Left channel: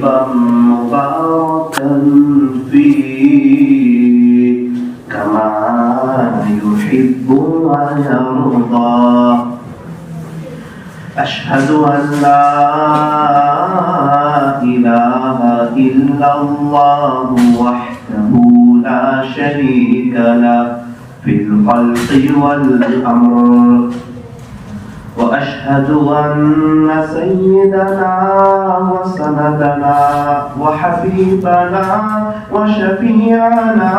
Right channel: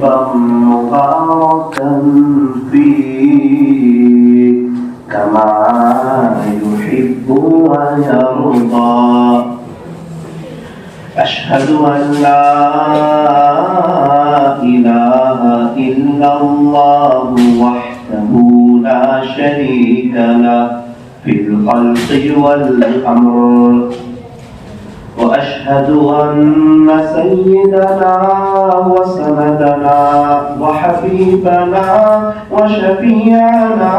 مباركا فيه كما يحب ويرضى أشهد أن لا إله إلا الله وحده لا شريك له في الخلق والأمر وأشهد أن سيدنا وسندنا وحبيبنا وشفيعنا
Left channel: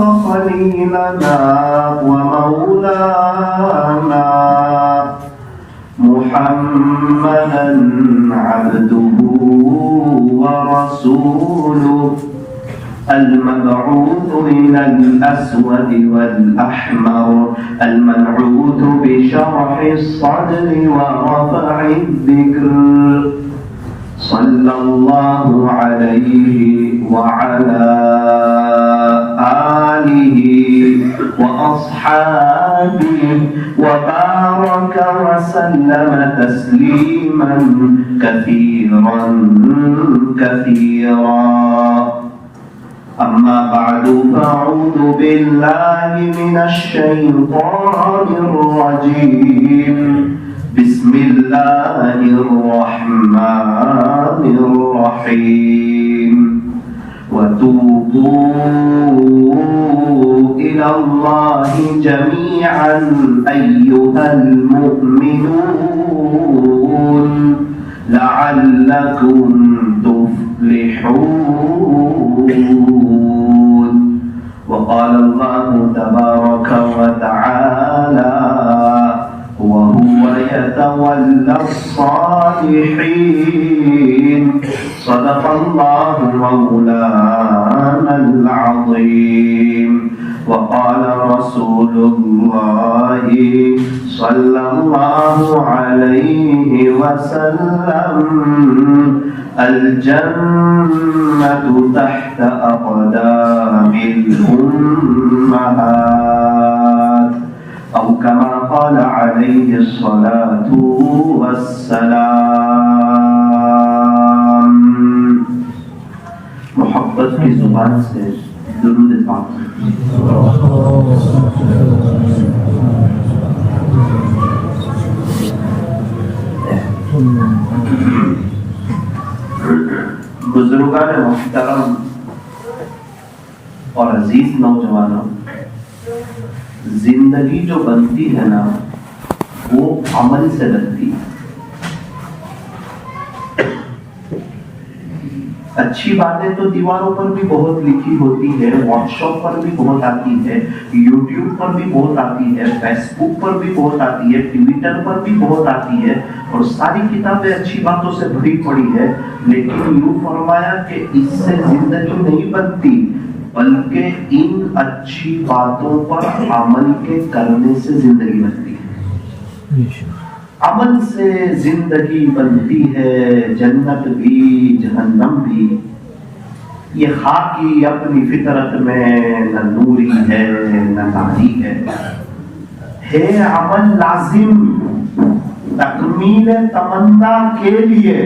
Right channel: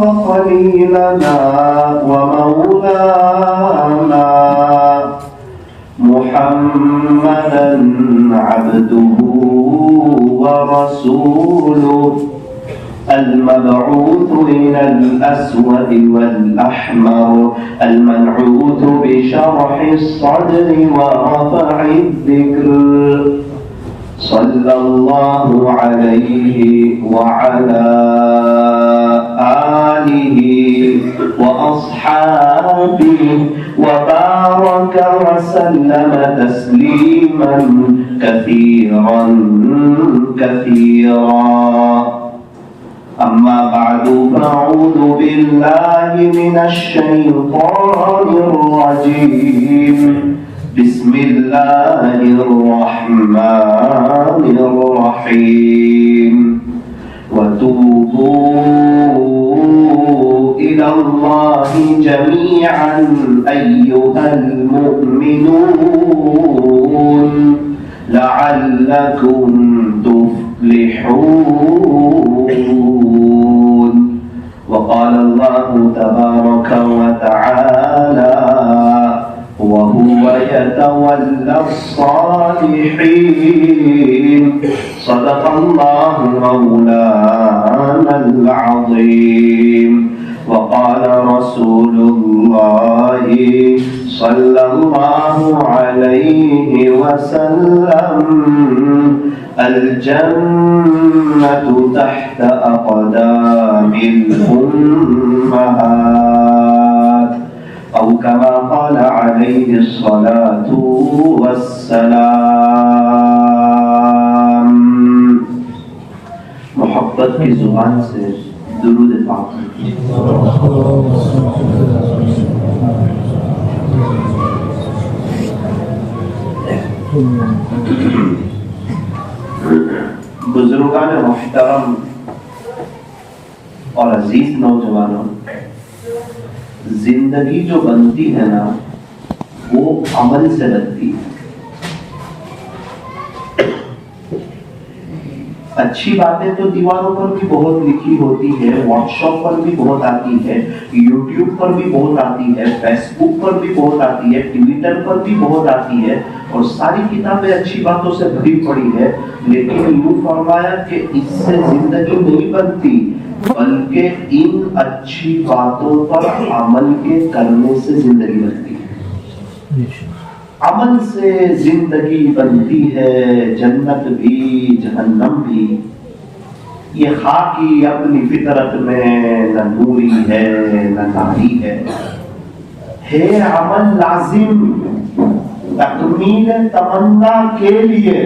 وخليلنا ومولانا محمدا عبده ورسوله المبعوث إلى الأسود والأحمر المنعوت بشرح الصدر ورفع الذكر صلى الله عليه وعلى آله وأصحابه وبارك وسلم تسليما كثيرا كثيرا أما بعد فأعوذ بالله من الشيطان الرجيم بسم الله الرحمن الرحيم وتوبوا إلى الله جميعا أيها المؤمنون لعلكم تفلحون وقال الله تبارك وتعالى وهو يتولى الصالحين صدق الله مولانا العظيم وقال رسول الله صلى الله عليه وسلم الجنة تحت أقدام الأمهات أو كما قال عليه الصلاة والسلام. محبت کی زبان سے درود پاک. بزرگان محترم اور عزیز نوجوانوں، زندگی جو بنتی ہے نا وہ عمل سے بنتی ہے. اچھی باتیں تو دیواروں پر بھی بہت لکھی ہوتی ہے، واٹس ایپ پر بھی بہت آتی ہے، یوٹیوب پر بھی بہت آتی ہے، فیس بک پر بھی بہت آتی ہے، ٹویٹر پر بھی بہت آتی ہے، اور ساری کتابیں اچھی باتوں سے بھری پڑی ہے. لیکن یوں فرمایا کہ اس سے زندگی نہیں بنتی، بلکہ ان اچھی باتوں پر عمل کے کرنے سے زندگی بنتی ہے. عمل سے زندگی بنتی ہے، جنت بھی جہنم بھی. یہ خاکی اپنی فطرت میں نہ نوری ہے نہ ناری ہے عمل لازم تکمیل تمنا کے لیے.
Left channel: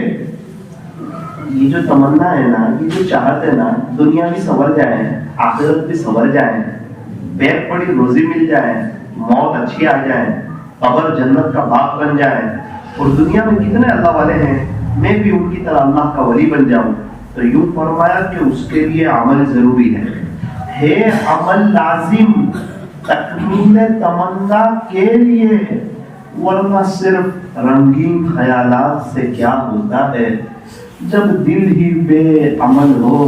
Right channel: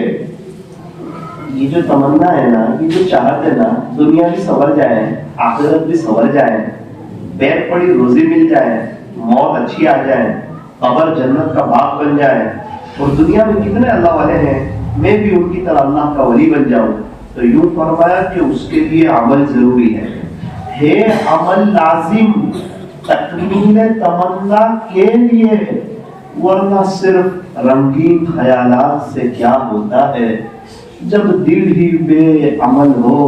یہ جو تمنا ہے نا، یہ جو چاہت ہے نا، دنیا بھی سنور جائے، آخرت بھی سنور جائے، پیٹ پڑی روزی مل جائے، موت اچھی آ جائے، قبر جنت کا باغ بن جائے، اور دنیا میں کتنے اللہ والے ہیں، میں بھی ان کی طرح اللہ کا ولی بن جاؤں، تو یوں فرمایا کہ اس کے لیے عمل ضروری ہے عمل لازم تکمیل تمنا کے لیے. ورنہ صرف رنگین خیالات سے کیا ہوتا ہے؟ جب دل ہی بے عمل ہو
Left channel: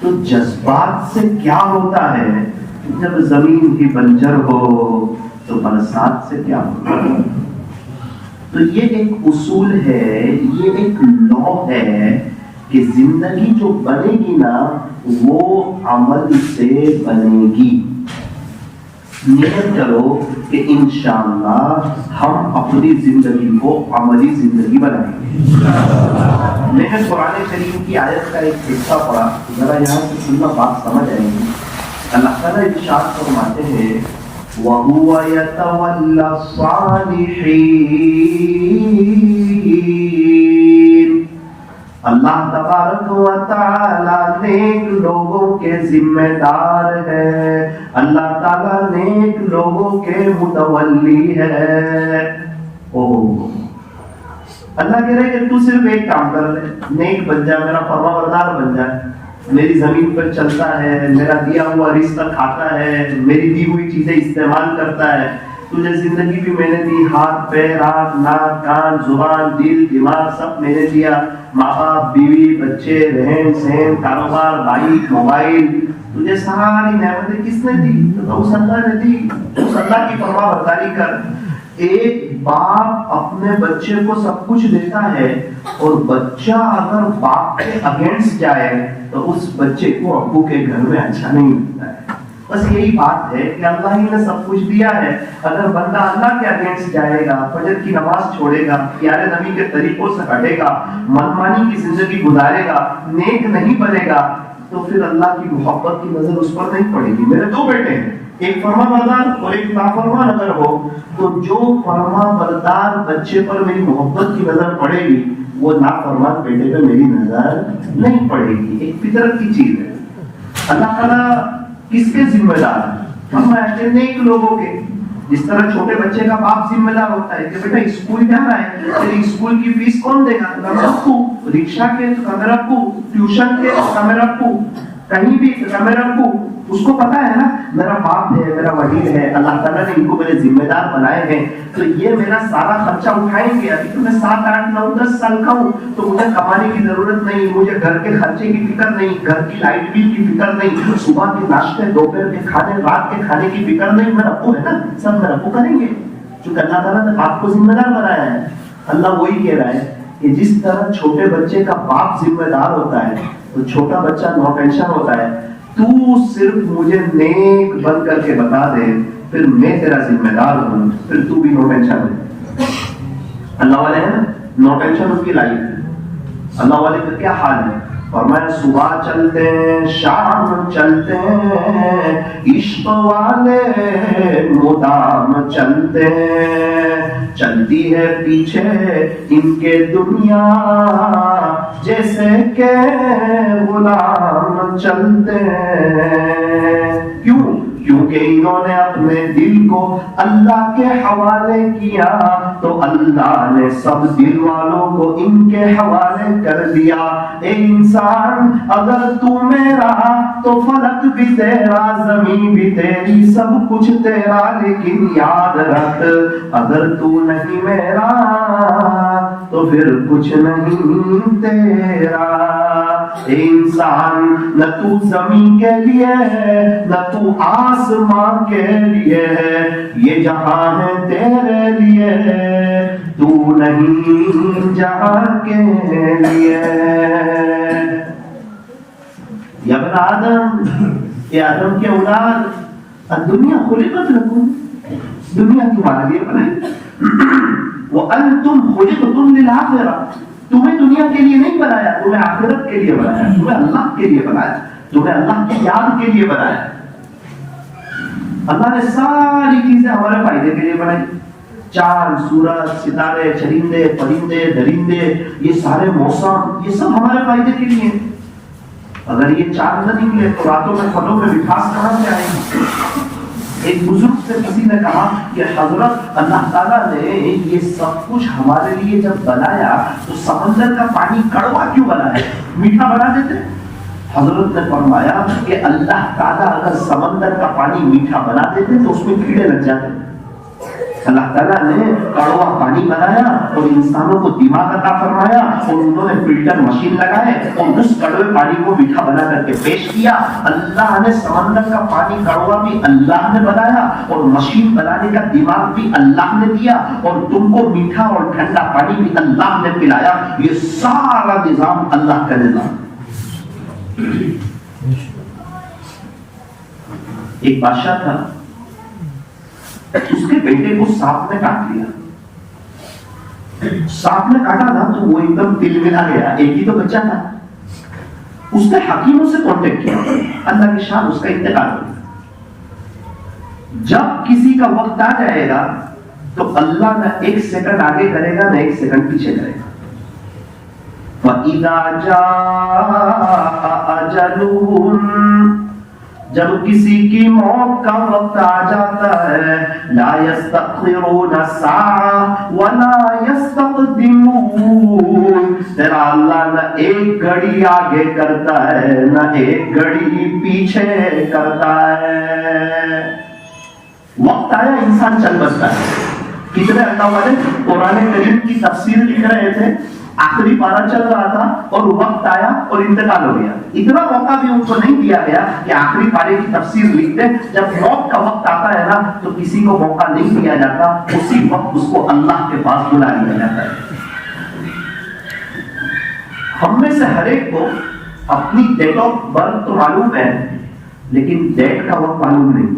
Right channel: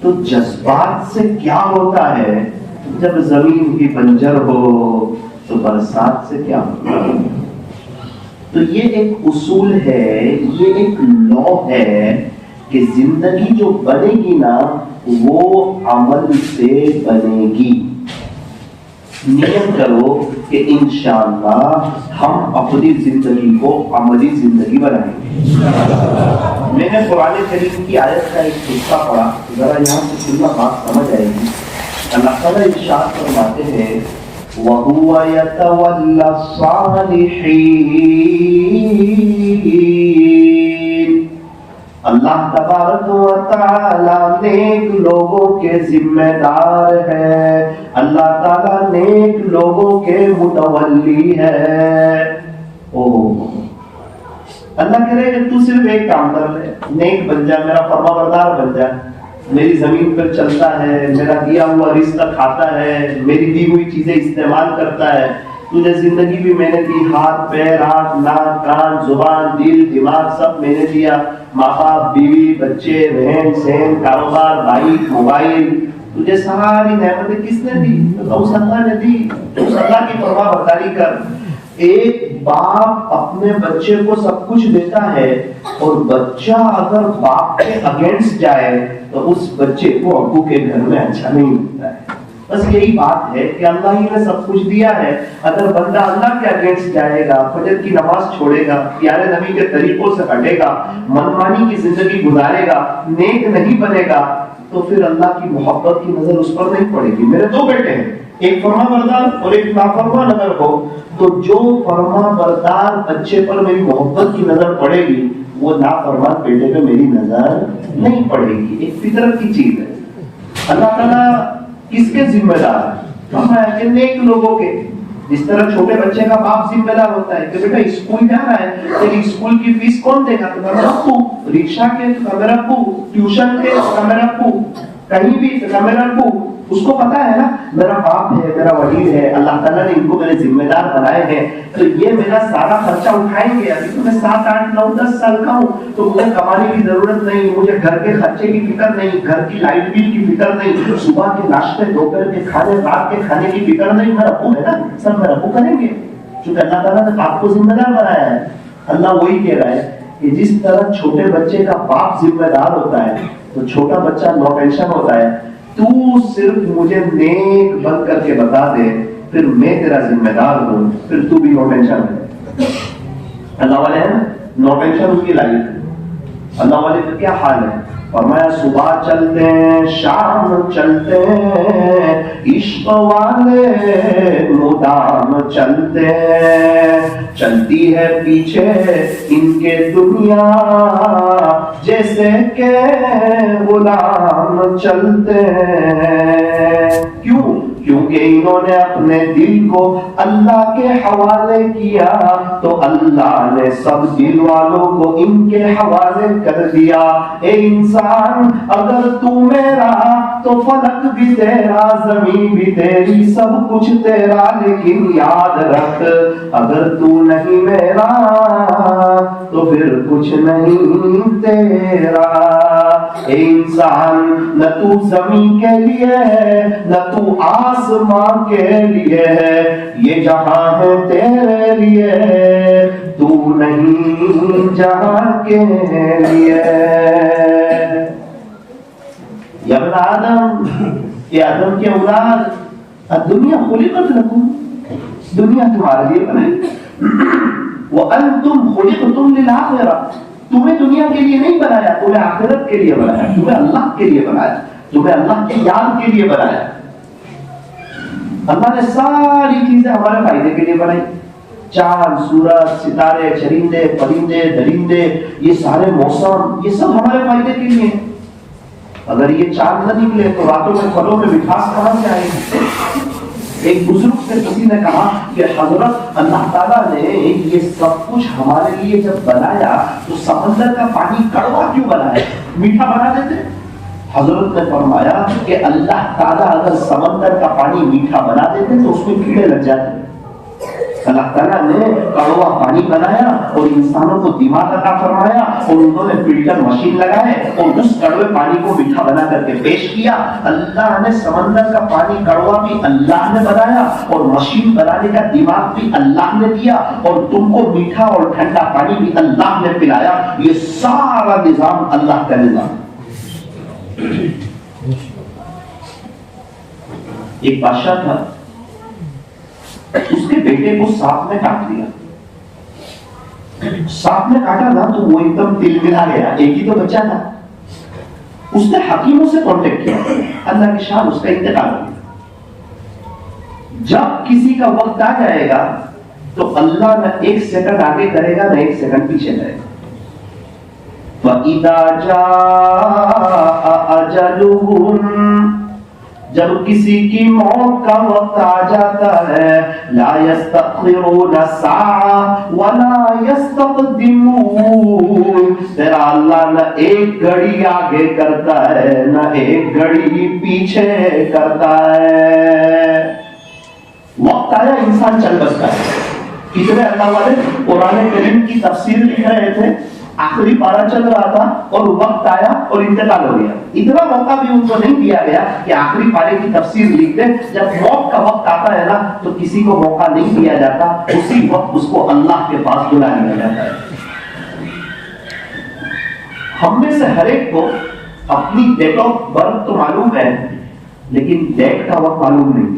تو جذبات سے کیا ہوتا ہے؟ جب زمین ہی بنجر ہو تو برسات سے کیا ہوتا ہے؟ تو یہ ایک اصول ہے، یہ ایک لا ہے کہ زندگی جو بنے گی نا وہ عمل سے بنے گی. نیت کرو کہ انشاءاللہ ہم اپنی زندگی کو عملی زندگی بنائیں گے. میں نے قرآن کریم کی آیت کا ایک حصہ پڑھا، ذرا یہاں سے سننا بات سمجھ آئے گی. اللہ تعالیٰ ارشاد فرماتے ہیں وَهُوَ يَتَوَلَّى الصَّالِحِينَ. اللہ تبارک و تعالی نیک لوگوں کے ذمہ دار ہے، اللہ تعالی نیک لوگوں کے متولی ہے۔ اللہ کہہ رہے کہ تو صرف ایک کام کر لے، نیک بن جا، میرا فرما بردار بن جائے، میری زمین پر چلتا ہے، میرا دیا ہوا رزق کھاتا ہے، میری دی ہوئی چیزیں استعمال کرتا ہے، تجھے زندگی بھی میں نے دی، ہاتھ پیر آنکھ ناک کان زبان دل دماغ سب میں نے دیا، ماں باپ بیوی بچے رہن سہن کاروبار بائک موبائل، تجھے ساری نعمتیں کس نے دی؟ اس اللہ نے دی۔ اس اللہ کی فرما برداری کر۔ ایک باپ اپنے بچے کو سب کچھ دیتا ہے اور بچہ اگر باپ کے اگینسٹ جائے تو اس بچے کو ابو کے گھر میں اچھا نہیں لگتا ہے۔ بس یہی بات ہے کہ اللہ ہی نے سب کچھ دیا ہے، اگر بندہ اللہ کے اگینسٹ جائے گا، فجر کی نماز چھوڑے گا، پیارے نبی کے طریقوں سے ہٹے گا، منمانی کی زندگی گزارے گا، نیک نہیں بنے گا، تو پھر اللہ کی محبت کی نظر اس پر نہیں پڑے گی۔ میرے دو بیٹے ہیں، ایک فرما بردار اور ایک نافرمان اگر ہو تو جو فرما بردار بچے پر میری محبت کی نظر پڑے گی وہ نافرمان بیٹے پہ میری نظر نہیں پڑے گی۔ ایک فطرت کی چیز ہے۔ اللہ تعالیٰ کس کے ذمہ دار ہے؟ ہم ہیں نیک لوگوں کے۔ جس طرح چھوٹے بچے کا باپ ذمہ دار ہوتا ہے کہ بیٹا اسکول جا رہا ہے، تیری اسکول کی فیس کون دے گا؟ تو میرا ابو، رکشا کے تو میرا ابو، ٹیوشن کے تو میرا ابو، کہیں بھی تو میرا ابو۔ اس کو پتا ہے نا میرا باپ ہے، میرا وڈیل ہے، اللہ تعالیٰ نے ان کو میرے ذمہ دار بنائے ہیں، تو یہ میرا سارا خرچہ اٹھائیں گے۔ ابھی تو میں 7 8 9 10 سال کا ہوں تو مجھے کمانے کی ضرورت نہیں، مجھے گھر کے خرچے کی فکر نہیں، گھر کی لائٹ بل کی فکر نہیں، صبح کے ناشتے دوپہر کے کھانے رات کے کھانے کی فکر نہیں۔ میرا ابو ہے نا، سب میرا ابو کریں گے، کیونکہ اللہ تعالیٰ نے باپ کو ذمہ دار بنایا ہے۔ اللہ وہی کہہ رہا ہے کہ جس طرح چھوٹے بچے کا باپ ذمہ دار ہوتا ہے تو چھوٹا بچہ نو ٹینشن ہوتا ہے۔ تو صرف مجھے نیک بن کر کے بتا دے، پھر میں تیرا ذمہ دار ہوں، پھر تو بھی نو ٹینشن ہے۔ اللہ والے ہیں نا، نو ٹینشن ان کی لائف۔ اللہ والے کا کیا حال ہے؟ فرمایا صبح چلتے ہیں شام چلتے ہیں، عشق والے مدام چلتے ہیں، چلتی ہے پیچھے ان کے دنیا جیسے کہ غلام چلتے ہیں۔ کیوں؟ کیونکہ انہوں نے اپنے دل کو اللہ کے حوالے کیا تو اللہ نے سب دل والوں کو ان کے حوالے کر دیا۔ اے انسان، اگر تو میرا تو فلک بھی تیرا، زمین بھی تیری، سب کچھ تیرا، لیکن یاد رکھ اگر تو نہیں میرا تو پھر کچھ نہیں تیرا۔ اے انسان، نہ تو زمین کے لیے ہے نہ تو آسمان کے لیے ہے، یہ جہاں ہے تیرے لیے، تو نہیں جہاں کے لیے۔ یا ابن آدم، یا آدم کے اولاد، الدنیا خلقت لکم، دنیا تمہارے لیے بنائی، وَأَنْتُمْ خُلِقْتُمْ لِلْآخِرَةِ، تمہیں دنیا کے لیے نہیں بنایا، تمہیں آخرت کے لیے بنایا، تمہیں اللہ کے لیے بنایا، تمہیں اللہ کی یاد کے لیے بنایا۔ اللہ نے ساری چیزیں ہمارے فائدے کے لیے بنائی، چاند سورج ستارے چرندے پرندے درندے، یہ سارے موسم، یہ سب ہمارے فائدے کے لیے۔ اگر یہ چاند نہ نکلے تو راتوں میں پھلوں میں مٹھاس کہاں سے آئے گی؟ ایک بزرگ سے کسی نے کہا کہ حضرت اللہ تعالیٰ نے یہ سب کچھ ہمارے لیے جب بنایا تو سمندر کا پانی کڑوا کیوں بنایا؟ میٹھا بنا دیتے۔ حضرت نے فرمایا کہ اللہ تعالیٰ اگر سمندر کا پانی میٹھا بنا دیتے تو اس میں کیڑے لگ جاتے۔ اللہ تعالیٰ نے کڑوا پانی بنایا اور انسانوں کو دماغ عطا فرمایا اور انہوں نے فلٹر مشین لگائے اور اس کڑوے پانی کو میٹھا بنا کر کے پیش کیا۔ اللہ نے سمندر کا پانی کڑوا بھی اللہ نے بنایا اور مشین بنانے کا دماغ بھی اللہ نے دیا، اور تم کو میٹھا اور ٹھنڈا پانی بھی اللہ نے پلایا۔ یہ سارا نظام اللہ کا نظام۔ ایک بادشاہ تھا، اس کے بیٹے کو سانپ نے کاٹ لیا۔ سانپ نے کاٹا تھا تو وہ ایک دم دل ملا گیا، ایک ہی تو بچہ تھا۔ اس نے حکیموں سے کانٹیکٹ کیا، اللہ کی شان، اس کا انتقال ہو گیا۔ جب کسی کا وقت آ جائے گا تو اللہ نہ 1 سیکنڈ آگے کرے گا نہ 1 سیکنڈ پیچھے کرے گا۔ وَإِذَا جَاءَ أَجَلُهُمْ، جب کسی کی موت کا وقت آ جاتا ہے، لا يستأخرون ساعة ولا يستقدمون، تیرا اللہ نہ ایک گھڑی آگے کرتا ہے نہ ایک گھڑی پیچھے کرتا ہے۔ وقت آیا انسان چل بستا ہے۔ کتنے اللہ والے قرآن کریم کی تفسیر لکھ رہے تھے، آخری پارہ چل رہا تھا اور وقت آیا اور انتقال ہو گیا۔ اتنا موقع بھی ان کو نہیں دیا گیا کہ آخری پارے کی تفسیر لکھ دیں۔ جب موت کا وقت آتا ہے نا تو کسی کو موقع نہیں دیا جاتا، اسی وقت اس کو اللہ کے پاس بلا لیا جاتا ہے۔ ہم میں سے ہر ایک کو اپنی ڈیٹ آف برتھ تو معلوم ہے، لیکن ڈیٹ کا وقت معلوم نہیں۔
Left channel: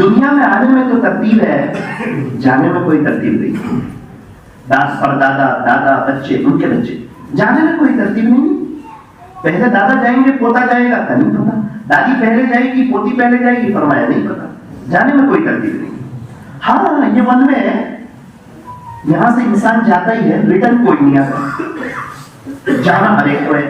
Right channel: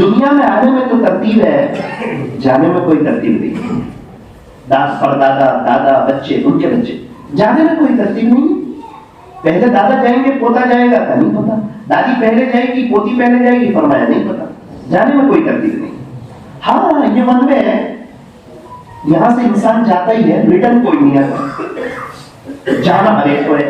دنیا میں آنے میں تو ترتیب ہے، جانے میں کوئی ترتیب نہیں۔ پردادا، دادا، بچے، ان کے بچے، جانے میں کوئی ترتیب نہیں۔ پہلے دادا جائیں گے پوتا جائے گا کا نہیں پتا، دادی پہلے جائے گی پوتی پہلے جائے گی فرمایا نہیں پتا، جانے میں کوئی ترتیب نہیں۔ ہاں یہ ون وے ہے، یہاں سے انسان جاتا ہی ہے، ریٹرن کوئی نہیں آتا، جانا ہر ایک کو ہے۔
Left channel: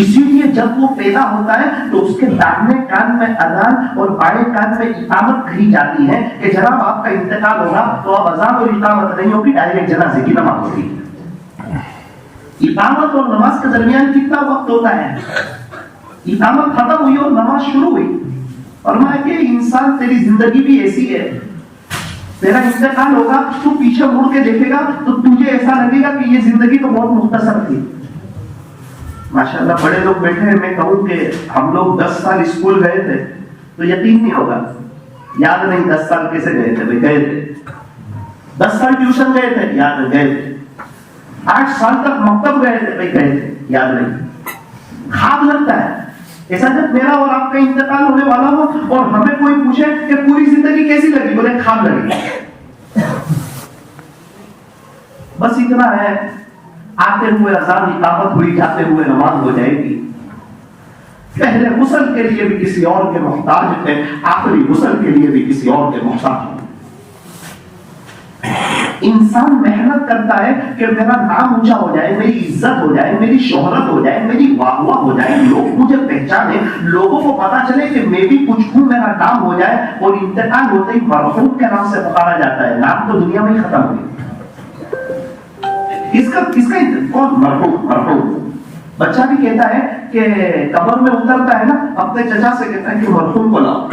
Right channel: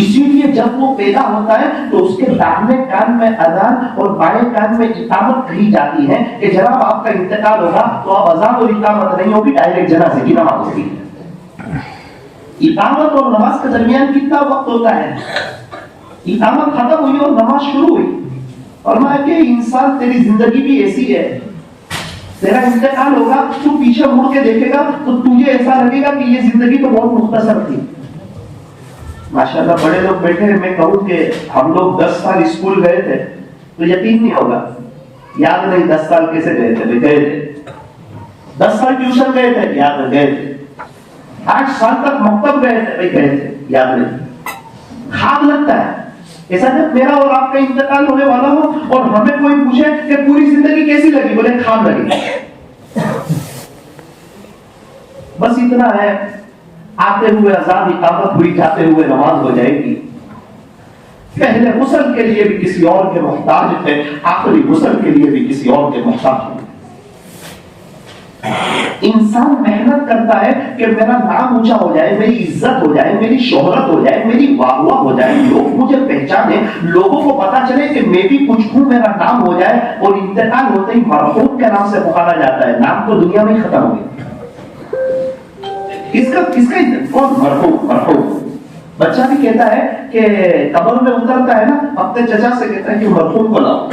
اسی لیے جب وہ پیدا ہوتا ہے تو اس کے داہنے کان میں اذان اور بائیں کان میں اقامت کہی جاتی ہے کہ جناب آپ کا انتقال ہوگا تو اب اذان اور اقامت نہیں ہوگی، ڈائریکٹ جنازے کی نماز ہوگی۔ اقامت اور نماز کے درمیان کتنا وقت ہوتا ہے؟ اقامت ختم ہوئی اور نماز شروع ہوئی، فرمایا کہ انسان تیری زندگی بھی ایسی ہے، تیرا انتقال ہوگا تو پیچھے مڑ کے دیکھے گا تو تجھے ایسا لگے گا کہ یہ زندگی تو بہت مختصر تھی۔ ماشاءاللہ بڑے لوگ بیٹھے ہیں، میں کہوں کہ ہم لوگ 10 سال اسکول گئے تھے تو یقین نہیں ہوگا، یاد نہیں 10 سال کیسے گئے تھے، گئے تھے 10 سال ٹیوشن گئے تھے، یاد نہیں گئے تھے 8 سال تک مکتب گئے تھے، گئے تھے، یاد نہیں۔ خواب لگتا ہے ایسا جب میرا اور آپ کا انتقال ہونے والا ہو اور ہمیں کوئی پوچھے کہ پوری زندگی کیسی لگی، بولے خواب لگی۔ بس اتنا ہے، آتے ہوئے اذان اقامت ہوئی، جاتے ہوئے نماز ہو جائے گی۔ پہلے غسل کے لیے بھی کسی اور کے محتاج تھے، آخری غسل کے لیے بھی کسی اور کے محتاج ہیں۔ انسان محنت کرتا ہے کہ میرا نام اونچا ہو جائے، میری عزت ہو جائے، میری شہرت ہو جائے، میری واہ واہ ہو جائے، لوگ مجھے پہچانے، لوگوں کو پتا چلے کہ میں بھی کچھ ہوں، میرا نام ہو جائے، اور انتقال ہوتے ہی مرحوم کے نام سے پکارا جاتا ہے۔ نام تو دنیا میں ہی ختم ہو گئی، کس کا کون؟ مرحوم۔ بچہ بھی کہتا ہے کہ قبر میں اترتا ہے نا، اپنے چچا سے کہتا ہے کہ مرحوم کو لاؤ۔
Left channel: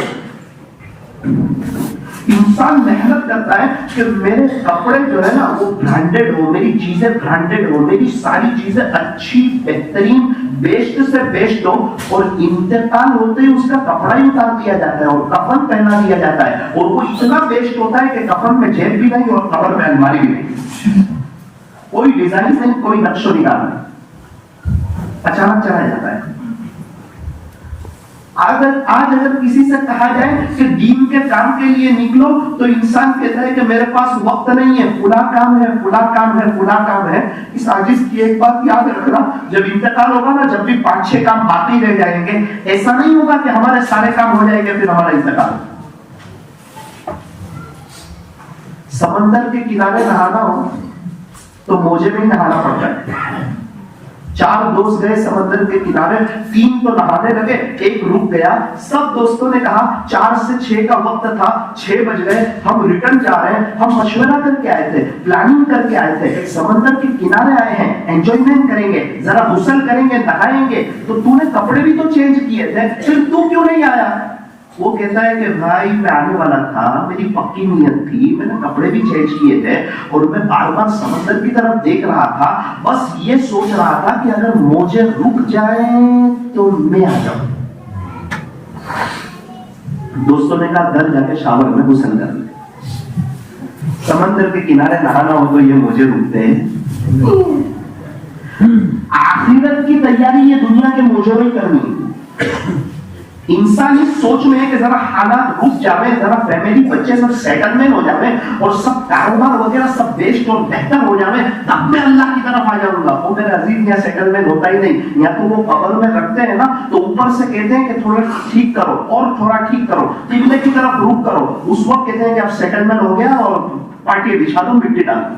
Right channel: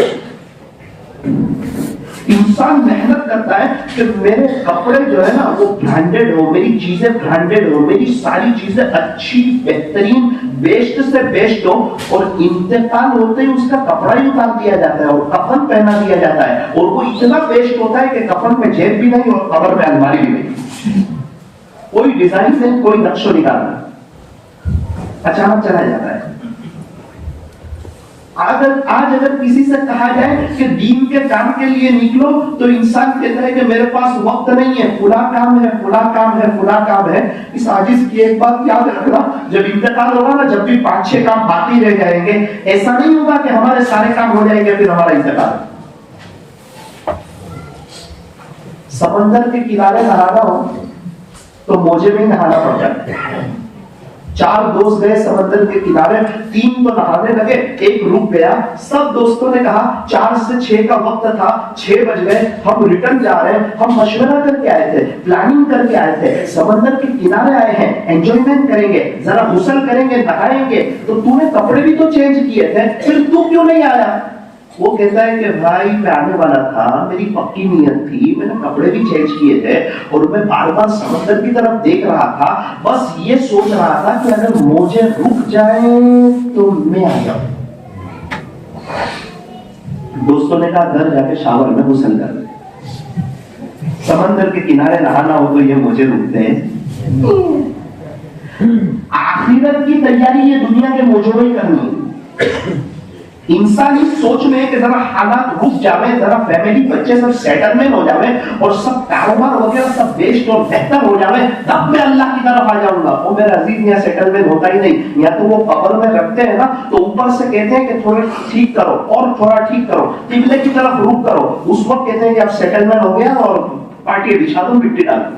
انسان محنت کرتا ہے کہ میرے کپڑے جو ہے نا وہ برانڈیڈ ہو، میری چیزیں برانڈیڈ ہو، میری ساری چیزیں اچھی بہترین بیسٹ سے بیسٹ ہو، اور انتقال ہوتے ہی اس کا کپڑا ہی اتار دیا جاتا ہے اور کفن پہنا دیا جاتا ہے، اور وہ اتنا بیسٹ ہوتا ہے کہ کفن میں جیب بھی نہیں اور قبر میں الماری بھی نہیں، کوئی ڈیزائن نہیں، کوئی نقش و نگار نہیں، اچانک چلا جاتا ہے۔ آج اگر کسی سے کہا جائے کہ دین کے کام کے لیے نکلو تو انسان کہتا ہے کہ میرے پاس وقت نہیں ہے، فلاں کام ہے، فلاں کام ہے، فلاں کام ہے۔ اس عاجز کی ایک بات یاد رکھنا، جب انتقال ہوگا نا، جب بھی 5-6 کام باقی رہ جائیں گے، ایسا نہیں ہوگا کہ ہمارے سارے کام ہو جائیں گے پھر ہمارا انتقال۔ سمندر کے کنارے نہانا ہو تو موجے میں نہانا پڑ جاتا ہے۔ 4 دوست گئے سمندر کے کنارے، 3 تو نہانے لگے، ایک رک گیا۔ سب دوستوں نے کہا 4 سے 6 کا وقت تھا، 6 بج گئے، ہم ریٹرن جا رہے ہیں، ہم مشورہ کر کے آئے تھے، پلاننگ کر کے آئے تھے، سمندر کے کنارے آئے ہیں، انجوائمنٹ کریں گے، ذرا غسل کریں گے، نہائیں گے، تو تو نے کپڑے بھی تو چینج کیے تھے، پھر تو کیوں نہیں آیا؟ وہ کہتا ہے کہ بھائی میں آنے والا تھا، میری پکی نیت تھی، میں نے کپڑے بھی چینج کیے تھے، اور میں بار بار سمندر کی طرف دیکھ رہا تھا، بس یہ سوچ رہا تھا کہ اگر موجیں رک جائیں تو میں آ جاؤں۔ دوستوں نے کہا گھر جا کے شاور میں غسل کر لیں، سمندر کے کنارے نہانا ہو تو یہ موجیں رکتے ہیں۔ آخرت کی تیاری یہ دنیا کے موجوں میں کرنی ہے۔ انسان اس سوچ میں ہے کہ ذرا حالات رک جاوے، ذرا فیملی بچے سب سیٹلمنٹ ہو جاوے اور سب کاروبار وغیرہ سب بیسٹ اور بہتر ہو جاوے، تب میں اللہ کی طرف آ جاؤں گا۔ وہ میرا عزیز یہاں سیٹلمنٹ ہوتا ہی نہیں، یا تو وہ قبر میں رکھتے ہیں نا تو اوپر سے کہتے ہیں کہ تھوڑا ٹھیک کرو اور تھوڑا ٹھیک کرو، قبلے کی طرف رخ کرو، اس وقت کہتے ہیں کہ اب سیٹلمنٹ ہو گیا اور پارٹی بچھا دوں، مٹی ڈال دوں۔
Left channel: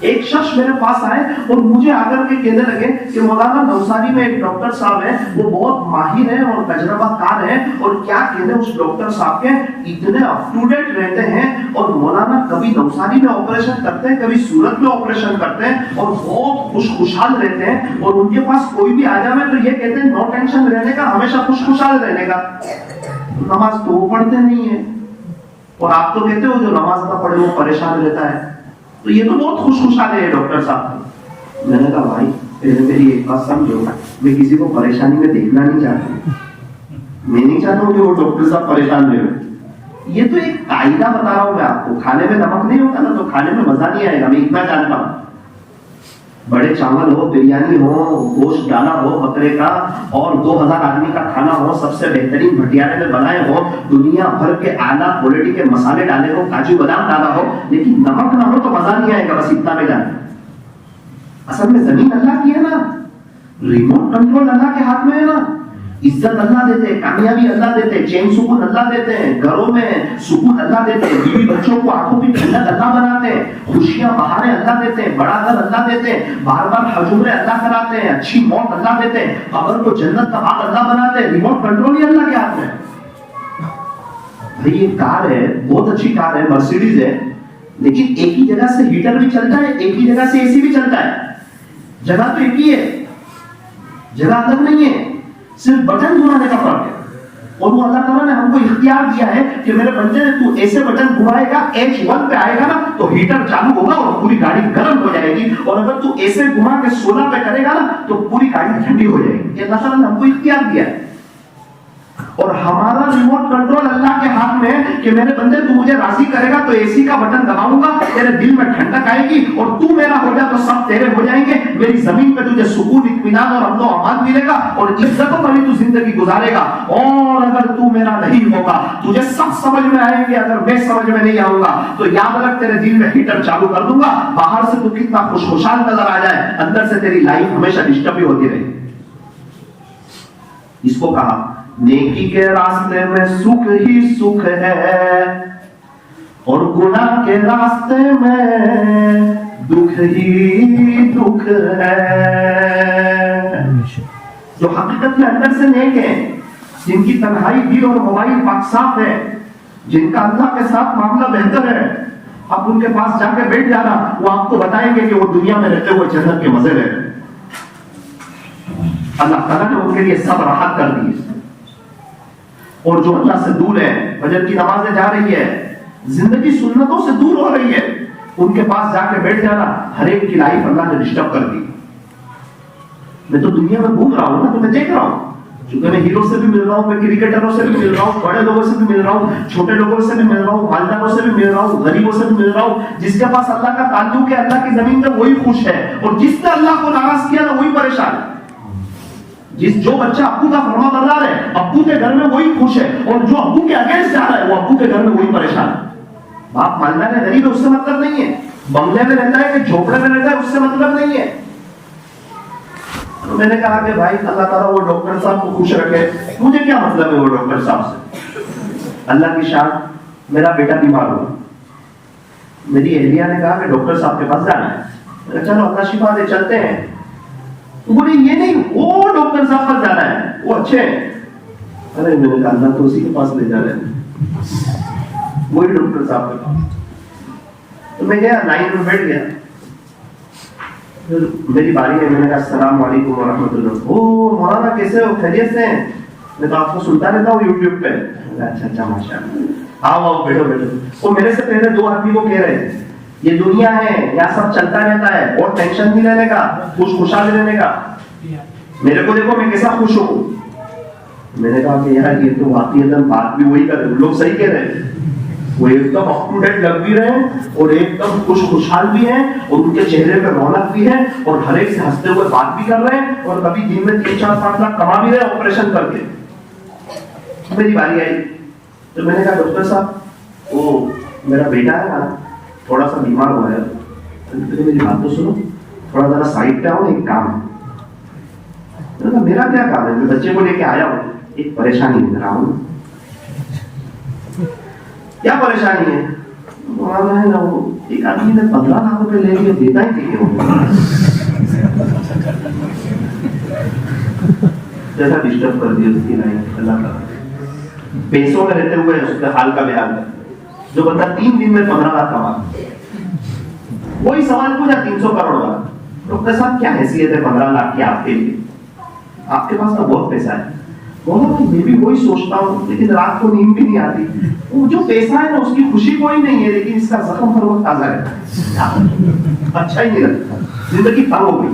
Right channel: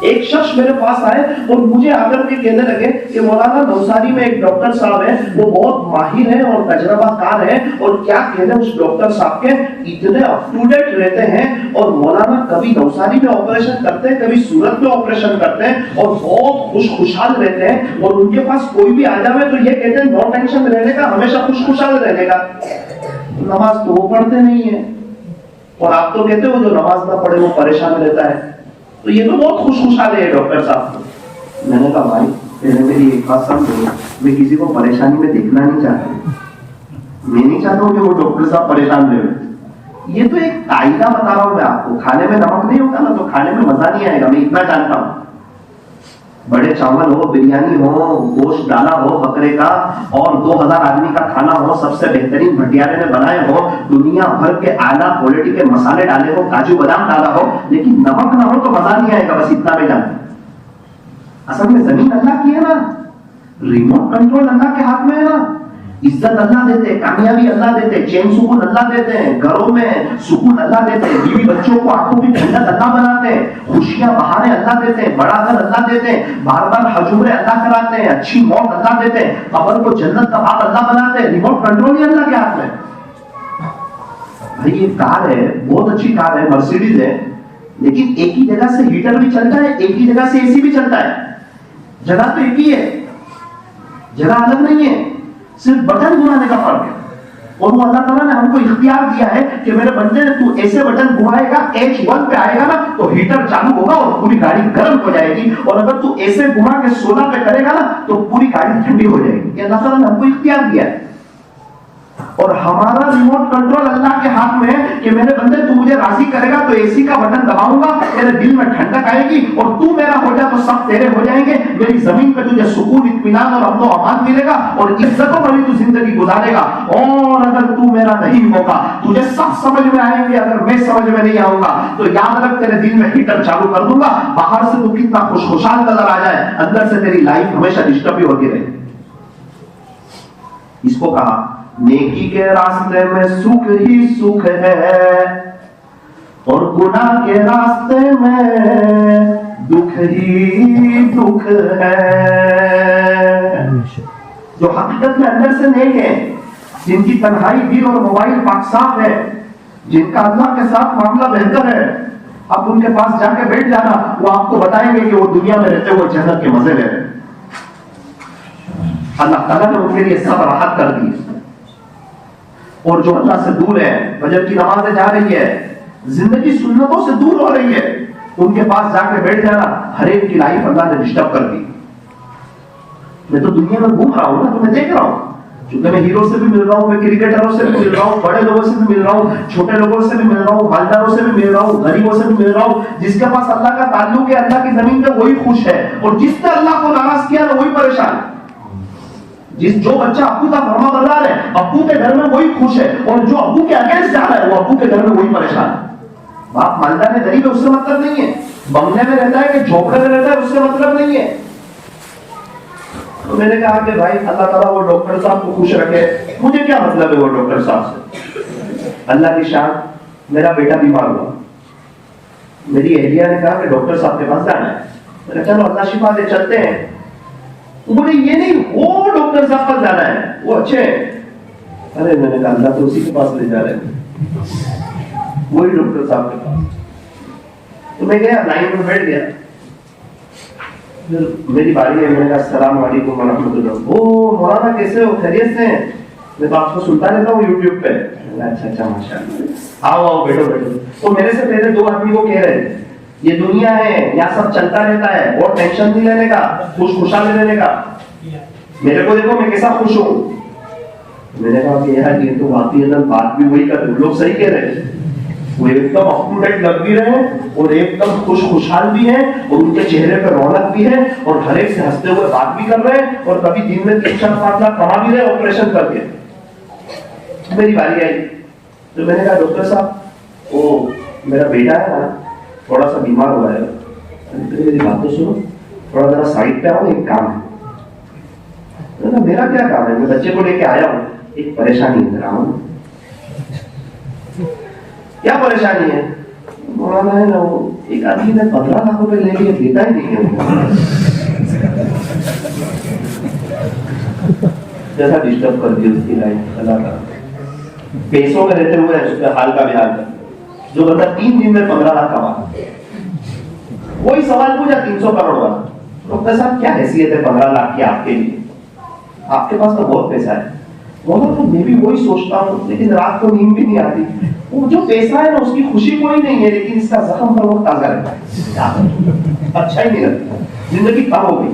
ایک شخص میرے پاس آئے اور مجھے آ کر کے کہنے لگے کہ مولانا نوساری میں ایک ڈاکٹر صاحب ہیں، وہ بہت ماہر ہیں اور تجربہ کار ہیں، اور کیا کہنے اس ڈاکٹر صاحب کے اتنے اپ ٹو ڈیٹ رہتے ہیں، اور مولانا کبھی نوساری میں آپریشن کرتے ہیں، کبھی سورت میں آپریشن کرتے ہیں، اور بہت خوشحال رہتے ہیں، اور ان کے پاس کوئی بھی آ جائے تو یہ کہتے ہیں نو ٹینشن رہنے کا، ہمیشہ خوشحال رہنے کا۔ نماز تو وہ پڑھتے نہیں ہیں، اور آپ تو کہتے ہو جو نماز نہ پڑھے وہ پریشان رہتا ہے، تو یہ تو بہت خوشحال ہے ڈاکٹر صاحب۔ میں نے کہا بھائی پہلے میری ایک بات سمجھو، میں کسی کو پریشانی میں دیکھنا نہیں چاہتا، میں نہیں چاہتا ہوں کہ وہ ڈاکٹر صاحب پریشان رہے۔ یہ تو ایک قاعدہ بتا رہا ہوں میں آپ کو، کھانے میں نمک نہیں ہوتا نا تو کھانے میں مزہ نہیں آئے گا، میں اتنا جانتا ہوں۔ بڑے چاول ہو، بریانی ہو، گوشت ڈالا ہو بکرے کا، اور 2000 آدمی کا کھانا ہو، سب سے بہترین بھٹیارے نے بنائے ہو، دنیا بھر کے اعلیٰ کوالٹی کے مسالے ڈالے ہو، کاجو بادام ڈالا ہو، لیکن نمک نہ ہو تو مزہ نہیں آئے گا، بس اتنا میں جانتا ہوں۔ اصل میں زمین اللہ کی ہے نا، ریموٹ کنٹرول اللہ کے ہاتھ میں ہے نا، عزت اللہ دیتے، کامیابی اللہ دیتے، چین سکون اللہ دیتے ہیں، گھروں میں سکون اللہ دیتے ہیں، بیوی بچوں کو آنکھوں کی ٹھنڈک اللہ بناتے ہیں، خوشیاں بہاریں اللہ دیتے ہیں، بڑا گھر اللہ دیتے ہیں، بار بار حج عمرے اللہ کراتے ہیں، اچھی موت اللہ دیتے ہیں، قبر کو جنت کا باغ اللہ بناتے ہیں، ریموٹ کنٹرول ہی اللہ کے ہاتھ میں۔ بھائی یہ کار ہے، بہت اچھی کار ہے، مرسیڈیز ہے، لیکن ایک ہی جگہ سے ہیٹر بھی چلتا ہے، ایک ہی جگہ سے اے سی بھی چلتا ہے، جگہ تو ایک ہی ہے، جگہ الگ نہیں ہے، صرف بٹن گھمانے کا فرق ہے۔ اور وہ اللہ تعالیٰ نے ہم کو اختیار دیا ہے کہ میرے بندے تو ایسے بٹن گھمائے گا، H1 پہ آئے گا نا تو ہیٹر چالو ہوگا اور پوری گاڑی گرم ہو جائے گی، اور اگر تو ایسے گھما کے 16 پہ کرے گا نا تو پوری گاڑی ٹھنڈی ہو جائے گی۔ یہ اللہ تعالیٰ نے ہم کو اختیار دیا ہے، اور ہمارا ریموٹ کنٹرول اللہ کے ہاتھ میں ہے کہ میرے بندے تو مجھے راضی کرے گا تو اے سی کا بٹن دباؤں گا، تیرے دل میں ٹھنڈک آئے گی، اور تو میرا ہو جا تو سب تیرے ہو جائیں گے، میری زمین پہ تجھے سکون، اطمینان اور امن و امان ملے گا، اور عزتوں والی تو زندگی گزارے گا۔ اور اگر تو میرا نہیں ہوگا، تجھے سب سمجھ میں آئیں گے، اگر میں سمجھ میں نہیں آؤں گا تو یاد رکھ تیرے دل میں ہیٹر چالو کر دوں گا، باہر سے تو کتنا خوشحال نظر آ جائے، اندر سے تیری لائف ہمیشہ ڈسٹرب ہی ہوتی رہے۔ اس کو کہا نیکی کے راستے میں سکھ ہی سکھ ہے، اور گناہ کے راستے میں دکھ ہی دکھ ہے۔ جو حقیقت میں اندر سے نیک ہے، جن کی تنہائی دل اور موبائل پاک صاف ہے، جن کا اللہ کے ساتھ معاملہ بہتر ہے، اب ان کے پاس جا کے بیٹھ جانا، وہ آپ کو بتائیں گے کہ وہ دنیا میں رہتے ہوئے جنت کے مزے لے رہے ہیں۔ اللہ تعالیٰ نے ان کے لیے سب راحت کر دی ہے۔ اور جو اللہ سے دور ہے، فجر کی نمازیں جا رہی ہے، زندگی سنتوں سے دور ہو رہی ہے، ان کے پاس جا کے بیٹھ جانا، ہر ایک کی لائف اللہ نے ڈسٹرب کر دی۔ میں تو دنیا میں گھوم رہا ہوں نا، تو میں دیکھ رہا ہوں، چونکہ میں ہیرو سے بھی مل رہا ہوں، میں کرکٹروں سے بھی مل رہا ہوں، بڑے لوگوں سے بھی مل رہا ہوں، چھوٹے لوگوں سے بھی مل رہا ہوں، مالداروں سے بھی مل رہا ہوں، غریبوں سے بھی مل رہا ہوں۔ جس کے پاس اللہ کا تعلق ہے، اللہ کی زمین پہ وہی خوش ہے، اور جس نے اللہ کو ناراض کیا نا وہی پریشان ہے۔ جو بچہ ابو کا فرما بردار ہے، ابو کے گھر میں وہی خوش ہے، اور جو ابو کے اگینسٹ جا رہا ہے وہ ابو کے گھر میں وہی پریشان ہے۔ باپ مالدار ہے، غریب ہے، اس سے مطلب نہیں ہے، بنگلے میں رہتا ہے کہ جھوپڑے میں رہتا ہے اس سے مطلب نہیں ہے۔ تو میں نے کہا کہ بھائی اللہ تعالیٰ وہ ڈاکٹر صاحب کو خوش رکھے، مجھے کیا مطلب ہے وہ ڈاکٹر صاحب سے۔ اللہ کی شان، میرا بیٹا بیمار ہوا، میری اہلیہ نے کہا کہ ڈاکٹر صاحب کے پاس جانا ہے، میں نے کہا چلو اللہ شفا دے، چلتے ہیں۔ بولے یہ نہیں، وہ ڈاکٹر صاحب پر جانا ہے، وہ اچھے ہیں۔ ارے میں نے کہا اللہ تو اسی کے پاس لے جا رہے ہیں، وہی ڈاکٹر صاحب کے پاس۔ تو میں گیا، لائن میں بیٹھ گیا، پھر میری باری ہے، میں نے کہا السلام علیکم ورحمۃ اللہ۔ او مولانا کیسے ہو، خیریت سے ہیں؟ میں تو آپ کو سنتا رہتا ہوں یوٹیوب پہ۔ اچھا اچھا ماشاء اللہ، آؤ آؤ بیٹھو بیٹھو۔ تو میرے سے پہلے دو آدمی کو کہہ رہے تھے یہ دنیا ہے، یہاں سب چلتا رہتا ہے، اور ٹینشن نہیں لینے کا، خوشحال رہنے کا۔ میرے کو دیکھو میں کیسا خوش ہوں۔ میں نے کہا کہ یار یہ تو واقعی اگر بات بھی وہی کرتے، لوگ صحیح کہہ رہے ہیں، وہ ایک دم اپ ٹو ڈیٹ لگ بھی رہے ہیں، اور ایک دم خوشحال بھی ہیں، اور ان کے چہرے پہ رونق بھی ہے، اور ہر ایک سے ہنستے ہوئے بات بھی کر رہے ہیں، اور کبھی دن میں 3-4-5 لاکھ کما بھی رہے آپریشن کر کے۔ میری باری آئی تو میں نے کہا ڈاکٹر صاحب وہ میرا بیٹا ہے نا تھوڑا سا بیمار ہوا ہے، میری بات تو سنو، تھوڑا ذرا سائڈ پہ آؤ، ایک کام ہے۔ میرا کیا کام ہے، میں بچے کو لے کے آیا ہوں، ایک پریشانی لے رہا ہوں۔ کیا پریشانی ہے؟ مولانا ہے نا وہ ایک آدمی نے 15 لاکھ روپے لے لیے, دیتا ہی نہیں ہے وہ. جیسا ڈسٹرب کر دی اس کی لائف. اللہ کا پیسوں میں رہتے ہوئے اس کا حال کا بیان ہے. جو بندہ 3 دن میں 15 لاکھ کما, وہی سوال پوچھا 300 کروڑ والا, ڈاکٹر صاحب کیا حیثیت ہے 15 لاکھ کی آپ کے لیے؟ آپ کے پاس تو بہت پیسہ ہے. میں بھی وہی سوچتا ہوں, لیکن رات کو نیند بھی نہیں آتی. وہ جو پیسہ ہے نا اس کی خوشی کوئی نہیں ہے, لیکن اس کا زخم ہر وقت تازہ رہتا ہے, اچھا ہی نہیں لگتا, زندگی تب ہو گئی.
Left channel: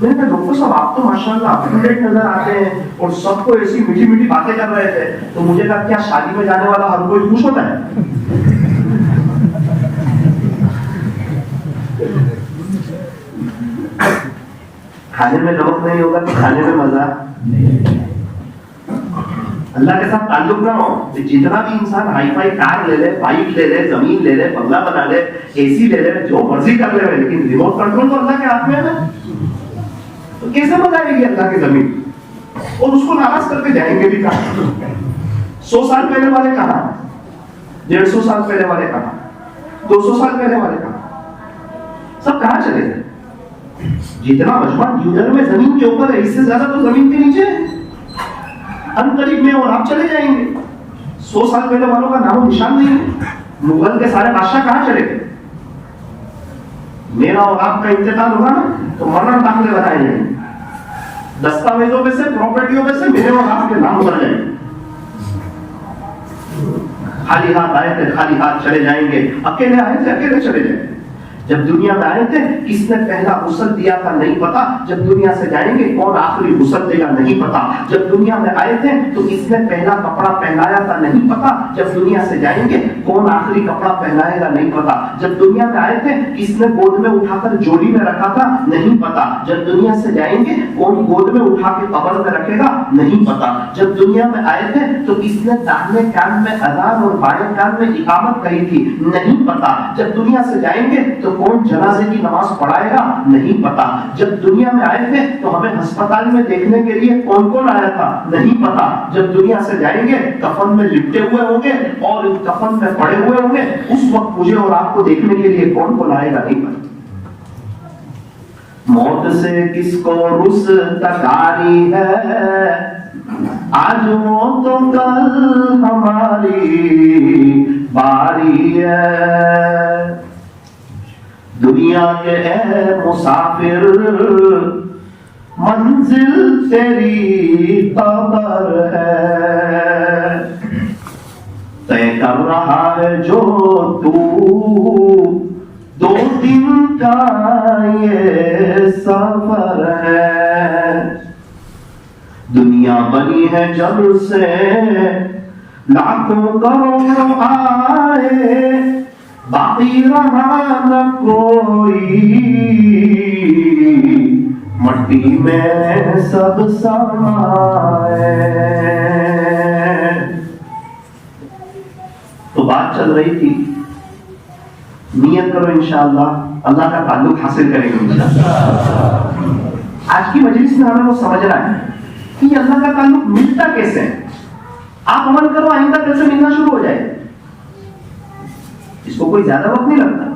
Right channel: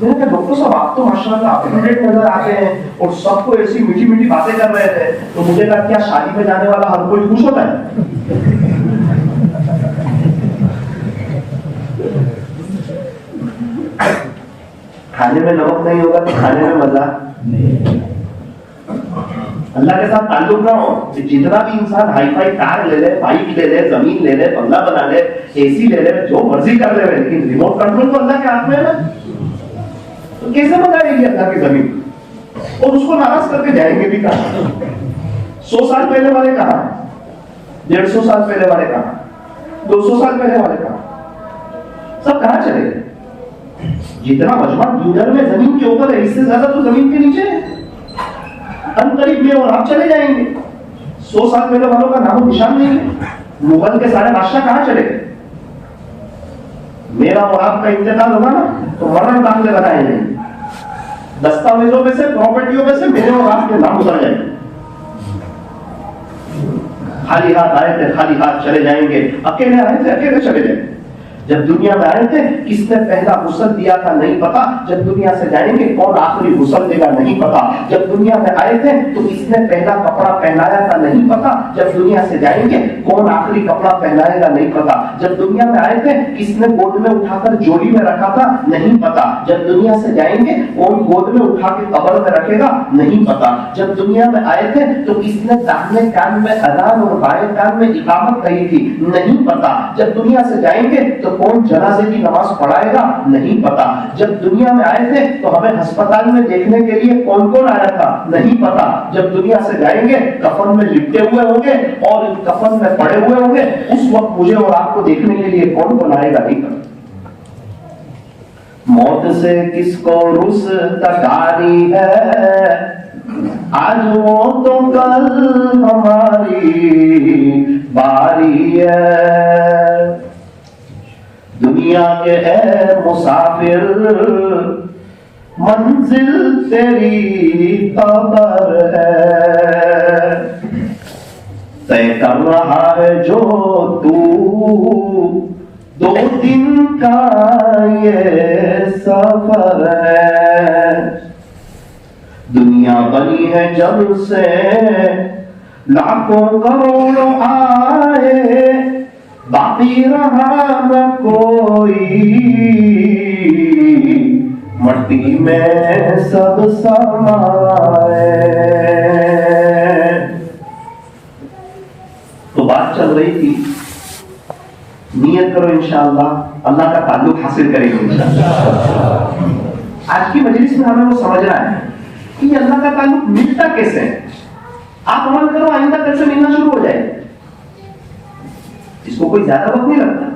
میں نے کہا ڈاکٹر صاحب آپ تو ماشاءاللہ اپڈیٹ نظر آتے ہیں اور سب کو ایسی میٹھی میٹھی باتیں کر رہے تھے, تو مجھے کہا کیا شادی میں جانے والا ہر کوئی خوش ہوتا ہے؟ کھانے میں نمک نہیں ہوگا تو کھانے میں مزہ اللہ کے ساتھ تعلق نہ ہو. جتنا بھی انسان ہائی فائی کار لے لے, بائک لے لے, زمین لے لے, بنگلہ بنا لے, اے سی لے لے, جو مرضی کر لے, لیکن ریموٹ کنٹرول تو اللہ کے ہاتھ میں ہے نا. تو کیسے بتائے گی اللہ کی زمین, اور اس کو ناراض کر کے جائیں گے بھی کہاں؟ 100 سال پہلے والے کہاں, 150 سال پہلے والے کہاں, 200 سال پہلے والے کہاں, سب کہاں چلے گئے؟ جتنا مجمع ڈیولر میں زمین کے اوپر ہے, اس سے زیادہ تو زمین کے نیچے ہے. ان قریب میں اور آپ چلے جائیں گے. 100 سال پہلے والوں کا نام و نشان نہیں ہے. مغل کے سارے بادشاہ کہاں چلے گئے؟ میرا اور آپ کا انتقال ہوگا نا تو مرن داخلے بتائے جائیں گے, دستاویزوں میں سے, پراپرٹیوں میں سے میرے اور آپ کے نام اتر جائیں گے. خالی ہاتھ آئے تھے, خالی ہاتھ چلے جائیں گے. اکیلے آئے تھے, اکیلے چلے جائیں گے. جب دنیا میں آئے تھے کس نے پہلا غسل دیا تھا نہیں پتا, جب دنیا سے جائیں گے کون آخری غسل دے گا نہیں پتا. جب دنیا میں آئے تھے تو کس نے پہلا کپڑا پہنایا تھا نہیں پتا, جب دنیا سے جائیں گے کون آخری کپڑا پہنائے گا نہیں پتا. جب دنیا میں آئے تھے کس نے گود میں اٹھا کر جوڑی میں رکھا تھا نہیں پتا. جب دنیا سے جائیں گے کون گود میں اٹھا کے قبر میں رکھے گا نہیں پتا. جب دنیا میں آئے تھے تو کس نے داہنے کان میں اذان اور بائیں کان میں اقامت کہی تھی نہیں پتا. جب دنیا سے جائیں گے تو کون جنازے کی نماز پڑھائے گا نہیں پتا. جب دنیا میں آئے تھے تو ہمیں ہسپتال میں دیکھنے کے لیے کون کون آیا تھا نہیں پتا. جب دنیا سے جائیں گے کفن میں لپٹے ہوئے ہوں گے اور کفن میں پڑے ہوئے ہوں گے, اس وقت مجھے اور آپ کو دیکھنے کے لیے کون کون آئے گا نہیں پتا. موت سے کس کو رستگاری ہے, آج وہ تو کل ہماری باری ہے. دنیا کے اے مسافر منزل تیری قبر ہے, طے کر رہا ہے جو تو 2 دن کا یہ سفر ہے. دنیا بنی ہے جب سے لاکھوں کروڑوں آئے, باقی رہا نہ کوئی, مٹی میں سب سمائے. تو بات چل رہی تھی, نیت کرو انشاءاللہ اللہ کا تعلق حاصل کریں گے انشاءاللہ. آج کی مجلس میں ہمیں وہ سمجھنا ہے کہ یہ اللہ کا تعلق ملتا کیسے ہے. آپ عمل کرو, آئندہ کیسے ملنا شروع ہو جائے. اس کو کوئی زیادہ وقت نہیں لگتا.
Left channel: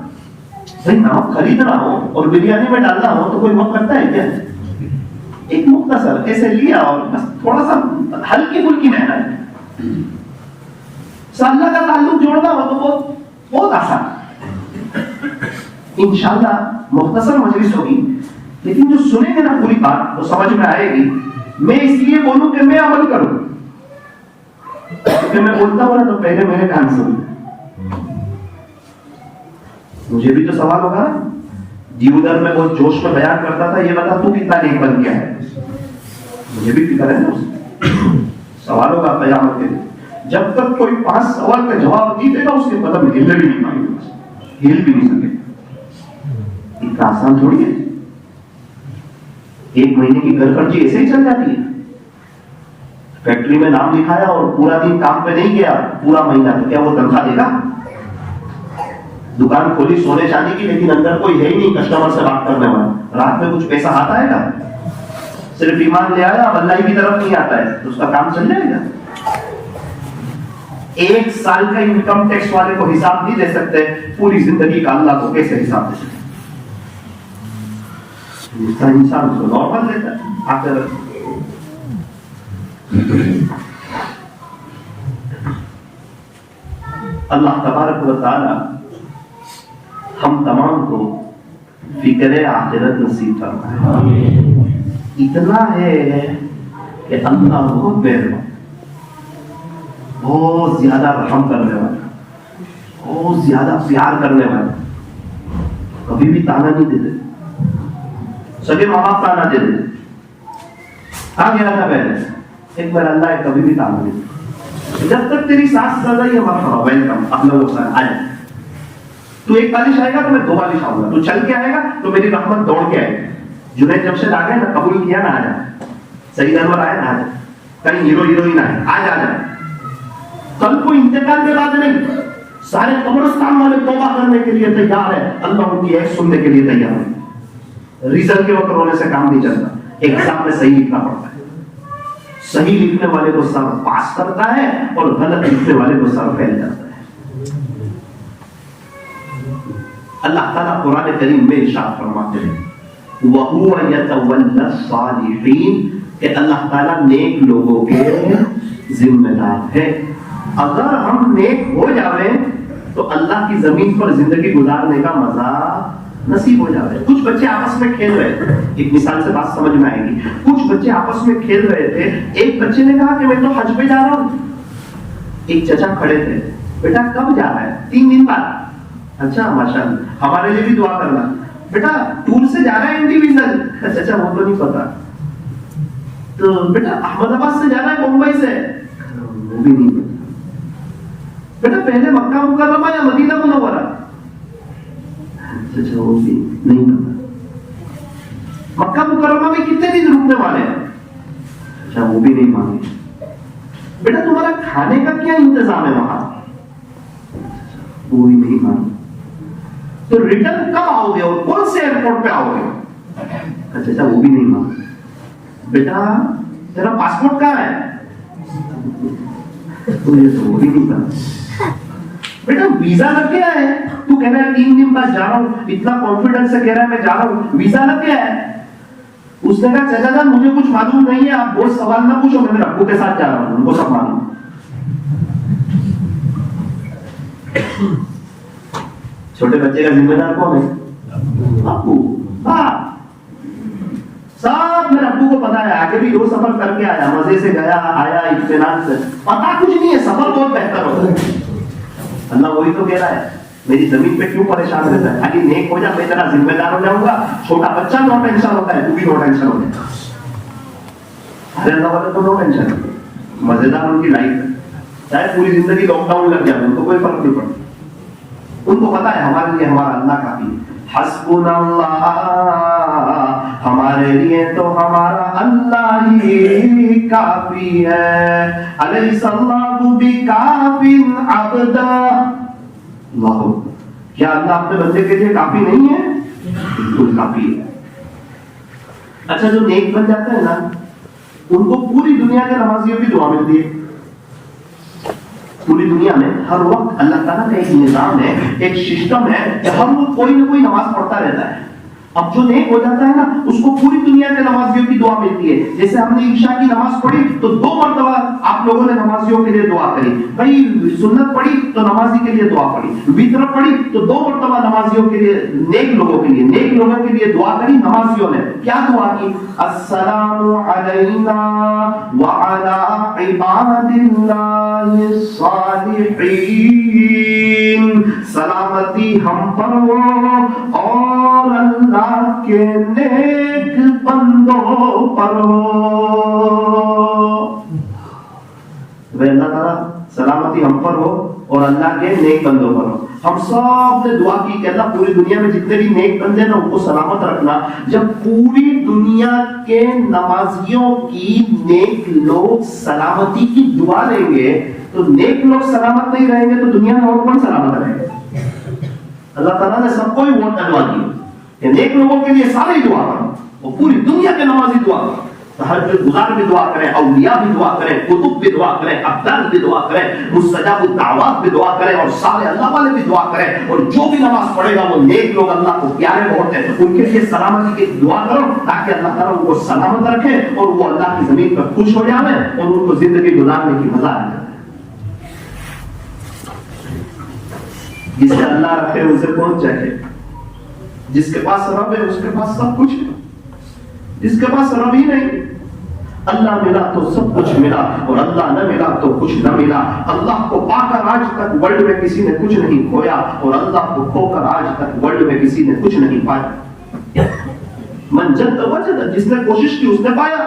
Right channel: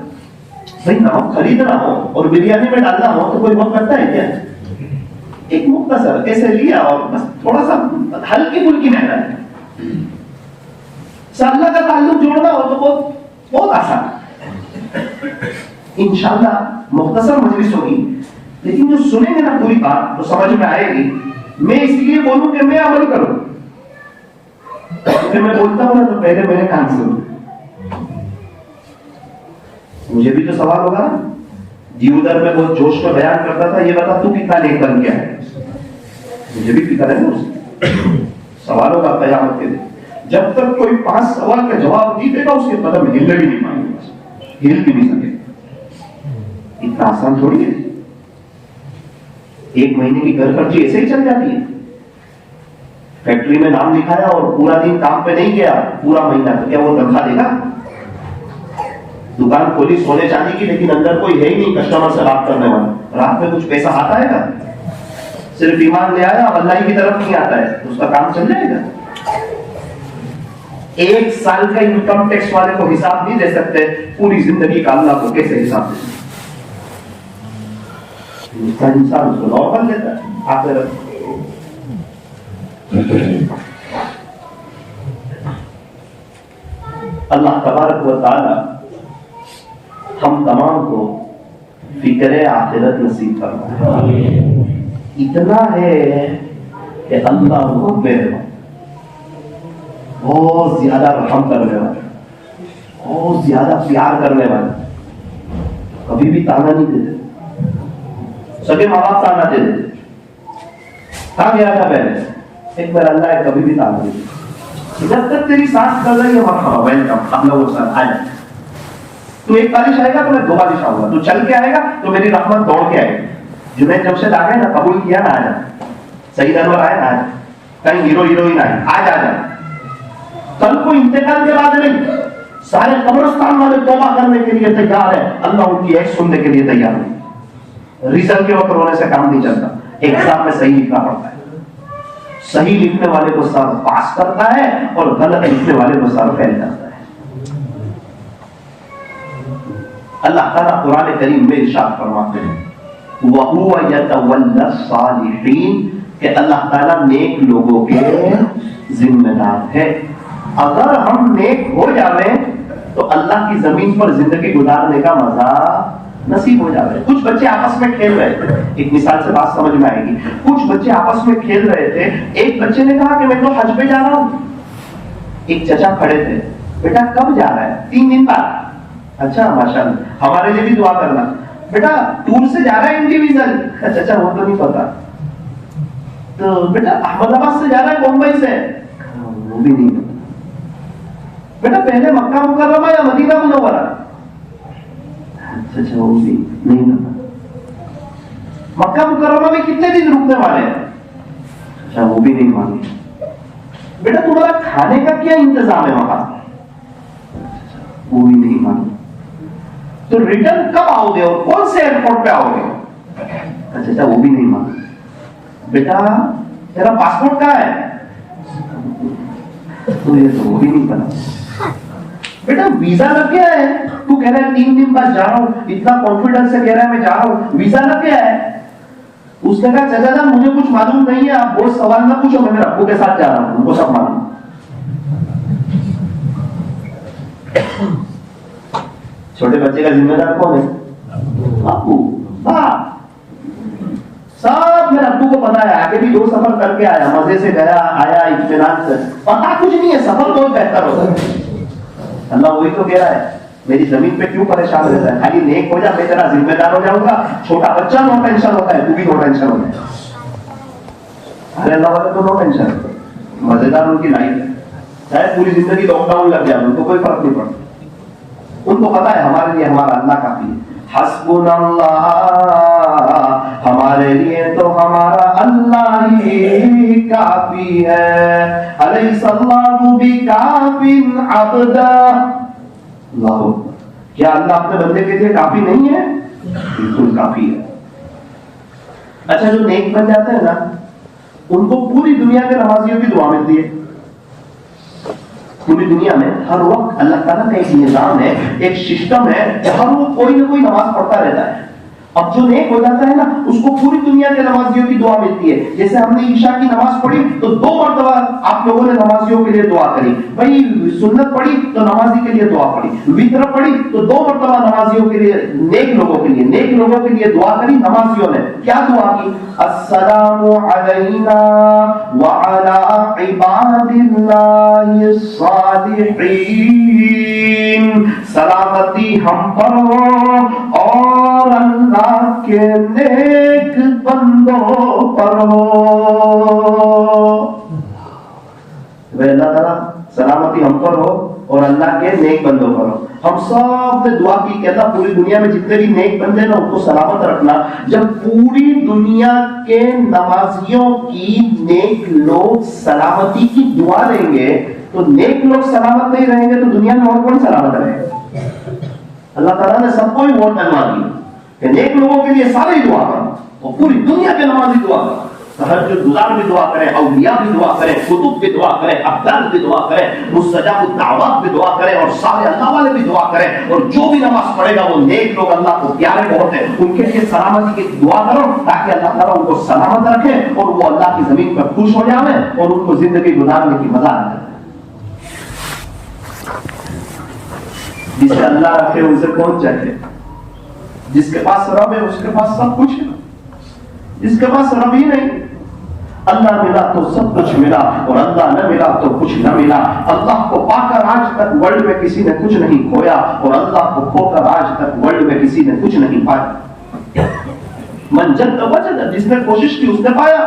بھائی نمک خریدنا ہو اور بریانی میں ڈالنا ہو تو کوئی وقت لگتا ہے کیا؟ ایک مختصر ایسے لیا اور بس تھوڑا سا ہلکی پھلکی محنت ہے. اللہ کا تعلق جوڑنا ہو تو بہت آسان ہے. انشاءاللہ مختصر مجلس ہوگی, لیکن جو سنیں گے نا پوری بات تو سمجھ میں آئے گی. میں اس لیے بولوں کہ میں عمل کروں, کیونکہ میں بولتا ہوں نا تو پہلے میرے کان سنو. مجھے بھی تو سوال ہوگا نا, دیودر میں بہت جوش میں بیان کرتا تھا, یہ بتا تو کتنا نیک بن گیا ہے. مجھے بھی فکر ہے نا, سوال ہوگا قیامت کے دن. جب تک کوئی 5 سوال کا جواب نہیں دے گا اس کے قدم ہل بھی نہیں پائیں گے, ہل بھی نہیں سکے. اتنا آسان تھوڑی ہے. 1 مہینے کی گھر خرچی ایسے ہی چل جاتی ہے. فیکٹری میں نام لکھایا اور پورا دن کام پہ نہیں گیا, پورا مہینہ, تو کیا وہ تنخواہ دے گا؟ دکان کھولی سونے چاندی کی, لیکن اندر کوئی ہے ہی نہیں کسٹمر سے بات کرنے والا. رات میں کچھ پیسہ آتا ہے گا؟ صرف ایمان لے آیا, اللہ کی طرف نہیں آتا ہے, تو اس کا کام چل جائے گا. ایک سال کا انکم ٹیکس والے کو حساب نہیں دے سکتے، پوری زندگی کا اللہ کو کیسے حساب دے سکتے؟ انسان کو نارمل دیتا ہے آخر اللہ تبارک و تعالی ہم تمام کو فکر آخرت نصیب فرمائے۔ اتنا ہے کہ اللہ بہت مہربان، بہت زیادہ رحم کرنے والا، بہت زیادہ پیار کرنے والا، کبھی بھی تانا نہیں دیتے، سبھی ماں باپ تانا دیتے۔ کہاں گیا تھا پہلے؟ ایک بار اللہ ہے، کبھی بھی تانا نہیں دیتے، جب تک تیری سانس کر رہی ہے مرحبا ویلکم، اپنا وہ آ جائے، تو ایک بارش آئے گا تو میں دو بارش آؤں گا، تو چل کے آئے گا تو میری رحمت دوڑ کے آئے گی۔ جنید جمشید آ گئے نا، قبول کیا نا، آ جائے، سعید انور آئے نا، آ جائے، کہیں ہیرو ہیروئن آئے، آج آ جائے۔ کل کو انتقال کے بعد نہیں، سارے قبرستان والے توبہ کرنے کے لیے تیار ہے، اللہ ان کی ایک سننے کے لیے تیار ہے۔ ریزلٹ کے وقت رونے سے کام نہیں چلتا، ایگزام میں صحیح لکھنا پڑتا ہے، صحیح لکھنے والے کو سر پاس کرتا ہے اور غلط لکھنے والے کو سر فیل کرتا ہے۔ اللہ تعالیٰ قرآن کریم میں ارشاد فرماتے ہیں وَهُوَ يَتَوَلَّى الصَّالِحِينَ کہ اللہ تعالیٰ نیک لوگوں کے ذمہ دار ہے۔ اگر ہم نیک ہو جاویں تو اللہ کی زمین پر زندگی گزارنے کا مزہ نصیب ہو جاتا ہے۔ کچھ بچے آپس میں کھیل رہے تھے، ایک مثال سے بات سمجھ میں آئے گی، کچھ بچے آپس میں کھیل رہے تھے، ایک بچے نے کہا کہ میں تو حج پہ جا رہا ہوں۔ ایک چچا کھڑے تھے، بیٹا کب جا رہا ہے؟ 3 دن بعد۔ اچھا ماشاءاللہ، ہمارے لیے بھی دعا کرنا۔ بیٹا ٹور سے جا رہا ہے انڈیویژل؟ چچا وہ تو نہیں پتا۔ تو بیٹا احمد آباد سے جا رہا ہے ممبئی سے؟ وہ بھی نہیں پتا۔ بیٹا پہلے مکہ مکرمہ یا مدینہ منورہ؟ چچا وہ بھی نہیں پتا۔ مکہ مکرمہ میں کتنے دن رکنے والے ہیں؟ اچھا وہ بھی نہیں مانگے۔ بیٹا تمہارا کھانے کا کیا انتظام ہے وہاں؟ وہ بھی نہیں مانگے۔ تو ریٹرن کب آؤ گے اور کون سے ایئرپورٹ پہ آؤ گے؟ اچھا وہ بھی نہیں مانگے۔ بیٹا تیرا پاسپورٹ کہاں ہے؟ تو یہ تو وہ بھی نہیں پتا۔ بیٹا ویزا لگ گیا ہے، تو کہہ رہا ہے 3 دن بعد جا رہا ہوں، اتنا کانفیڈنس سے کہہ رہا ہے میں جا رہا ہوں، ویزا لگ گیا ہے؟ اس نے کہا چچا جان مجھے کچھ معلوم نہیں ہے، آپ وہ سوال نہ پوچھو، میں ابو کے ساتھ جا رہا ہوں، ان کو سب معلوم۔ چھوٹے بچے کا ذمہ دار کون ہے؟ ابو، باپ، سب میرے ابو کو پتا ہے، آگے بھی 2 سفر کر کے آیا، مزے سے گیا آیا، اطمینان سے، پتا کچھ نہیں ہے، سفر بہت بہتر ہوتا ہے۔ اللہ وہی تو کہہ رہا ہے میری زمین پہ کیوں پریشان رہتا ہے؟ خالی نیک ہو جا، میں تیرا ذمہ دار ہو جاؤں گا۔ چھوٹا بچہ نو ٹینشن ہوتا ہے، تو بھی نو ٹینشن ہوتا ہے۔ ارے اللہ والے تو نو ٹینشن، مزیدار ان کی لائف ہے، چاہے پوری زندگی لاک ڈاؤن لگ جائے ان کو کوئی فرق نہیں پڑتا۔ ان کو پتا ہے ہمارے لیے ہمارا اللہ کافی ہے۔ حسبنا اللہ، ہمارے لیے تو ہمارا اللہ ہی کافی ہے۔ الیس اللہ بکاف عبدا، اللہ کیا اللہ اپنے بندے کے لیے کافی نہیں ہے؟ بالکل کافی ہے۔ اچھا جو نیک بن جاتے ہیں نا، ان کو پوری دنیا کے نمازیوں کی دعا ملتی ہے۔ پوری دنیا میں ہر وقت اللہ تعالیٰ کا ایک نظام ہے، ایک سسٹم ہے، جہاں وہ کوئی نہ کوئی نماز پڑھتا رہتا ہے۔ اب جو نیک ہو جاتا ہے نا، اس کو پوری دنیا کے نمازیوں کی دعا ملتی ہے۔ جیسے ہم نے عشاء کی نماز پڑھی تو 2 مرتبہ آپ لوگوں نے نمازیوں کے لیے دعا کری، بھائی سنت پڑھی تو نمازی کے لیے دعا پڑھی، وتر پڑھی تو 2 مرتبہ نمازیوں کے لیے، نیک لوگوں کے لیے دعا کری۔ نمازیوں نے کیا دعا کی؟ السلام علینا وعلی عباد اللہ الصالحین، سلامتی ہم پر ہو اور اللہ کے نیک بندوں پر ہو۔ اللہ تعالیٰ سلامتی ہم پر ہو اور اللہ کے نیک بندوں پر ہو۔ ہم سب نے دعا کی کہ اللہ پوری دنیا میں جتنے بھی نیک بندے نا ان کو سلامت رکھنا۔ جب پوری دنیا کے نمازیوں کی نیک لوگ سلامتی کی دعا لیں گے تو نیک لوگ سلامت نہیں رہیں گے تو دنیا میں اور کون سلامت رہے گا؟ اللہ تعالیٰ نے سب کو ہی ووٹ ڈلوا دی کہ نیک لوگوں کے لیے سارے دعا کرو اور پوری دنیا کے نمازی دعا کرو۔ تہجد گزار بھی دعا کریں, اولیاء بھی دعا کریں, کتب بھی دعا کریں, افضل بھی دعا کریں, مستجاب الدعوات بھی دعا کریں, اور صالح اللہ والے بھی دعا کریں. اور جو بھی نماز پڑھے گا وہ نیک لوگ اللہ کو پیارے بہت ہیں, ان کے لیے سلامتی کی دعا کرو تاکہ اللہ تعالیٰ ان کو سلامت رکھے اور وہ اللہ کی زمین پر خوش ہو جائیں اور ان کو زندگی گزارنے کی مزہ آ جائے. جسے اللہ رکھے ان سے کون چاہے؟ جس کے پاس رب ہے اس کے پاس سب کچھ ہے, جس کے پاس رب ہی نہیں, اللہ ملا تو سب کچھ ملا اور اللہ نہ ملا تو کچھ نہ ملا. اللہ کو پا کر آج تک ورلڈ میں کسی نے کچھ نہیں کھویا اور اللہ کو کھو کر آج تک ورلڈ میں کسی نے کچھ نہیں پایا. من جد وجد, جس نے کوشش کی اس نے پایا.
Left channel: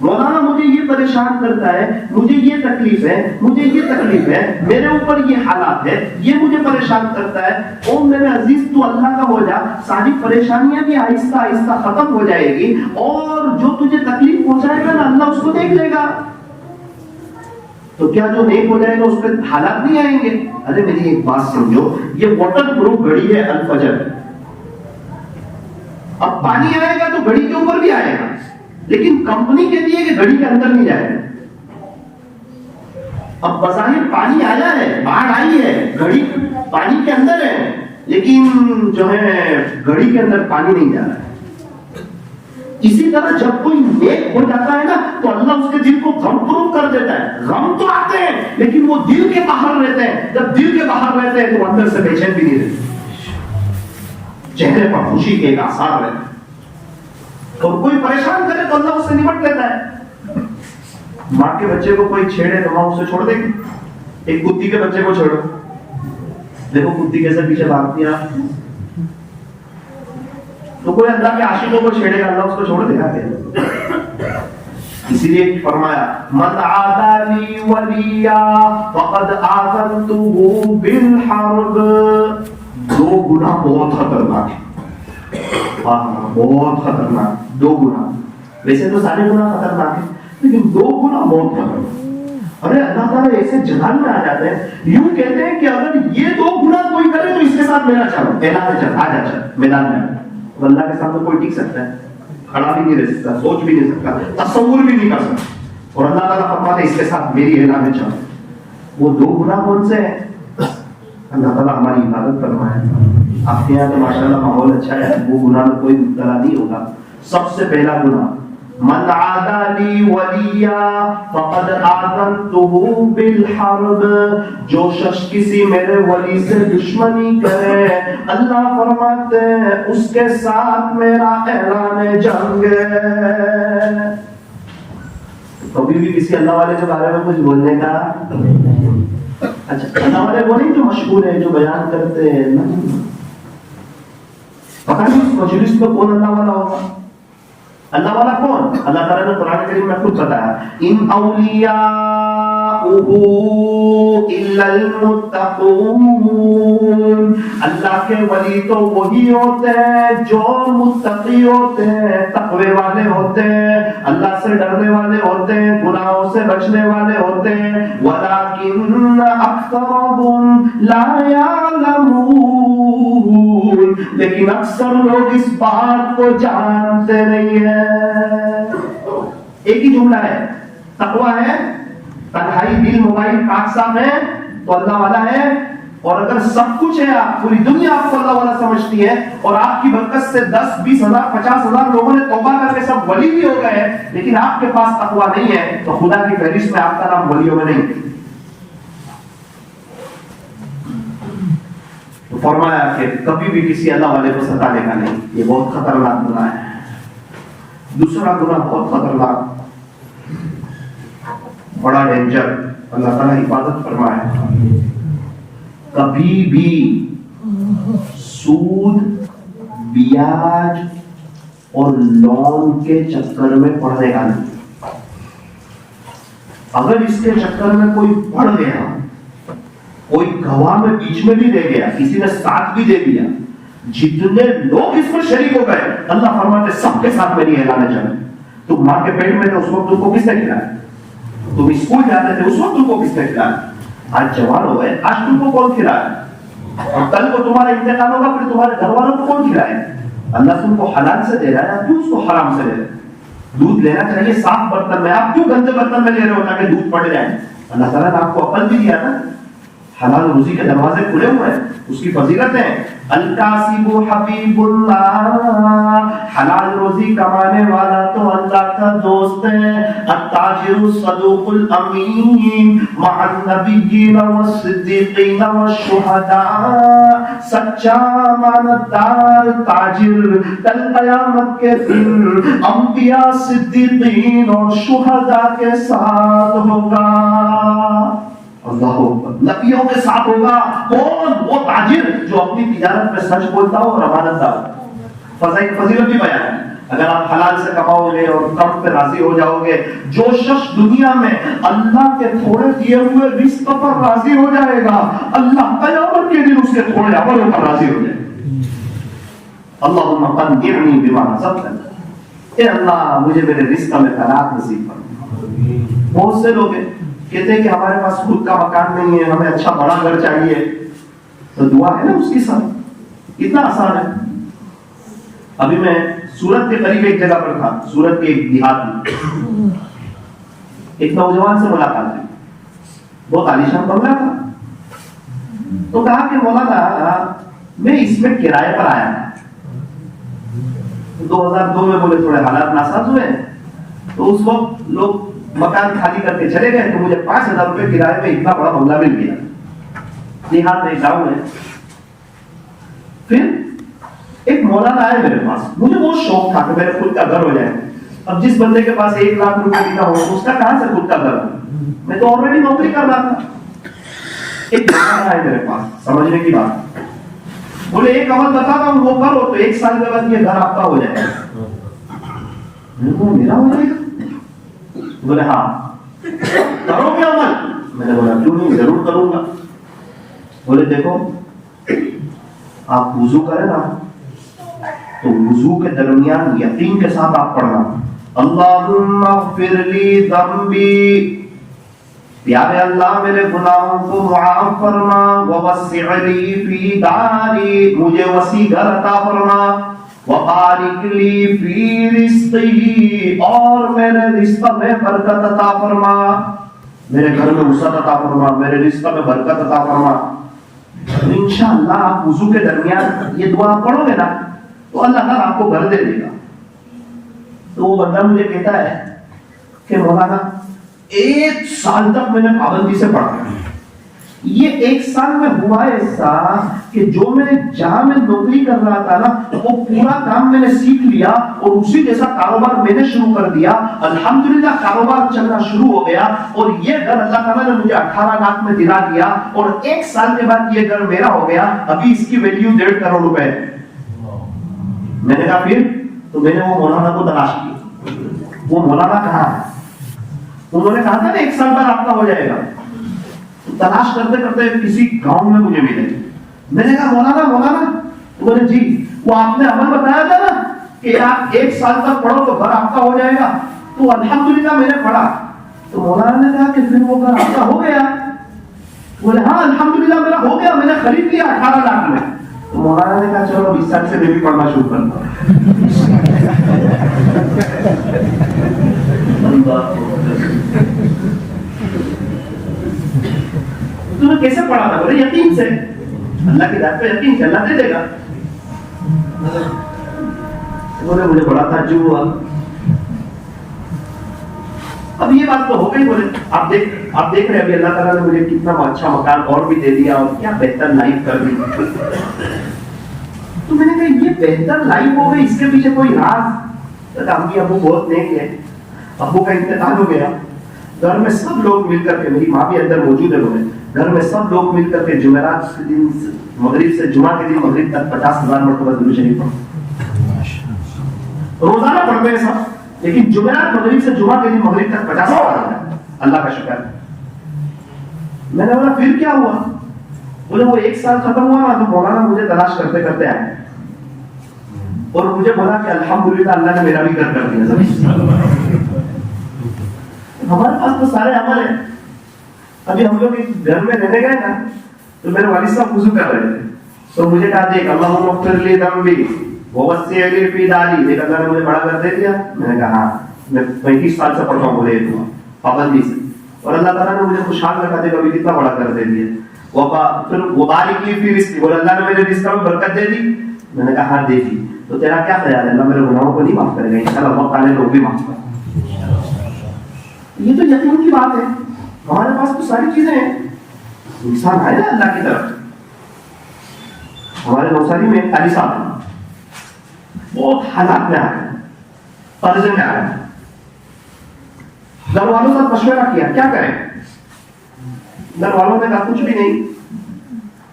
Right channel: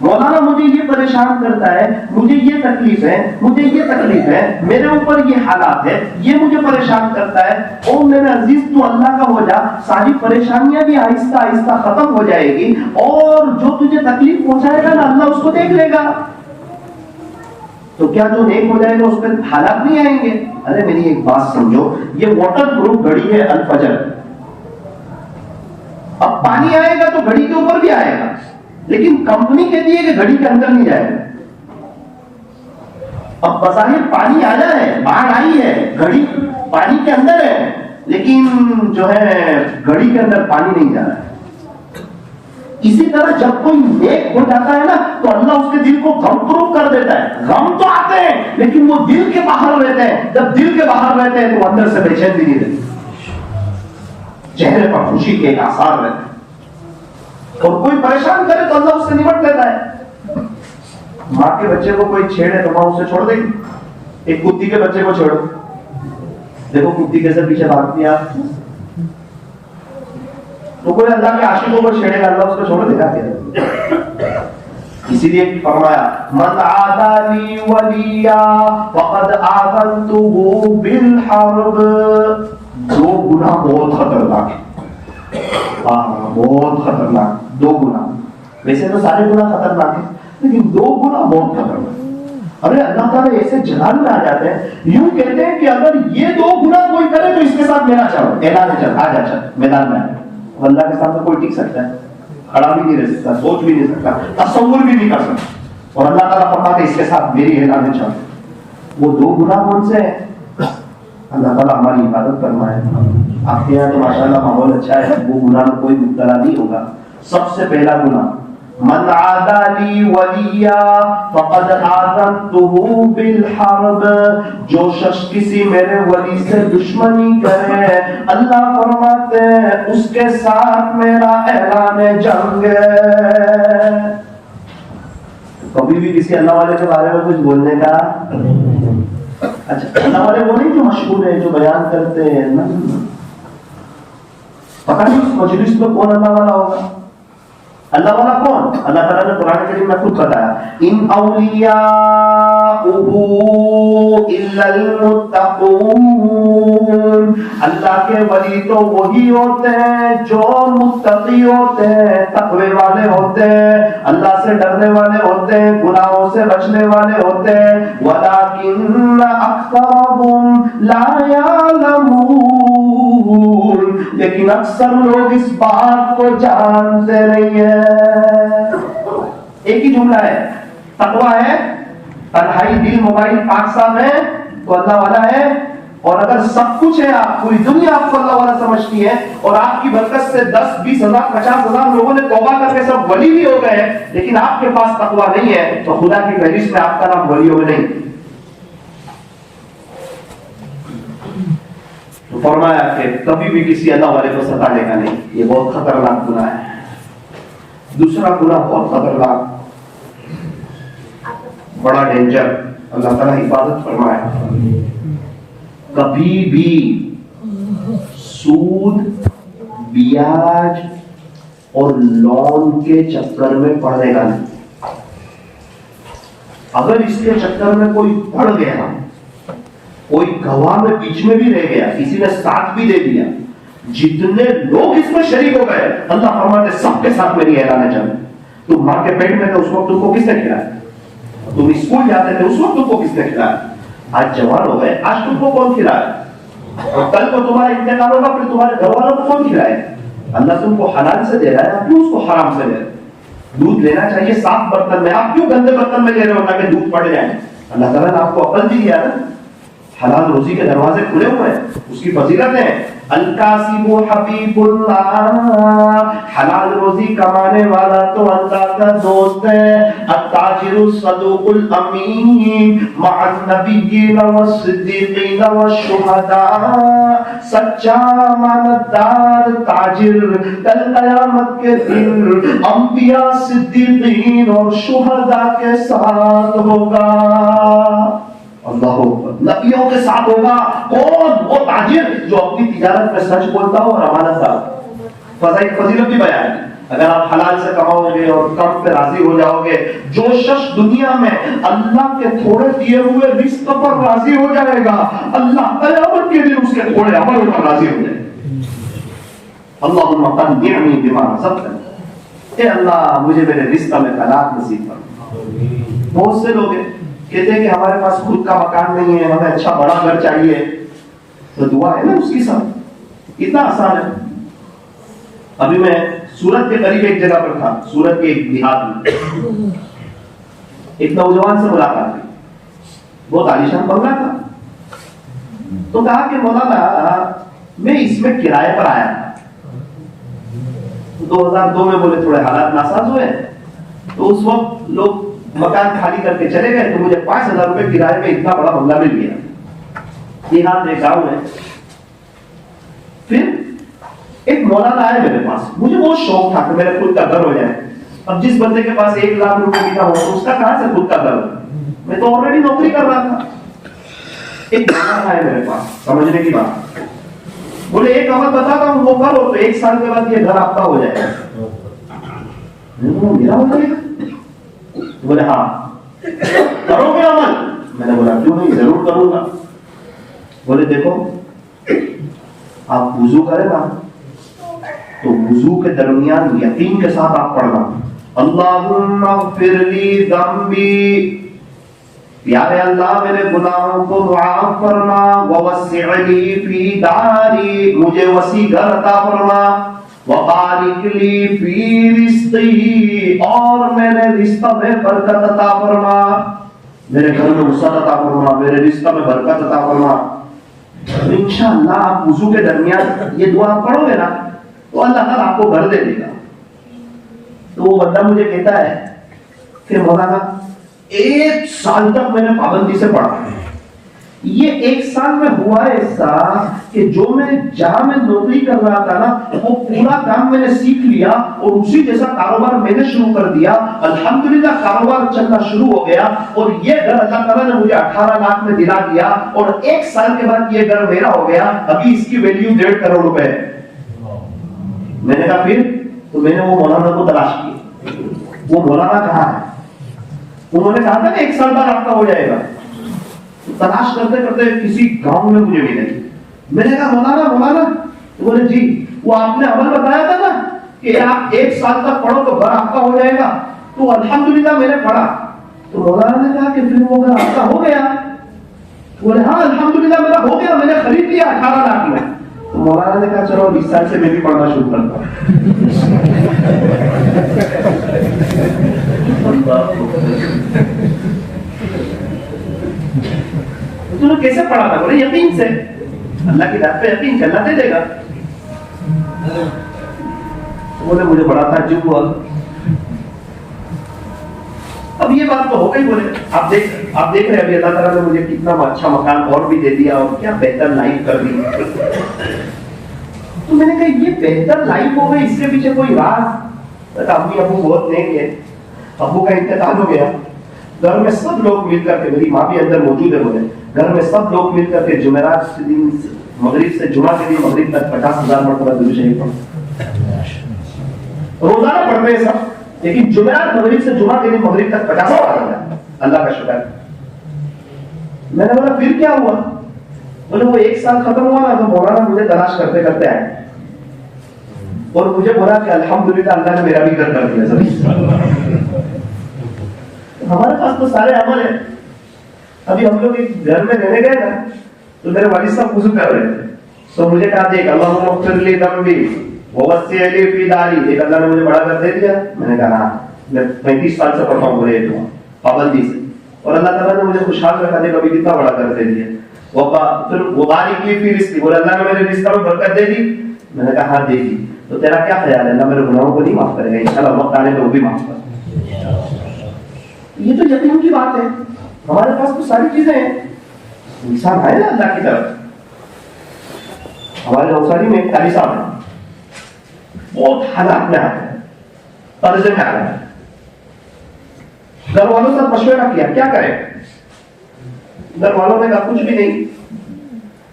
مولانا مجھے یہ پریشان کرتا ہے, مجھے یہ تکلیف ہے, مجھے یہ تکلیف ہے, میرے اوپر یہ حالات ہے, یہ مجھے پریشان کرتا ہے. او میرے عزیز تو اللہ کا ہو جا, ساری پریشانیاں بھی آہستہ آہستہ ختم ہو جائے گی اور جو تجھے تکلیف پہنچائے گا نا اللہ اس کو دیکھ لے گا. تو کیا جو نیک ہو جائے گا اس پہ حالات نہیں آئیں گے؟ ارے میری ایک بات سمجھو, یہ واٹر پروف گھڑی ہے الفجر, اب پانی آئے گا تو گھڑی کے اوپر بھی آئے گا, لیکن کمپنی کہتی ہے کہ گھڑی کے اندر نہیں جائے گا. اب بظاہر پانی آیا ہے, باڑھ آئی ہے, گھڑی پانی کے اندر ہے, لیکن جو ہے گھڑی کے اندر پانی نہیں جا رہا ہے. اسی طرح جب کوئی نیک ہو جاتا ہے نا تو اللہ اس کے دل کو غم پروف کر دیتا ہے. غم تو آتے ہیں لیکن وہ دل کے باہر رہتے ہیں. جب دل کے باہر رہتے ہیں تو اندر سے بے چین بھی نہیں رہتے, چہرے پر خوشی کے ایک آثار رہتے ہیں. اور کوئی پریشان کرے تو اللہ اس سے نمٹ لیتا ہے. ماں کے بچے کو کوئی چھیڑے تو ماں اسے چھوڑ دے گی. ایک کتی کے بچے کو چھوڑو, دیکھو کتی کیسے پیچھے بھاگتی ہے. تو کوئی اللہ کے عاشقوں کو چھیڑے گا, اللہ اس کو چھوڑ دے گا. اسی لیے فرمایا من عادى لي وليا فقد آذنته بالحرب. دو گناہ بہت خطرناک ہے, بہت خطرناک. دو گناہ, ویسے تو سارے گناہ خطرناک ہیں لیکن دو گناہ بہت خطرناک. ارے اللہ تعالیٰ ایسے جلال میں آ جاتے ہیں, یوں کہتے ہیں کہ اگر یہ دو گناہ کوئی کرے تو اس کے ساتھ میرا چلو, اعلان چل, آ جا چل میدان میں. اللہ کے ساتھ تو کوئی ٹک سکتا ہے, کھڑا بھی نہیں رہ سکتا, سوچ بھی نہیں سکتا, تصور بھی نہیں کر سکتا. اور اللہ تعالیٰ فرماتے ہیں اس کے ساتھ میری اعلان چل. وہ دو گناہ کون سے ہیں؟ اللہ تعالیٰ ہماری عبادت کرنا ہے. آپ کے یہاں ماشاءاللہ ماحول اچھا ہے, وہ گناہ میں کوئی مبتلا نہیں ہوگا. سب سے پہلا گناہ من عادى لي وليا فقد آذنته بالحرب. جو شخص کسی میرے ولی سے دشمنی کرے, اللہ فرماتے ہیں اس کے ساتھ میرا اعلان جنگ ہے. کبھی بھی کسی اللہ والے کے بارے میں کچھ بولنے کا, اچھا اللہ والے وہ نہیں جو مشہور ہے, جو بیان کرتے ہیں نا, پتہ نہیں اس مجلس میں کون اللہ والا ہوگا. اللہ والا کون؟ اللہ تعالیٰ نے قرآن کریم میں خود بتایا ان اولیاءہ الا المتقون. اللہ کے ولی تو وہی ہوتے ہیں جو متقی ہوتے ہیں, تقوی والے ہوتے ہیں, اللہ سے ڈرنے والے ہوتے ہیں, گناہوں سے بچنے والے ہوتے ہیں. ولکن اکثرهم لا يعلمون. لیکن اکثر لوگ اس بات کو جانتے نہیں ہیں. ایک ہی جملہ ہے, تقویٰ ہے, تنہائی دل موبائل پاک صاف ہے تو اللہ والا ہے. اور اگر سب کچھ ہے, آپ پوری دنیا آپ کو اللہ والا سمجھتی ہے اور آپ کی برکت سے 10, 20 ہزار, 50 ہزار لوگوں نے توبہ کر کے سب ولی بھی ہو گئے ہیں, لیکن آپ کے پاس تقویٰ نہیں ہے تو خدا کی فہرست میں آپ کا نام ولیوں میں نہیں. تو فرمایا کہ کبھی بھی کسی اللہ والے کو ستانے کا نہیں, یہ بہت خطرناک گناہ ہے. دوسرا گناہ بہت خطرناک, بڑا ڈینجر, اللہ تعالیٰ حفاظت فرمائے. کبھی بھی سود, بیاج اور لون کے چکر میں پڑے گا نہیں. اگر اس کے چکر میں کوئی پڑ گیا, کوئی گواہ میں بیچ میں بھی رہ گیا, کسی نے ساتھ بھی دے دیا, جتنے لوگ اس میں شریک ہو گئے, اللہ فرماتے سب کے ساتھ میری اعلان چلے. تم ماں کے پیٹ میں تھے اس وقت تم کو کس نے کھلایا؟ تم اسکول جاتے تھے اس وقت تم کو کس نے کھلایا؟ آج جوان ہو گئے, آج تم کو کون کھلایا؟ اور کل کو تمہارا انتقال ہوگا, پھر تمہارے گھر والوں کو کون کھلائے؟ اللہ تم کو حلال سے دے رہا ہے, کیوں اس کو حرام سے دے رہا ہے؟ دودھ لینا چاہیے صاف برتن میں. آپ کیوں گندے برتن میں لے رہے ہو تاکہ دودھ پڑ جائے؟ اللہ تعالیٰ نے آپ کو عقل بھی دیا نا. حلال روزی کے دروازے کھلے ہوئے ہیں, اس کی فضیلت ہے. الکاسب حبیب اللہ, حلال روزی کمانے والا تو اللہ کا دوست ہے. التاجر الصدوق الامین مع النبیین والصدیقین والشہداء, سچا امانتدار تاجر کل قیامت کے دن انبیاء, صدیقین اور شہداء کے ساتھ ہوگا. اللہ نبیوں کے ساتھ ہوگا. کون؟ وہ تاجر جو اپنی تجارت میں سچ بولتا ہو اور امانت دار. فضیلت بھی بیان ہے. اگر آپ حلال سے کماؤ گے اور کم پہ راضی ہو جاؤ گے, جو شخص دنیا میں اللہ کے تھوڑے دیے ہوئے رزق پر راضی ہو جائے گا, اللہ قیامت کے دن اس کے تھوڑے عمل پر راضی ہو جائے گا. اللہم قنعنی بما رزقتنی, اے اللہ مجھے میرے رزق میں قناعت نصیب فرما. بہت سے لوگ کہتے ہیں کہ ہمارے پاس خود کا مکان نہیں ہے, ہمیں اچھا بڑا گھر چاہیے. تو دعا ہے نا اس کی سب, اتنا آسان ہے. ابھی میں سورت کے قریب ایک جگہ پر تھا, سورت کے ایک دیہات میں. ایک نوجوان سے ملاقات ہوئی, بہت عالیشان بنگلہ تھا. تو کہا کہ مولانا میں اس میں کرائے پر آیا تھا. 2002 میں بولے تھوڑے حالات ناساز ہوئے, تو اس وقت لوگ مکان خالی کرتے چلے گئے, تو مجھے 5,000 روپے کرائے میں اتنا بڑا بنگلہ مل گیا. دیہات میں گاؤں ہے. پھر ایک مولانا آیا میرے پاس, مجھے بہت شوق تھا کہ میرے خود کا گھر ہو جائے. اب جس بندے کے پاس 1 لاکھ روپے کا ہو اس کا کہاں سے خود کا گھر؟ میں تو آلریڈی نوکری کر رہا تھا. ایک مولانا آیا میرے پاس, سمجھنے کی بات, بولے ایک عمل بتاتا ہوں, وہ کرو تو 1 سال کے بعد یہ گھر آپ کا ہو جائے گا. میرا ہو جائے گا؟ بولے ہاں. کرو گے عمل؟ میں نے بولا کیوں نہیں, ضرور کروں گا. بولے دیکھو, آپ وضو کریں نا تو وضو کے درمیان یقین کے ساتھ آپ پڑھنا اللہم اغفر لی ذنبی, پیارے اللہ میرے گناہوں کو معاف فرما, ووسع لی فی داری, مجھے وسیع گھر عطا فرما, وبارک لی فی رزقی, اور میرے رزق میں برکت عطا فرما, میرے گھر میں وسعت عطا فرما, میرے رزق میں برکت عطا فرما. انشاءاللہ آپ وضو کے درمیان یہ دعا پڑھو گے نا تو اللہ تعالیٰ آپ کو گھر دے دے گا. تو وہ بندہ مجھے کہتا ہے کہ مولانا 1 سال تک میں نے پابندی سے پڑھا. یہ 1 سال میں ہوا ایسا کہ جو میں جہاں میں نوکری کر رہا تھا نا وہ پورا کام میں نے سیکھ لیا اور اسی جیسا کاروبار میں نے شروع کر دیا. الحمدللہ کاروبار چلنا شروع ہو گیا اور یہ گھر اللہ تعالیٰ نے مجھے 18 لاکھ میں دلا دیا اور 1 سال کے بعد یہ گھر میرا ہو گیا. ابھی اس کی ویلیو 1.5 کروڑ روپے ہے. میں نے کہا پھر؟ تو میں نے وہ مولانا کو تلاش کیا. وہ مولانا کہاں ہے؟ انہوں نے کہا تھا کہ 1 سال بعد آپ کا ہو جائے گا. تلاش کرتے کرتے کسی گاؤں میں مجھے ملے. میں نے کہا مولانا, بولے جی وہ آپ نے عمل بتایا تھا نا کہ آپ 1 سال تک پڑھو تو گھر آپ کا ہو جائے گا. تو الحمدللہ میں نے پڑھا. تو مولانا نے کہا کہ پھر وہ گھر آپ کا ہو گیا؟ بولے ہاں الحمدللہ میرا ہو گیا, میں نے خرید لیا 18 لاکھ میں. تو مولانا نے کہا چلو 20 سال سے میں بھی پڑھنا شروع کرتا ہوں. تو نے کیسے پڑھا تھا؟ بولے یقین سے, اللہ کی ذات پہ یقین سے, اللہ دے دے گا. بولے مجھے بڑا تعجب ہوا. اب یہ بات تو ہو گئی. بولے آپ دیکھ رہے ابھی اللہ تعالیٰ نے مجھے کتنا اچھا مکان اور بھی دے دیا اور کیا بہتر لائف کر دی. تو میں نے کہا یہ بہتر لائف ہو گئی, اس کے پیچھے کوئی راز؟ امی ابو بہت نیک ہے, ابو کا انتقال ہو گیا. گھر میں سب لوگ مل کر کے, میری ماں بھی اندر موجود ہے, بولے گھر میں سب لوگ مل کر کے جمعرات کے دن مغرب سے جمعہ کے دن مغرب تک 50,000 مرتبہ درود شریف پڑھتے. روزانہ پڑھتے ہیں سب, لیکن جمعرات مغرب سے جمعہ کے دن مغرب تک 50,000. اللہ کا شکر. میں نے بولا پھر کیا ہوا؟ بولے وہ 1 سال ختم ہوا نا تو مولانا مجھے تلاش کرتے کرتے آئے اور مجھے بولا کہ الحمدللہ اللہ نے میرا بھی گھر کر دیا. ہمارے پاس تو سارے عمل ہیں. ابھی ہم لوگ ایک گھر میں رہنے گئے نا تو میرے والد صاحب وضو کر رہے تھے, تو مجھے کہا دیکھ اللہم اغفر لی ذنبی ووسع لی فی داری, دیکھ اللہ نے مجھے بڑا گھر دے دیا. میں نے کہا ہاں. میں 35 سال سے پڑھتا ہوں بولے یہ دعا پابندی سے, اور اللہ تعالیٰ نے مجھے خوشحال رکھا دے, کبھی کتنا بڑا کر دے دیا. پھر وہ بارک لی فی رزقی, بولے اللہ نے میرے رزق میں برکت دے دی. میں نے کہا ہاں دے دی, تو تیرا کیا خیال ہے اللہ میرے گناہوں کو نہیں معاف کرے گا؟ انشاءاللہ وقت آنے میں وہ بھی معاف کر. یہ تو یقین کی بات ہے, ہمارے پاس تو ساری چیزیں ہیں, انسان ہے نا اللہ کی طرف. ہمارے نوساری میں ایک قاری صاحب ہے, بہت حالات میں آ گئے, قرضے میں آ گئے, گھر والوں سے مشورہ کیا کیا کریں. گھر والوں نے کہا کچھ بھی نہیں,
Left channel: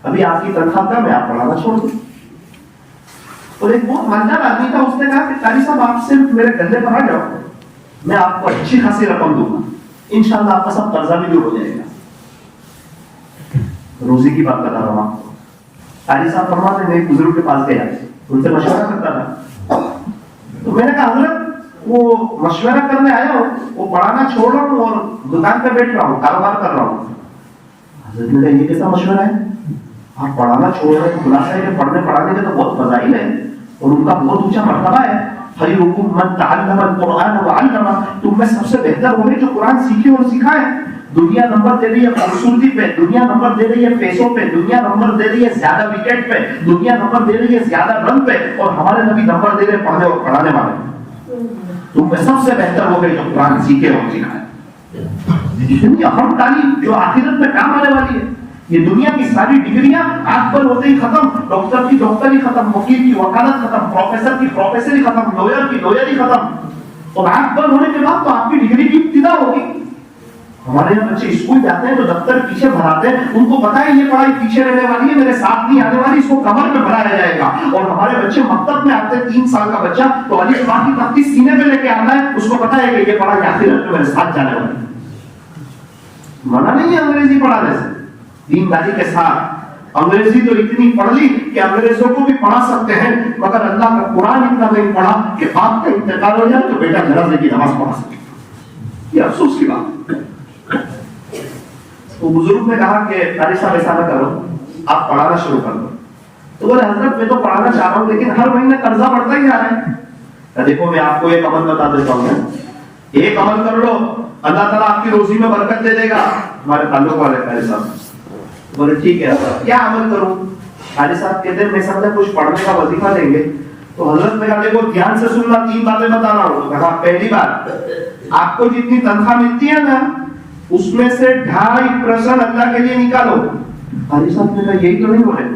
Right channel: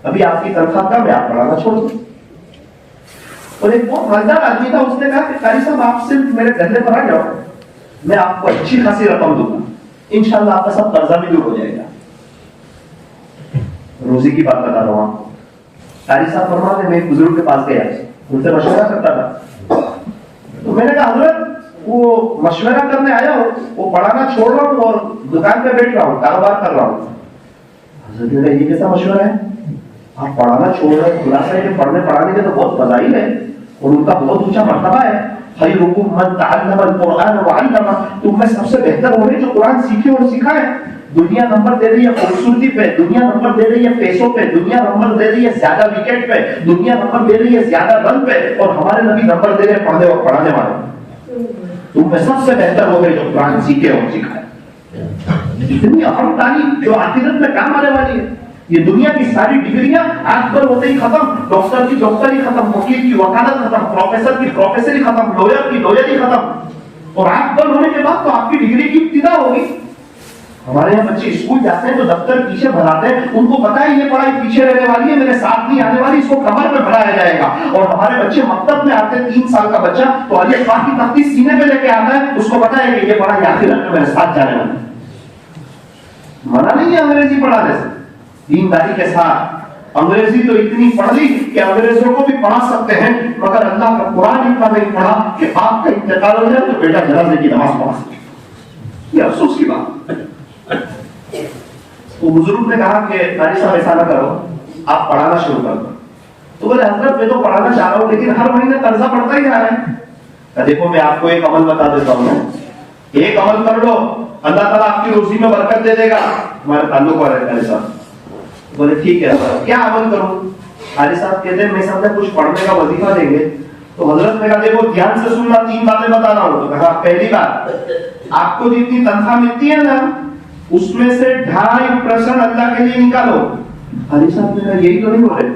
ابھی آپ کی تنخواہ کم ہے, آپ پڑھانا چھوڑ دو. اور ایک بہت مالدار آدمی تھا, اس نے کہا کہ قاری صاحب آپ صرف میرے گھر پر آ جاؤ, میں آپ کو اچھی خاصی رقم دوں گا, انشاءاللہ آپ کا سب قرضہ بھی دور ہو جائے گا. روزی کی بات بتا رہا ہوں آپ کو. قاری صاحب فرماتے ہیں میں ایک بزرگ کے پاس گیا, ان سے مشورہ کرتا تھا, تو میں نے کہا حضرت وہ مشورہ کرنے آیا ہوں, وہ پڑھانا چھوڑ رہا ہوں اور دکان پہ بیٹھ رہا ہوں, کاروبار کر رہا ہوں. حضرت نے کہا یہ کیسا مشورہ ہے, آپ پڑھانا چھوڑ رہے ہیں, خلاصہ ہے کہ پڑھنے پڑھانے کے تو بہت فضائل ہے اور ان کا بہت اونچا مرتبہ ہے. خیرکم من تعلم القرآن وعلمہ, تم میں سب سے بہتر وہ ہے جو قرآن سیکھے اور سکھائے. دنیا نمبر دے رہی ہے خوبصورتی پہ, دنیا نمبر دے رہی ہے پیسوں پہ, دنیا نمبر دے رہی ہے زیادہ وکٹ پہ, دنیا نمبر دے رہی ہے زیادہ رن پہ, اور ہمارے نبی نمبر دے رہے ہیں پڑھنے اور پڑھانے والے. تم میں سب سے بہتر وہ ہے جو قرآن سیکھے اور سکھائے. اتنی اہم تعلیم جو آخرت میں کام آنے والی ہے. یہ دنیا کی ساری ڈگریاں آنکھ پر ہوتے ہی ختم, ڈاکٹر کی ڈاکٹری ختم, وکیل کی وکالت ختم, پروفیسر کی پروفیسری ختم, لوئر کی لوئری ختم, اور آنکھ پر ہونے کے بعد تو آپ کی ڈگری کی ابتدا ہوگی. ہمارے یہاں بچے اسکول جاتے ہیں تو دفتر پیچھے بھراتے ہیں, ان کو پتا ہے یہ پڑھائی پیچھے رہنے والی ہے, میرے ساتھ نہیں آنے والی, اس کو کمر پہ بھرایا جائے گا. اور ہمارے بچے مکتب میں آتے ہیں, 3 سال کا بچہ تو الف با کی تختی سینے پہ لے کے آتا ہے, اس کو پتا ہے کہ یہ پڑھائی آخرت میں میرے ساتھ جانے والی ہے. منع نہیں ہے انگریزی پڑھانے سے, دینداری کے ساتھ. انگریزی تو اتنی پڑھ لی کہ انگریزوں کو بھی پڑھا سکتے ہیں, مگر اللہ کا قرآن اتنا نہیں پڑھا کہ باپ کا انتقال ہو جائے تو بیٹا جنازے کی نماز پڑھا سکے. یہ افسوس کی بات. وہ بزرگ نے کہا کہ قاری صاحب ایسا نہ کرو, آپ پڑھانا شروع کر دو. تو بولے حضرت میں تو پڑھانا چاہ رہا ہوں لیکن ہر مہینے قرضہ بڑھتا ہی جا رہا ہے. دیکھو میں آپ کو ایک عمل بتا دیتا ہوں, ایک عمل کر لو, اللہ تعالیٰ آپ کی روزی میں برکت دے دے گا. ہمارے تعلق والے قاری صاحب بولے ٹھیک ہے کیا عمل کروں. قاری صاحب کہتے ہیں میں سمجھے کچھ پڑھنے کا وظیفہ دیں گے. تو حضرت نے کہا دیکھو دھیان سے سننا, 3 باتیں بتا رہا ہوں. تو کہا پہلی بات, آپ کو جتنی تنخواہ ملتی ہے نا اس میں سے 2.5% اللہ کے لیے نکالو. قاری صاحب نے کہا یہی تو نہیں بولے.